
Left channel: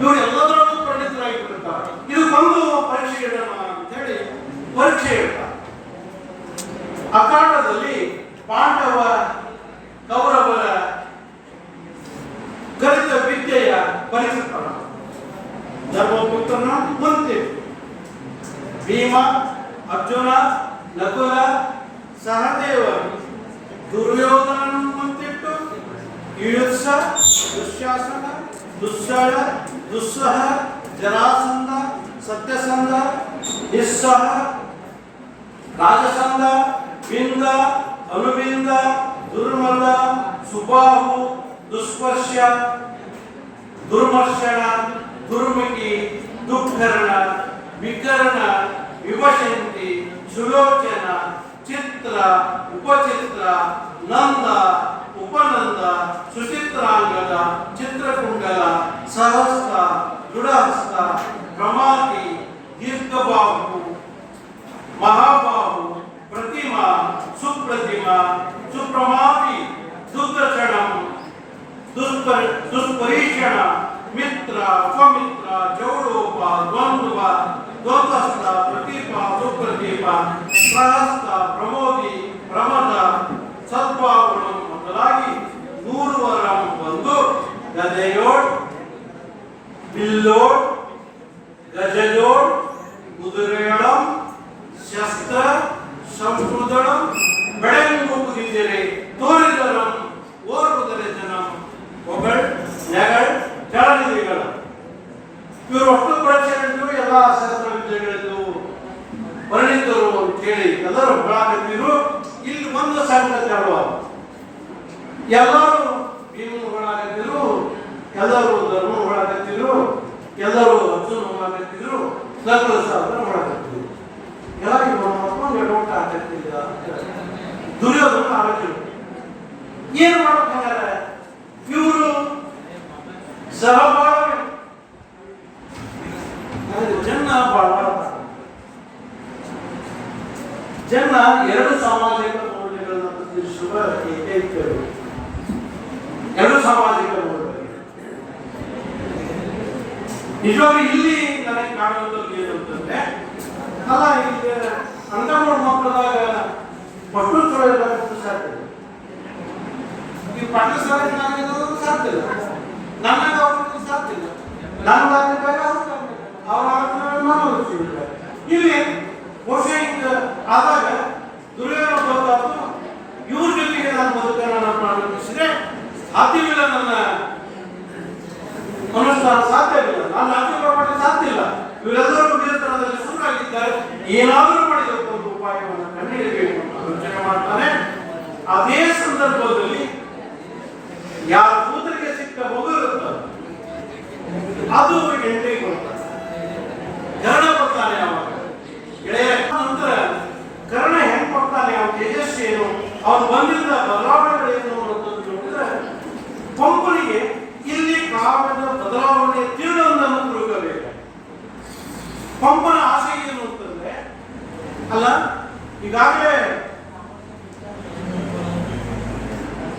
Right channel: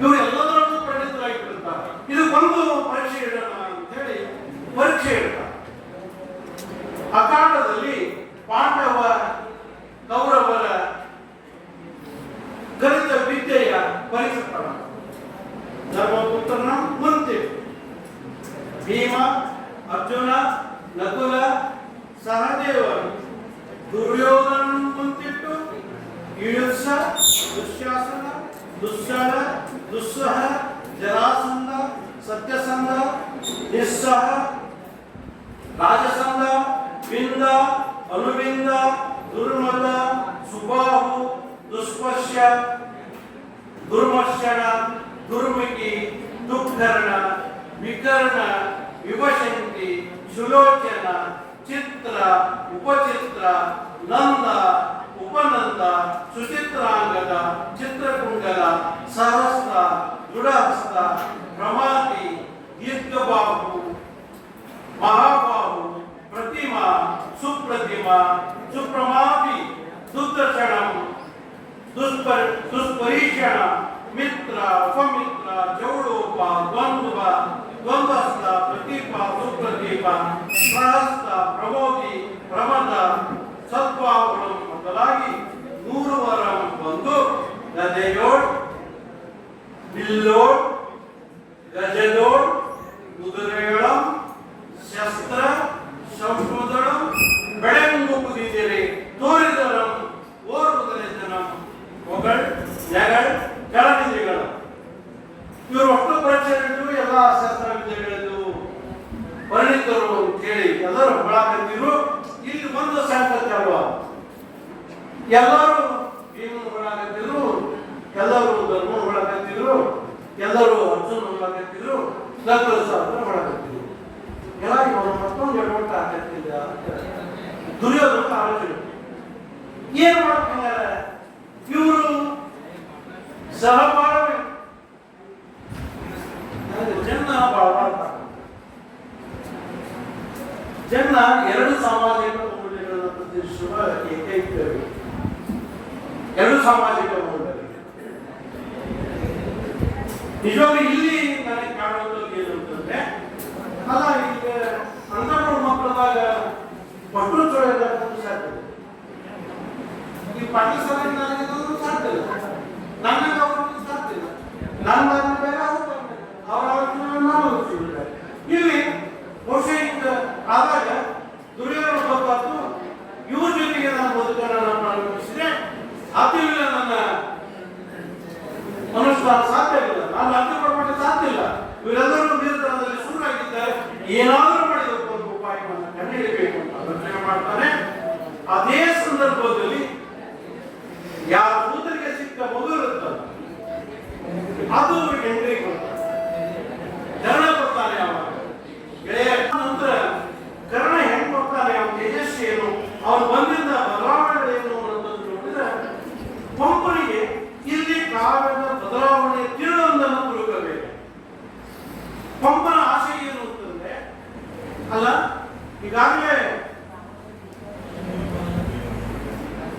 ಇವರು ಎಲ್ಲದರಲ್ಲೂ ಪರಿಣಿತರಾಗಿಬಿಡ್ತಾರೆ. ಇದು ಬಂದು ಪರೀಕ್ಷೆ ಇಡೋಣ ಅಂತ ಹೇಳಿ ಪರೀಕ್ಷೆ ಇಡ್ತಾರೆ. ಅಖಾಡದಲ್ಲಿ ಪಾಂಡವ ಕೌರವರ ಗಣಿತ ವಿದ್ಯೆಯ ಪರೀಕ್ಷೆ ಪ್ರಾರಂಭ. ಧರ್ಮಪುತ್ರನ ಮುಂದೆ ಭೀಮ, ಅರ್ಜುನ, ನಕುಲ, ಸಹದೇವ, ದುರ್ಯೋಧನ ಮುಂತಿಟ್ಟು ಯುಯುತ್ಸ, ದುಶ್ಯಾಸನ, ದುಸ್ಸಳ, ದುಸ್ಸಹ, ಜರಾಸಂಧ, ಸತ್ಯಸಂಧ, ನಿಸ್ಸಹ, ರಾಜಸಂಧ, ವಿಂದ, ಅನುವಿಂದ, ದುರ್ಮದ, ಸುಬಾಹು, ದುಸ್ಪರ್ಶ, ದುರ್ಮರ್ಶನ, ದುರ್ಮುಖಿ, ದುಃಖರಣ, ವಿಕರ್ಣ, ವಿವಶಂತಿ, ಸುಲೋಚನ, ಚಿತ್ರ, ಉಪಚಿತ್ರ, ನಂದ, ಉಪನಂದ, ಸುಚಿತ್ರಾಂಗದ, ಚಿತ್ರಕುಂಡಲ, ಪ್ರಮಾತಿ ದೀರ್ಘಬಾಹು ಮಹಾಬಾಹು ಪ್ರತಿಮಾ ಸುಪ್ರತಿಮಾ ಸುಪ್ರಮಾತಿ ದುರ್ದರ್ಶನಂ ದುಷ್ಪರೀಕ್ಷಣ ಮಿತ್ರ ಉಪಮಿತ್ರ ಜೌಡೋಪ ದ್ವಂದ್ವ ದ್ವಂದ್ವಸ್ಥ ಪ್ರತೀಪ ಸುಪ್ರತೀಪ ಪ್ರಹಸ್ತ ಪ್ರಮೋದಿ ಪ್ರಮದ ಸತ್ವಾಗುಣ ಮೊದಲಾಗಿ 100 ವರಂ ಒಂದು ಗದೆಯೋಡ್ ಬಿಲ್ಲೋಡ್ ಗಜದೋಡ್ ಕುದುರೆಯೊಳಂ ಶಸ್ತ್ರ ಸಂಸ್ಕೃತಂ ಬೆಳೆಂಗು ಕುದಿದರೆ ತೋರಿದರಂ ಓರ್ವುದರೆ ಜನಂ ಹೊಗಳ್ ನೆಗಳ್ ಕೆಳನಿಧಿಗಳು ಇವರು ಒಟ್ಟು ಪರೀಕ್ಷೆಗಳಿದ್ದು ಎಲ್ಲ ಶಸ್ತ್ರವಿದ್ಯೆಗಳಿದ್ದು ಪರಿಣಿತರು ಅಂತೇಳಿ ಎಲ್ಲರೂ ಹೊಳಾಕತ್ತಿದ್ರು. ಇಲ್ಲಿ ಒಂದು ಸಂಕಟ ಹೇಳುವ ಎಲ್ಲರೂ ಭೀಮನ ಹೊಳಾಕತ್ತಿದ್ರು, ಎಲ್ಲರೂ ಧರ್ಮ ಹೊಳಾಕತ್ತಿದ್ರು, ಎಲ್ಲರೂ ಅರ್ಜುನ ಹೊಳಾಕತ್ತಿದ್ರು, ಲಗ್ನಶಾಸ್ತ್ರ ಹೊಳಾಕತ್ತಿದ್ರು. ಎಲ್ಲ ಇವರು ಮತ್ತೊಂದು ಗಡೋಟ ಹಾಕತ್ತಿದ್ದ ದುರ್ಯೋಧನ ಆಲೋಚನೆ ಏನು ಮಾಡ್ತಾರೆ ಇವರು ಸಹಭಾಗವೇ ಜನ ಜನ ಎರಡು ಸಾಮಾಜಿಕ ಮೌಲ್ಯಗಳನ್ನು ಪ್ರತಿನಿಧಿಸುವ ಏಕೈಕ ಎರಡು ಸಾಮಾಜಿಕ ಮೌಲ್ಯಗಳು ನಿಜವಾಗಿ ಇಲ್ಲಿ ನನಗೆ ಕಾಣುವಂಥದ್ದು ಏನಂತಂದ್ರೆ ಅಲ್ಲ ಈಗ ಅಂಗನವಾಡಿ ಮಕ್ಕಳಾಗ ಮಕ್ಕಳು ಚೊಳೆಲ್ಲ ಸಾಧ್ಯ ಈ ಪಾಠಶಾಲೆ ನನಗೆ ಸಾಧ್ಯ ಇಲ್ಲ, ನನಗೆ ಅವ್ರಿಗೆ ಸಾಧ್ಯ ಇಲ್ಲ, ನನ್ನ ಬೇರೆ ಅವರ ನಾನು ಇಲ್ಲಿ ಬಹುಶಃ ಆದಾಗ ದುರ್ಯೋಧನ ಗೊತ್ತಾಯ್ತು ಇವ್ರ ಜೊತೆಗೆ ನಾನು ಬದುಕನ್ನು ಪ್ರಾರಂಭಿಸಿದೆ ಸಾಧ್ಯವಿಲ್ಲ, ನನ್ನ ಅನುಷ್ಠಾನ ಸಾಧ್ಯವಿಲ್ಲ, ನಾನು ಅನುಷ್ಠಾನ ಮಾಡಲಿಕ್ಕೆ ಸಾಧ್ಯ ಇಲ್ಲ. ಇವರೆಲ್ಲರೂ ನಿಯಂತ್ರಣದಲ್ಲಿ ಸುಮ್ಮನಾಗಿದ್ದಾರೆ, ಏನಾದರೂ ಮಾಡಿದಕ್ಕೆ ಒಂದು ಉಪಾಯವನ್ನು ಕಂಡುಹಿಡಿಯಬೇಕು ಅಂತ ಆಲೋಚನೆ ಮಾಡ್ತಾನೆ. ಅದೇ ಸಂದರ್ಭದಲ್ಲಿ ಯಾರ ಕೂತರಿಗೆ ಸಿಕ್ಕ ಮಗು ಇರುತ್ತದೆ ಅದು ಎಂಟ್ರಿಗೆ ಬರ್ತಾರೆ. ಕರ್ಣ ಬರ್ತಾನೆ ಅವಾಗ ಗೆಳೆಯ ನಂತರ ಕರ್ಣ ಹೆಂಗ್ ಬರ್ತಾನೆ, ಅವನ ತೇಜಸ್ವಿ ಏನು, ಅವನು ಬಂದಿದ್ದ ಬದಲಾವಣೆಗಳೇನು ಅನ್ನೋದನ್ನು ನೋಡಿದ್ರೆ ಪಂಪನಿಗೆ ಇಲ್ಲಿ ಕಾವ್ಯದ ಬದಲಾವಣೆ ತೀವ್ರವನ್ನು ತಿಳ್ಕೋಬೇಕು. ಪಂಪನ ಆಸೆ ಏನು ಅಂತಂದ್ರೆ ಅಲ್ಲ ಈಗಾಗಲೇ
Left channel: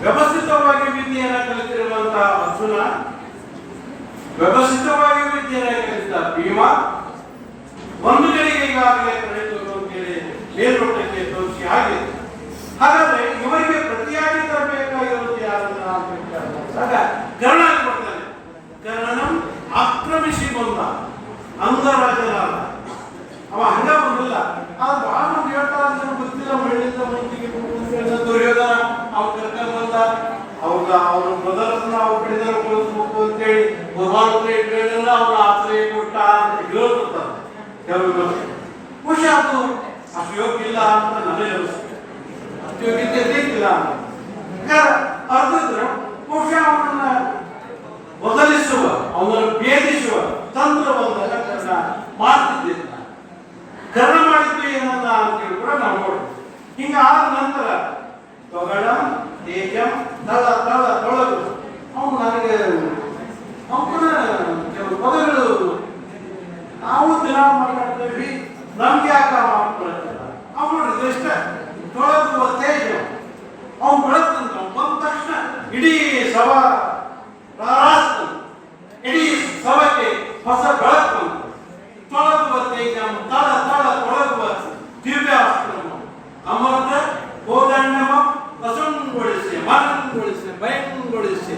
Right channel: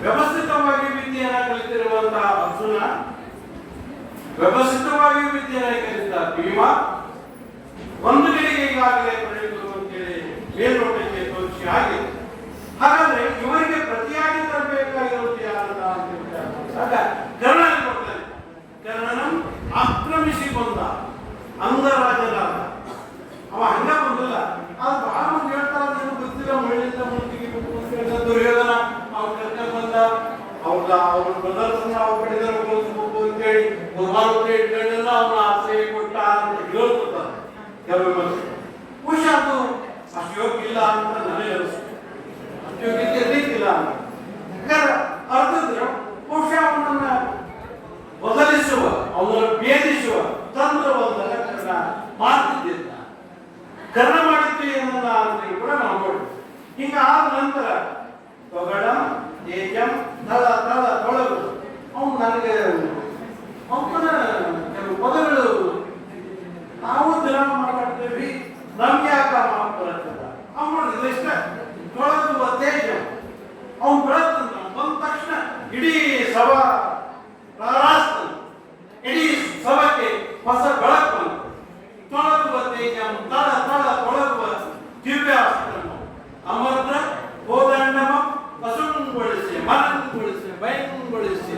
ವ್ಯವಸ್ಥಿತವಾಗಿ ವಿದ್ಯೆಯನ್ನು ಕಲಿತಿರುವಂತಹ ಅರ್ಜುನ, ವ್ಯವಸ್ಥಿತವಾಗಿ ವಿದ್ಯೆಯನ್ನು ಕಲಿತ ಭೀಮ ಒಂದು ಗಳಿಗೆ ಈಗಾಗಲೇ ಪಡೆಯಬೇಕು ಅಂತೇಳಿ ಮೇಲ್ನೋಟಕ್ಕೆ ತೋರಿಸಿ ಆಗಿದೆ. ಹಾಗಾದ್ರೆ ಇವರಿಗೆ ಪ್ರತಿಯಾಗಿ ತರಬೇಕಾಗಿರುವುದು ಯಾರನ್ನ ಅಂತ ಕರ್ಣ ಬರ್ತಾನೆ. ಕರ್ಣನಂ ಆಕ್ರಮಿಸಿ ಬಂದ ಅಂಗರಾಜನಾದ ಅವ ಹಂಗ ಬಂದಿಲ್ಲ. ಅದು ಬಹಳ ಮಂದಿ ಹೇಳ್ತಾರೆ ಗೊತ್ತಿಲ್ಲ, ಮಳಿಂದ ಮೂರ್ತಿಗೆ ದುರ್ಯೋಧನ ಅವ್ರು ಕರ್ಕೊಂಡು ಬಂದ ಅವ್ರ ಪ್ರದರ್ಶನ ಅವ್ರ ಕಡೆದ ಕಳಿಸ್ಬೇಕು ಅಂತೇಳಿ ಅವನ ಆಶ್ರಯ ಕೊಟ್ಟ ಅಂತ ಹೇಳ್ತಿರ್ತಾರೆ ಕೆಲವು ಬಹುಶಃ ಅದು ಅಷ್ಟು ಯೋಗ್ಯ ಇಲ್ಲ ಅಂತ ನನಗೆ ಅನಿಸ್ತದೆ. ಅಷ್ಟು ಯೋಗ್ಯತೆ ಇರ್ಲಿಕ್ಕಿಲ್ಲ ಅಂತ ಅರ್ಧಿದ್ರೆ ಬಹುಶಃ ಅವನನ್ನ ಬದಲಿಸುವ, ಅವನನ್ನು ಭೇದಿಸುವ ತಂತ್ರವೊಂದನ್ನು ಕರ್ಣ ಮಾಡ್ತಿದ್ದ. ಕರ್ಣ ಮಾಡಿದ್ದು ಏನಲ್ಲ ಅಂತೇಳಿ ಕೂಡ ನಾವು ನೋಡ್ತೀವಿ. ಹಿಂಗಾದ ನಂತರ ತೊಗಡಂ ತೇಜಂ ತಳ ತಳ ತೊಳಗು ಅವನು ನನಗೆ ಅವನ ಕೆಲವು ಪದಗಳು ನಾವು ದಿನ ಮಾತಾಡ್ತೇವೆ, ನಮ್ಗೆ ಯಾಕ ಮಾಡ್ಕೊಳ್ತಲ್ಲ ಅವನು ಇಷ್ಟ ತೊಳಗುವ ತೇಜ ಅವನು ಬೆಳತಂತ ಬಂದ ತಕ್ಷಣ ಇಡೀ ಸಭಾ ರಾರಾಸ್ತ ಇಡೀ ಸಭೆಗೆ ಹೊಸ ಬೆಳಕು ಬಂತು. ತೊಳಗುವ ತೇಜ ತಳ ತಳ ತೊಳಗುವ ದಿವ್ಯಾಸ್ತ್ರ ಅಮೃತ ಕೋದಂಡಮ ವಸುಂಗೊಳಿಸಿ ಮನಂಗೊಳಿಸಿ ಭಯಂಗೊಳಿಸಿ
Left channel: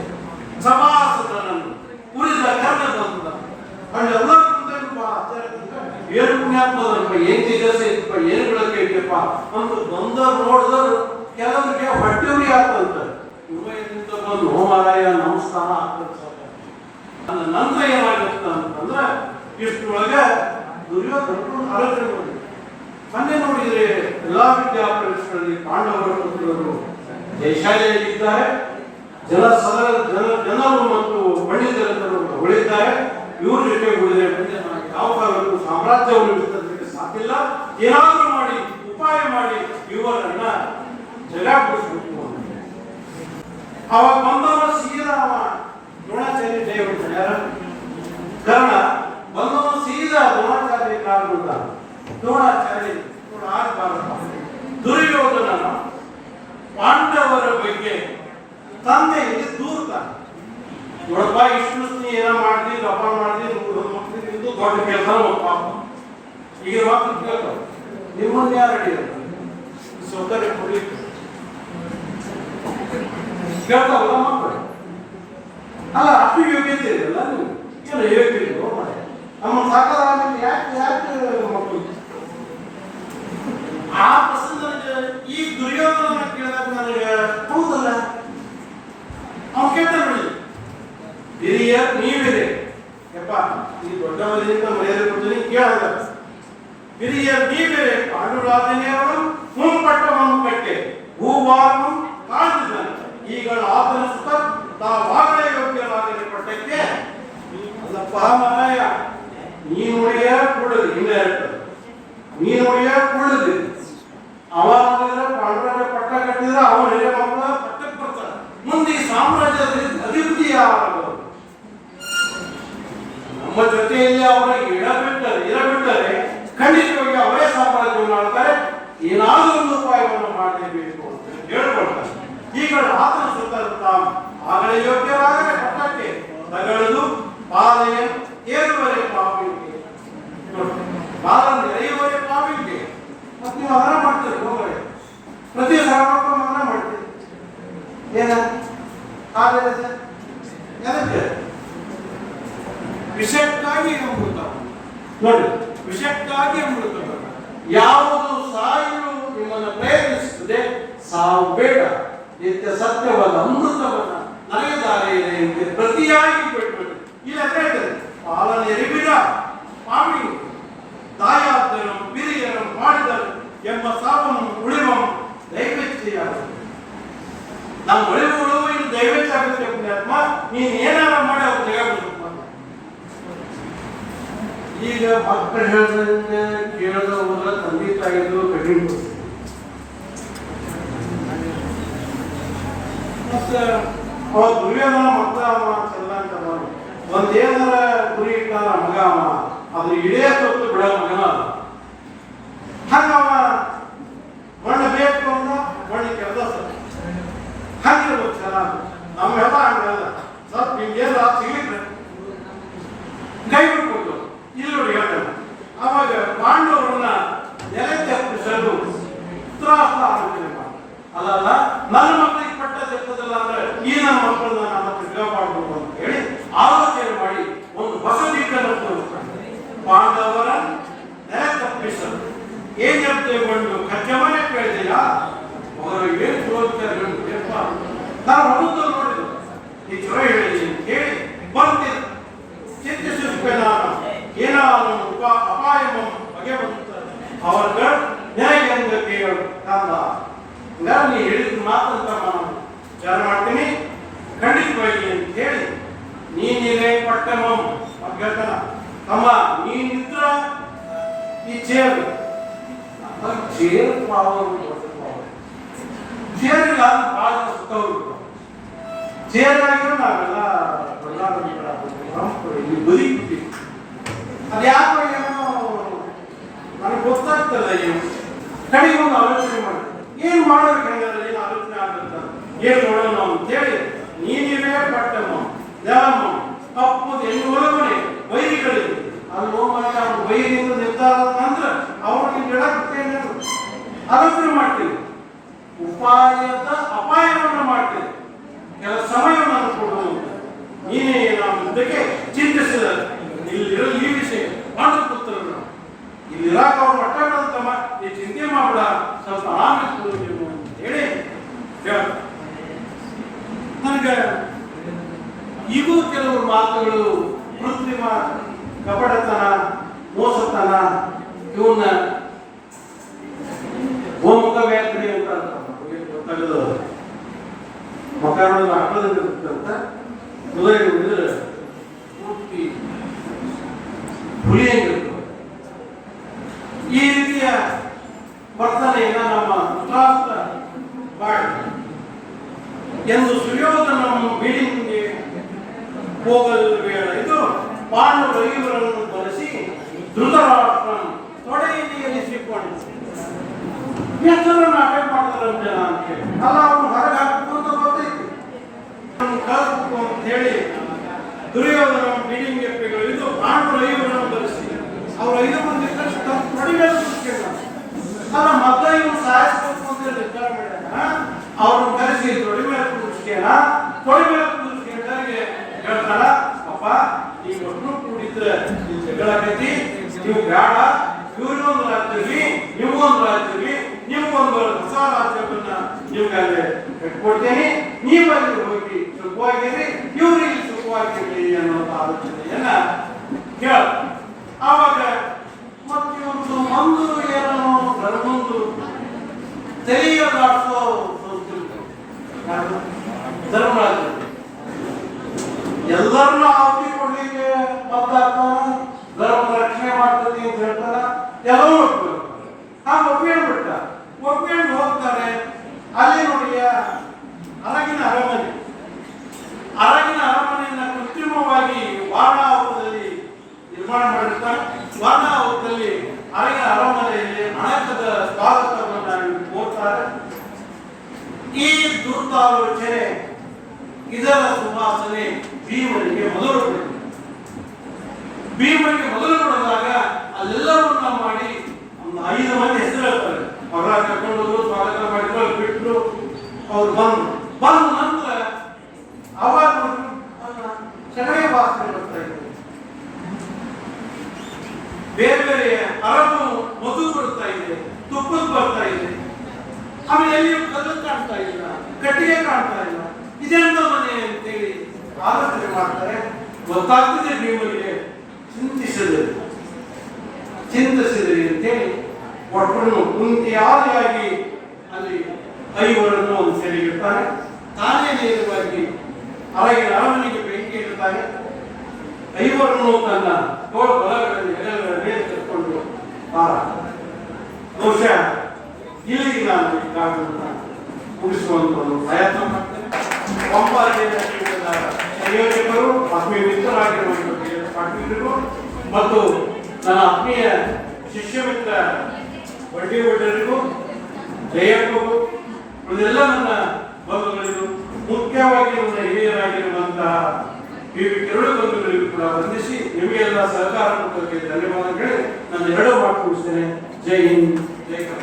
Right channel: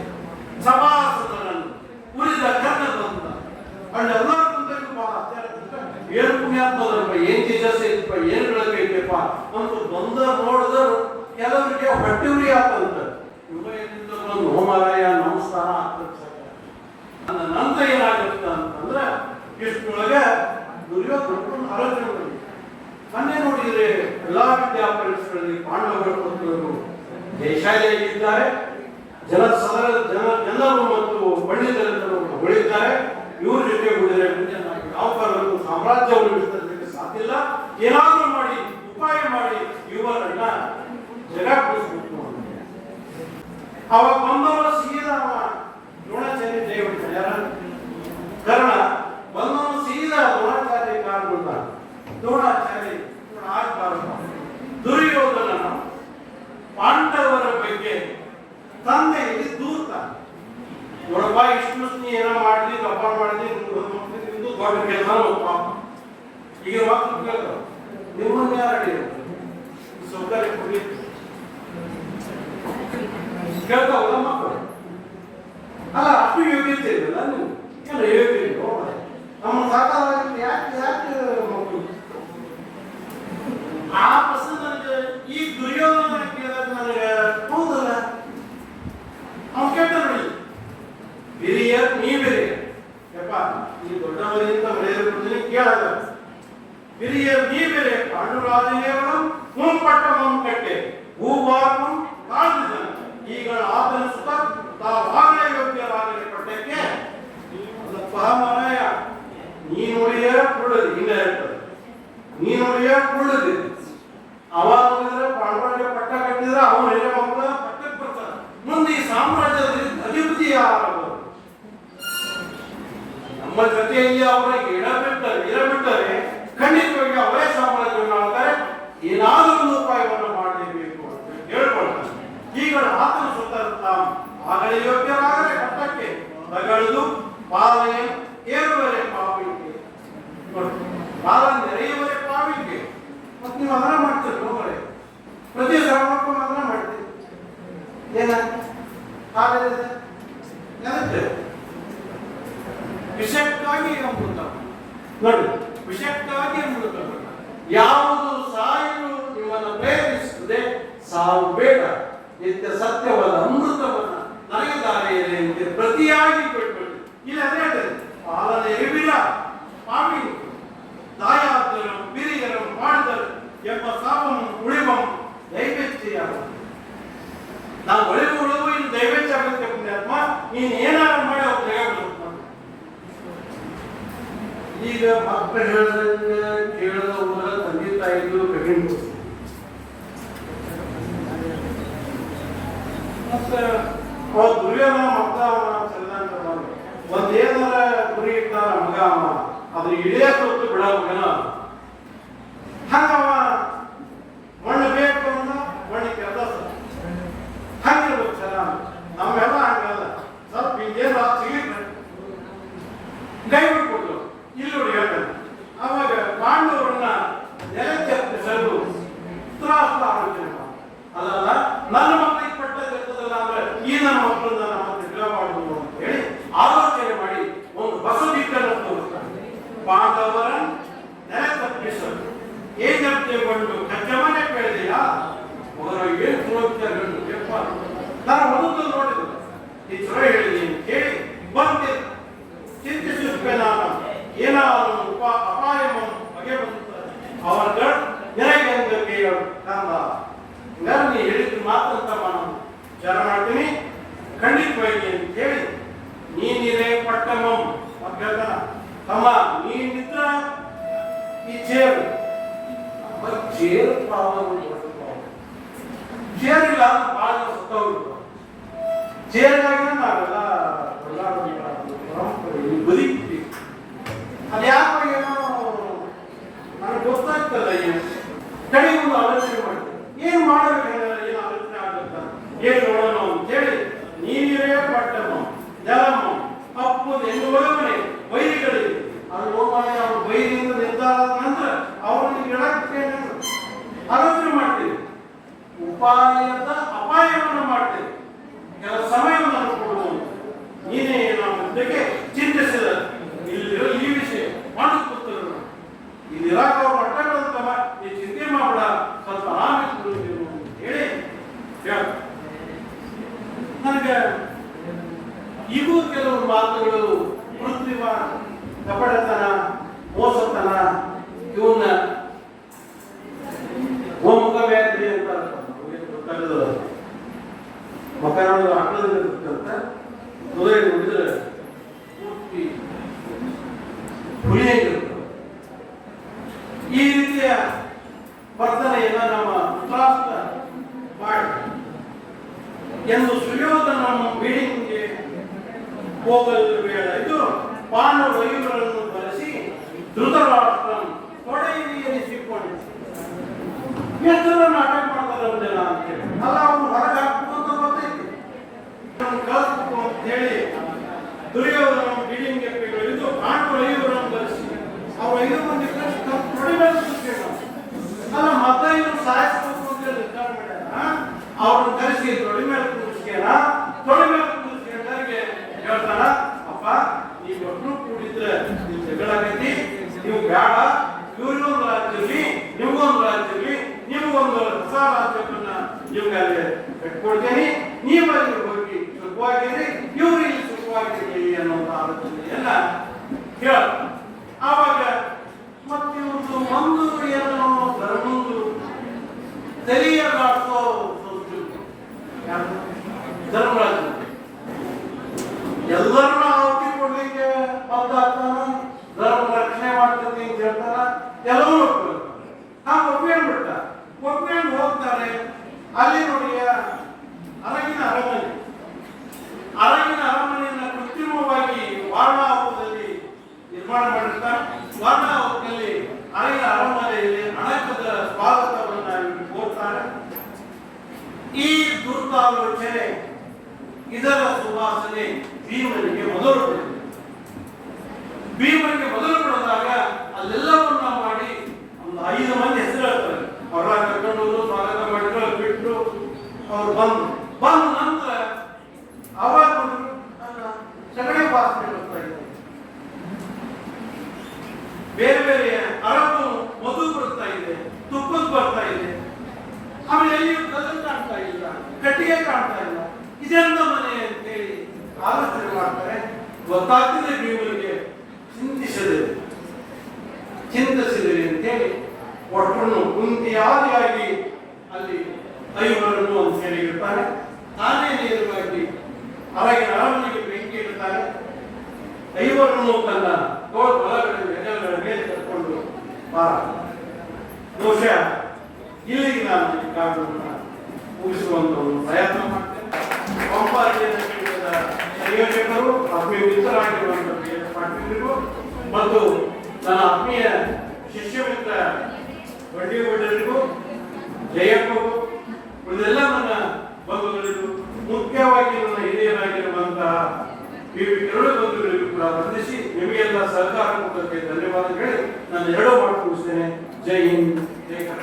ಸಭಾಸದನನ್ನು ಉರಿದ ಕರ್ಣ ಬಂದ ಅಲ್ಲೆಲ್ಲರೂ ಏನು ಪುಣ್ಯಾತ್ಮದಪ್ಪ, ಏನ್ ತೇಜಸ್ಸು ಐತಪ್ಪ, ಏನ್ ಬೆಳಕು ಐತಪ್ಪ ಅಂತ ಬಂದ ನೋಡಿದ್ರು ಕೆಲವರಿಗೆ ಹೊಟ್ಟೆವ್ರಿ ಆತಂತ. ಇವ್ರಿಂದ ಬಂದು ಹೋಮರಾಯ ನಮಸ್ಕಾರ ಆಗ್ತದೆ. ನಂತರ ಏನಾಗುತ್ತೆ ಅಂತಂದ್ರೆ ಇಷ್ಟೊಳಗೆ ದುರ್ಯೋಧನ ಆಲೋಚನೆ ಮಾಡಿ ಮೊನ್ನೆ ನೋಡಿದ್ರೆ ಎಲ್ಲಾ ವಿದ್ಯಾಪೀಠಗಳಲ್ಲಿ ಪಾಂಡವರು ಜಯಶಾಲಿಯಾಗಿದ್ದಾರೆ, ಜನರು ಮತ್ತು ಪಂಡಿತರು ಹೊಳಿದ್ದಾರೆ. ಇವ್ರ ಜೊತೆ ಉಳಿದ್ರೆ ಯಾವ ಕಾಲಕ್ಕೂ ಸಾಮ್ರಾಜ್ಯವನ್ನು ಬಿಡಿಸಲಿಕ್ಕೆ ಸಾಧ್ಯ ಇಲ್ಲ. ಏನಾದರೂ ಮಾಡಿ ಉಪಾಯ ಮಾಡಿ ಇವರನ್ನ ಜಗಾಡಿಸಬೇಕು ಅಂತ ಅವಾಗ ಬಂದವರು ಸೀದಾ ದ್ರೋಣಾಚಾರ್ಯ ಜಯ ಯಾರು ಕರ್ಣ ಬಂದ ನೋಡಪ್ಪ ಇಷ್ಟು ನೀ ಏನೋ ಮಾಡಿದಿ ದಪ್ಪ ಮಾಡಿದಿ ಇದು ದೊಡ್ಡ ಕೆಲಸ ಒಪ್ಪ ಈಗ ಮಕ್ಕಳು ಕೇಳ್ತಾವ ನಿಮ್ಮನ್ನ ಯಾರು ಅಡಿದ್ರು ಸೌಕರ್ಯ ಕೊಡಿ ಕೇಳ್ತಾವಲ್ಲ ಮಕ್ಕಳು ಅಲ್ಲ ಅಷ್ಟು ಯೋಗ್ಯತೆ ಇದೆಯಲ್ಲ ನೀವು ಏನು ಯೋಗ್ಯತೆ ನಮ್ಮ ಸಾಕಾಗಲಿ ಯಾಕೆ ಯಾಕೆ ಮಕ್ಕಳು ಆ ಪ್ರಶ್ನೆ ನನಗೆ ಈ ದುರ್ಯೋಧನ ಕೇಳಿದಾಗ ನನಗೆ ಹೌದಲ್ಲ ಅವ್ನು ಕೇಳ್ತ ನೋಡಿ ಹಿರಿಯ ನೀವಿರಿ ಯಪ್ಪ ಈ ದೊಡ್ಡವರಿಂದ ಮರ್ಯಾದೆ ಕೊಡ್ತೀನಿ ಕೇಳಲ್ಲ ಹಿರಿಯ ನೀವಿರಿ ಪಾಂಡುರಾಜನೇವರು ಮುಂಪಟ್ಟವನ್ನು ಕಟ್ಟೆ ಭೂಭಾಗಂ ತಾಳಿದ ಈಗ ಆತನ ಸುತ್ತ ತಾವಾಗಲೇ ಯೋಗ್ಯರಾಗಲಿ ಪಟ್ಟಕ್ಕೆ ಅಲ್ಲಪ್ಪ ಮಾರಾಯ ನೀನುடைய ಕೂಡದು ಇಲ್ಲ ಹೇಳ್ತದೆ ನೀನುடைய ಕೂಡದು ಅವಾಗ ಪಾಂಡವರ ಪಟ್ಟ ಕಟ್ಟಿದ್ರೆ ಅವನ ಹಿರಿಯ ಮಕ್ಕಳ ಪಟ್ಟಕ್ಕೆ ಬರ್ತಾರೆ ಮುಂದೆ ಈ ಸಾಮ್ರಾಜ್ಯದ ಅಧಿಪತಿ ಯಾರು ನಮ್ಮ ಜೊತೆಯಲ್ಲಿ ಅವರ ಇರಬಿಟ್ಟರೆ ಖಂಡಿತವಾಗಿ ಅವರೇ ಸಾಮ್ರಾಜ್ಯವನ್ನು ಆಳ್ತಾರೆ ಏನಾದರೂ ಒಂದು ಉಪಾಯವನ್ನು ಮಾಡಲೇಬೇಕು ಅಂತ ಹೇಳ್ಕೊಳ್ತಾರೆ ಈಗ ಆತನ ಸುತ್ತ ಆಗಲೇ ಯೋಗ್ಯರಾಗಲೇ ಪಟ್ಟಕ್ಕೆ ತಗಳುದು ಪಾಲಯ ಏರುವರೆ ಪಾಪಿಗೆ ಪಾಲ ನೆರೆಯುವರೆ ಪಾಪಿಗೆ ಮತ್ತೆ ನೀವು ಅದನ್ನ ಮಾಡ್ತೀರಿ ಹೋಗರೆ ಪ್ರತಿ ಸರ್ವಪ್ಪನ ಮಾಡ್ತೀರಿ ಏನ ಅದಕ್ಕೆ ವಿಷಯಕ್ಕಾಗಿ ಅಮೃತ ನೋಡಿ ವಿಷಯಕ್ಕಾಗಿ ಅಮೃತ ಯಾವುದು ಸಾಯಲು ನಿಮ್ಮನ್ನು ಪ್ರೇರಿಸುತ್ತದೆ ಸಾವು ಬೇಡ ನಿತ್ಯ ಸತ್ಯವಲ್ಲ ಅಮೃತವನ್ನ ನನಗೆ ದಾರಿಯಿದೆ ಎಂದು ಪ್ರತಿಯಾಗಿ ಬಿಟ್ಟು ಇಲ್ಲದ್ರೆ ಪಾಲನೆ ರಿಬಿಡ ಪಾಮಿ ತಾಯಾದರು ಹಿರಿಯರು ಮಾಡಿದರು ಎಂಬ ಸಾವನ್ನು ಉಳಿವ ದೈವಚ್ಛೆಯಾಗುತ್ತದೆ ನಾನು ಉಳಿದು ಇದು ದೈವಚ್ಛ ಆಗುತ್ತೆ ಪುಣ್ಯಾತ್ಮ ನೀನು ಏನಾರ ಮಾಡಿ ಅವ್ರು ಜಗ ಈಗ ಮಕ್ಕಳು ಹೇಳ್ದಂಗೆ ಕೇಳದ ಹೋದ್ರೆ ತಂದೆ ತಾಯಿದು ಕಠಿಣ ಮತ್ತೆ ಅವ ದುರ್ಯೋಧನ ಮಕ್ಕಳ ಚಂದಂತ ಒಂದೇನರ ಗುರಿ ಇಟ್ಟಾರ ಮಗ ಅವ ಅದ್ರ ಇಡೇ ಕೊಟ್ಟು ಬಿಡೋ ಮಗನ ಹಂಗವ ಮಣ್ಣು ಬೇಕು ಅಂದ ಮಣ್ಣು ಕೆಲಸ ಹಾಕಿರ್ಬೇಕು ಚೆನ್ನಾಗಿ ನಮ್ಮೆಲ್ಲ ಹಂಗಲ್ಲ ಸ್ವಲ್ಪ ಹಿಂಗೇನು ಸಿಗ್ಲಿಕ್ಕೆ ಕೈ ಬಿಟ್ಕೊಡ್ತು ಇಲ್ಲಿ ಹೇಳ್ತಾನೆ ಅವಾಗ ಪಾಂಡವರನ್ನ ನೆಲಕ್ಕೆ ಹತ್ತಿಸಲು ತ್ರಾಸ ಆಲೋಚನೆ ಅಲ್ಲಲ್ಲ ನನ್ನ ಮಕ್ಕಳಿಗೆ ಪಟ್ಟದಿರ್ತದಲ್ಲ ಅಂದ್ರೆ ಈ ನನ್ನ ಮಕ್ಕಳನ್ನ ನಮ್ಮ ಹತ್ರ ಮಾಡಬಹುದು ಅಂತ ಹೇಳಿ ಆಲೋಚನೆ ಮಾಡಿ ಒಂದು ಹೊಸ ದಿಕ್ಕನ್ನು ತೋರಿಸ್ತಾನೆ ಪಾಂಡವರ ನೆಲ ತಪ್ಪಿಸಲು ಏಜೆಂಟು ಕಚ್ಚಮನೆ ಕೇಳಿದೆಯಾ ಅವರು ಏನು ತೋರಿಸ್ತಾರೆ ನಾನು ಹೊರತು ನೋಡಿದ್ರು ಈ ಚೊರ ಹೇಳಿದ್ದೀನಿ ಕೇಳಿ ಬರ್ತೀನಿ ಚಿಂತಿಸುತ್ತೇನೆ ನಾನು ಏನಾದರೂ ಅಪಾಯವನ್ನು ಬಗೆಹರಿಸುತ್ತದೆ ಅವರ ನೆಲೆಗೆಂದು ಕೇಳು ಕಾಂದ ನೀ ಹೇಳಿದ್ರು ಮಾತಂತ ನಾನು ಜನ ಮಾಡ್ತೀನಿ ಖಂಡಿತವಾಗಿ ಅಂತ ಹೇಳಿ ನೀನಿರೇ ಪಟ್ಟಮ ಹೇಳ್ತಾನ ಅಮ್ಮ ನೀನಿದ್ರ ಈ ಚೇರು ಚೇರು ಚೇರಿಲ್ಲ ಬಹಳ ಸುತ್ತವರು ಚೇರಾಗಿ ನಾವೆಲ್ಲ ಬದುಕಿ ಅದು ಯಾಕೆ ಏನೋ ನನಗೆ ಗೊತ್ತಾಗ್ತಲ್ಲ ಏನು ಕಡೆಗೆ ಒಂದು ಆಲೋಚನೆ ಮಾಡಿ ಏನು ಮಾಡಬೇಕು ಹೆಂಗಲ್ಲ ಏನು ಆಲೋಚನೆ ಆಗುತ್ತೆ ಏನು ನೋಡೋಣ ಅಂತೇಳಿ ನೀನಿರೇ ಪಟ್ಟಮ್ಮ ನೆಲಮ್ಮ ಅಪ್ಪದ ಹೆಣ್ಣು ಒಳಗಡೆ ವೈರಿಗಳಿಗೆ ಅಲ್ಲಿ ಹೋಗ್ಬಾರ್ದು ಅವ್ರು ವೈರಿಯಿಂದ ನಿರ್ಧಾರ ಅಂದ್ರೆ ಅವ್ರನ್ನ ಹೇಳಕ್ಕೆ ಆಲೋಚನೆ ಮಾಡ್ತೀವಿ ಉಪಾಯದ ಅಪಾಯವನ್ನು ಮಾಡ್ತೀವಿ ಕೆಲ ಸಮಯವನ್ನು ಕೊಡುವುದು ನೀನೇ ನಾವು ಇದಕ್ಕೆ ಚಿಂತಿಸಿದ ಇಲ್ಲಿರೋ ಈ ವಿಷಯ ಮಾಡುತ್ತಾರೆ ಇಲ್ಲಿ ಇರಾಕ ಅವ್ರು ಮಟ್ಟಾಡಂತಮ್ಮ ಈ ಚಿಂತೆ ಮಾಡಬೇಡ ಸ್ವಲ್ಪ ಆರಾಮ ಹೇಳಿ ನನಗೆ ಈಗೂ ಕೆಲವರು ಮಾತುಗಳು ಕೃತ್ರಿಮ ಕಪಟತನ ಮೋಸತನ ಇವನ್ನ ಗೋಮುಖ ವ್ಯಾಧಿ ಅಂತ ತೆಗೆದು ಮಕರವನ್ನು ಹಾಕೋದಂತ ಕುದುರೆ ನೋಡಿದ್ರೆ ಪೂರ್ತಿ ಹುಲಿಯಂಗಿರುತ್ತೆ ಈ ರೀತಿಯ ವರ್ತನೆಯನ್ನ ನಮ್ಮ ಧೃತರಾಷ್ಟ್ರ ಮಾಡಿ ಎಂದು ಸುಯೋಧನ ಮೀಟಿಂಗ್ಗೆ ಹೋಗಲು ಬೇಡ ಇದು ಪಾಂಡವ ಇವರನ್ನು ಧರಿಸಿ ಧೃತರಾಷ್ಟ್ರ ತೊಡೆಯಲ್ಲಿರಿಸಿಕೊಂಡು ಎಷ್ಟು ನಾಟಕ ಮಾಡ್ತಾರೆ ಅಂತ ನಾನು ಅಲ್ಲ ಅವನು ಹೊರಗೆ ಹಾಕುವಂತ ಗೊತ್ತೈತಿ ಕಳ್ಕೊಂಡು ಅಂತ ಹೇಳಿ ದುರ್ಯೋಧನ ಬಿಡಿಂಗೆಪ್ಪಿಗಳು ಇದು ಪಾಂಡವರು 5 ಜನರನ್ನು ಬರೆಸಿ ಅವರು 5 ಮಂದಿ ತೊಡಿ ಮೇಲೆ ಅಲ್ಲ ಮತ್ತೆ ಇವನು ಸಾಯಿಸಬೇಕು ಅಂತ ನಿರ್ಧಾರ ಮಾಡ್ಯಾರ. ಅವ್ರನ್ನ ಕರೆಸಿ ತೊಡಿ ಮೇಲೆ ಕೂರಿಸ್ಕೇನ ತೊಡಿ ಮೇಲೆ ಕೂರಿಸ್ಕೊಂಡವರಿಗೆ ಹೇಳ್ತಾರ, ಅಪ್ಪ ನೀವು ಒಟ್ಟು ಕೂಡಿದ್ರೆ ನೀವು ಜಗಳಾಗೈತಿ, ನೀವು ಬೇಡ, ಇವ್ರಿಗೊಂದು ರಾಜ್ಯ ಇರ್ಲಿ, ನಿಮ್ಗೊಂದು ರಾಜ್ಯ ಇರ್ಲಿ, ನಿಮ್ಗೊಂದು ಹೊಸ ರಾಜ್ಯವನ್ನ ನಿಮ್ಗೆ ಕೊಡ್ತೇನೆ, ನೀವಲ್ಲಿ ಹೋಗಿ ಸುಖವಾಗಿರ್ರಿ, ಇವ್ರಿಗೆ ಸುಖವಾಗಿರ್ಲಿ ಅನ್ನೋಂಥ ಆಲೋಚನೆಯನ್ನ ಹೇಳ. ಆವಾಗ ಮತ್ತೆ ಇವ್ರದ್ದು ಒಂದು ಏನೋ ಧರ್ಮಂದು ತೆರೆಯಲಾಡಿಸೋ ಧರ್ಮರಾಜ ಎಲ್ಲರನ್ನ ಆಹುತಿ ಕೊಡ್ಲಿಕ್ಕೆ ಬದ್ದಾಗ್ತಾನ, ಧರ್ಮ ರಕ್ಷಣೆ ಮಾಡ್ತದೆ ಅಂತ ಹೇಳ್ತಾರ, ಎಲ್ಲರೂ ಒಪ್ಪಿಕೊಂಡ್ಬಿಟ್ಟ. ಒಪ್ಪಿಕೊಂಡು ಹೋಗ್ತಾರೆ. ಅಲ್ಲಿ ನೋಡಿ ಅರಗಿನ ಅರಮನೆಯನ್ನ ಕೃತ್ರಿಮವಾಗಿ ವಾರಣಾವತದಲ್ಲಿ ನಿರ್ಮಾಣ ಮಾಡಿರ್ತಾರೆ. ವಾರಣಾವತದಲ್ಲಿ ಅರಗಿನ ಅರಮನೆಯಲ್ಲಿ ಅಣಕದ ಸ್ವಾಗತವನ್ನ ಕೋರ್ತಾರೆ. ಈ ದುರ್ತಾಲೋಚನೆ ಇದರ ಸುವಾಸನೆ ಭೀಮನಿಗೆ ಮೊದಲು ಬಿಡದಾಗ ಅಲ್ಲೆಲ್ಲವನ್ನ ಮಾಡಿ ಒಂದು 5 ಮಂದಿ ಹೆಸರು ಹೇಳ್ತಾರೆ. ಅವ್ರ ಕರ್ಕೊಂಡು ಸ್ವಾಗತ ಮಾಡಿದ್ರು, ಅಲ್ಲಿ ಬಿಟ್ಟರು, ಅವ್ರು ಬಂದ ನಂತರ ಅವಾಗ ಸೆಣೆಯ ವಾಸನೆ ಬರ್ತಾ ಇದೆ, ಬೇರೆ ಬೇರೆ ಅರಬು ಮಧು ಬರುತ್ತಾ ಇದೆ, ತುಪ್ಪದ ಬರ್ತಾ ಇದೆ, ಆಮೇಲೆ ಎಲ್ಲಿ ಕಲ್ಲು ಕಾಣ್ತಾ ಇಲ್ಲ, ಕಟ್ಟಿಗೆ ಕಾಣ್ತಾ ಇಲ್ಲ, ಇದೆಂತ ಮನೆ ಅಂತೇಳಿ ಆಲೋಚನೆ ಮಾಡ್ತಾರೆ. ಗೊತ್ತಾಗ್ತದೆ ಭೀಮನಿಗೆ, ಚಿಂತಿಸಿದೆ ಅಂತೇಳಿ ಒಟ್ಟನ್ನು ಕುಂತಿಯಾದಿಯಾಗಿ ಅಲ್ಲಿ 5 ಒಂದು ಸೆರೆಗಿಡ್ತಾನೆ. ತಾನೇ ನೇರವಾಗಿ ಅರಗಿನ ಅರಮನೆಗೆ ಬೆಂಕಿ ಇಡ್ತಾನೆ. 5 ತನ್ನ ತೋಳು ಬಲಗಳಲ್ಲಿ ಹೆಗಲುಗಳ ಮೇಲೆ ಕರ್ಕೊಂಡು ಬಹುಶಃ ಇಲ್ಲಿಗೆ ನಾನು ಈ ಕಾರಣವನ್ನು ಮುಗಿಸುವಂತ ಒಂದು ಪ್ರಯತ್ನ ಮಾಡ್ತೇನೆ. ಸಂಪಾದನೆಯ ಸಂಯೋಜಕರು, ಆತ್ಮೀಯ ಮಿತ್ರರಾಗಿರುವಂತಹ ಪಾಟೀಲರಿಗೂ ಮತ್ತು ನನ್ನ ಆತ್ಮೀಯ ಶಿಷ್ಯ ಮಿತ್ರ ಬಡ್ಡಿಗೂ ಜಯಕ್ಕೂ ಇದೆಲ್ಲ ನನ್ನ ಬಂಧುಗಳಿಗೂ, ಮುಖ್ಯವಾಗಿ ನನ್ನ ಹಿರಿಯರಾಗಿರುವಂತಹ ಕಿರಣ ಬಂಧುಗಳಿಗೂ ಕೂಡ ವಂದಿಸಿ ನಿಮಗೆಲ್ಲ ಸಹಕಾರ ಕೊಟ್ಟಕ್ಕೆ ಧನ್ಯವಾದಗಳು. ನಾನು 2 ಮಾತು ಮುಗಿಸ್ತೇನೆ. ಜೈ ಹಿಂದ್, ಜೈ ಕರ್ನಾಟಕ.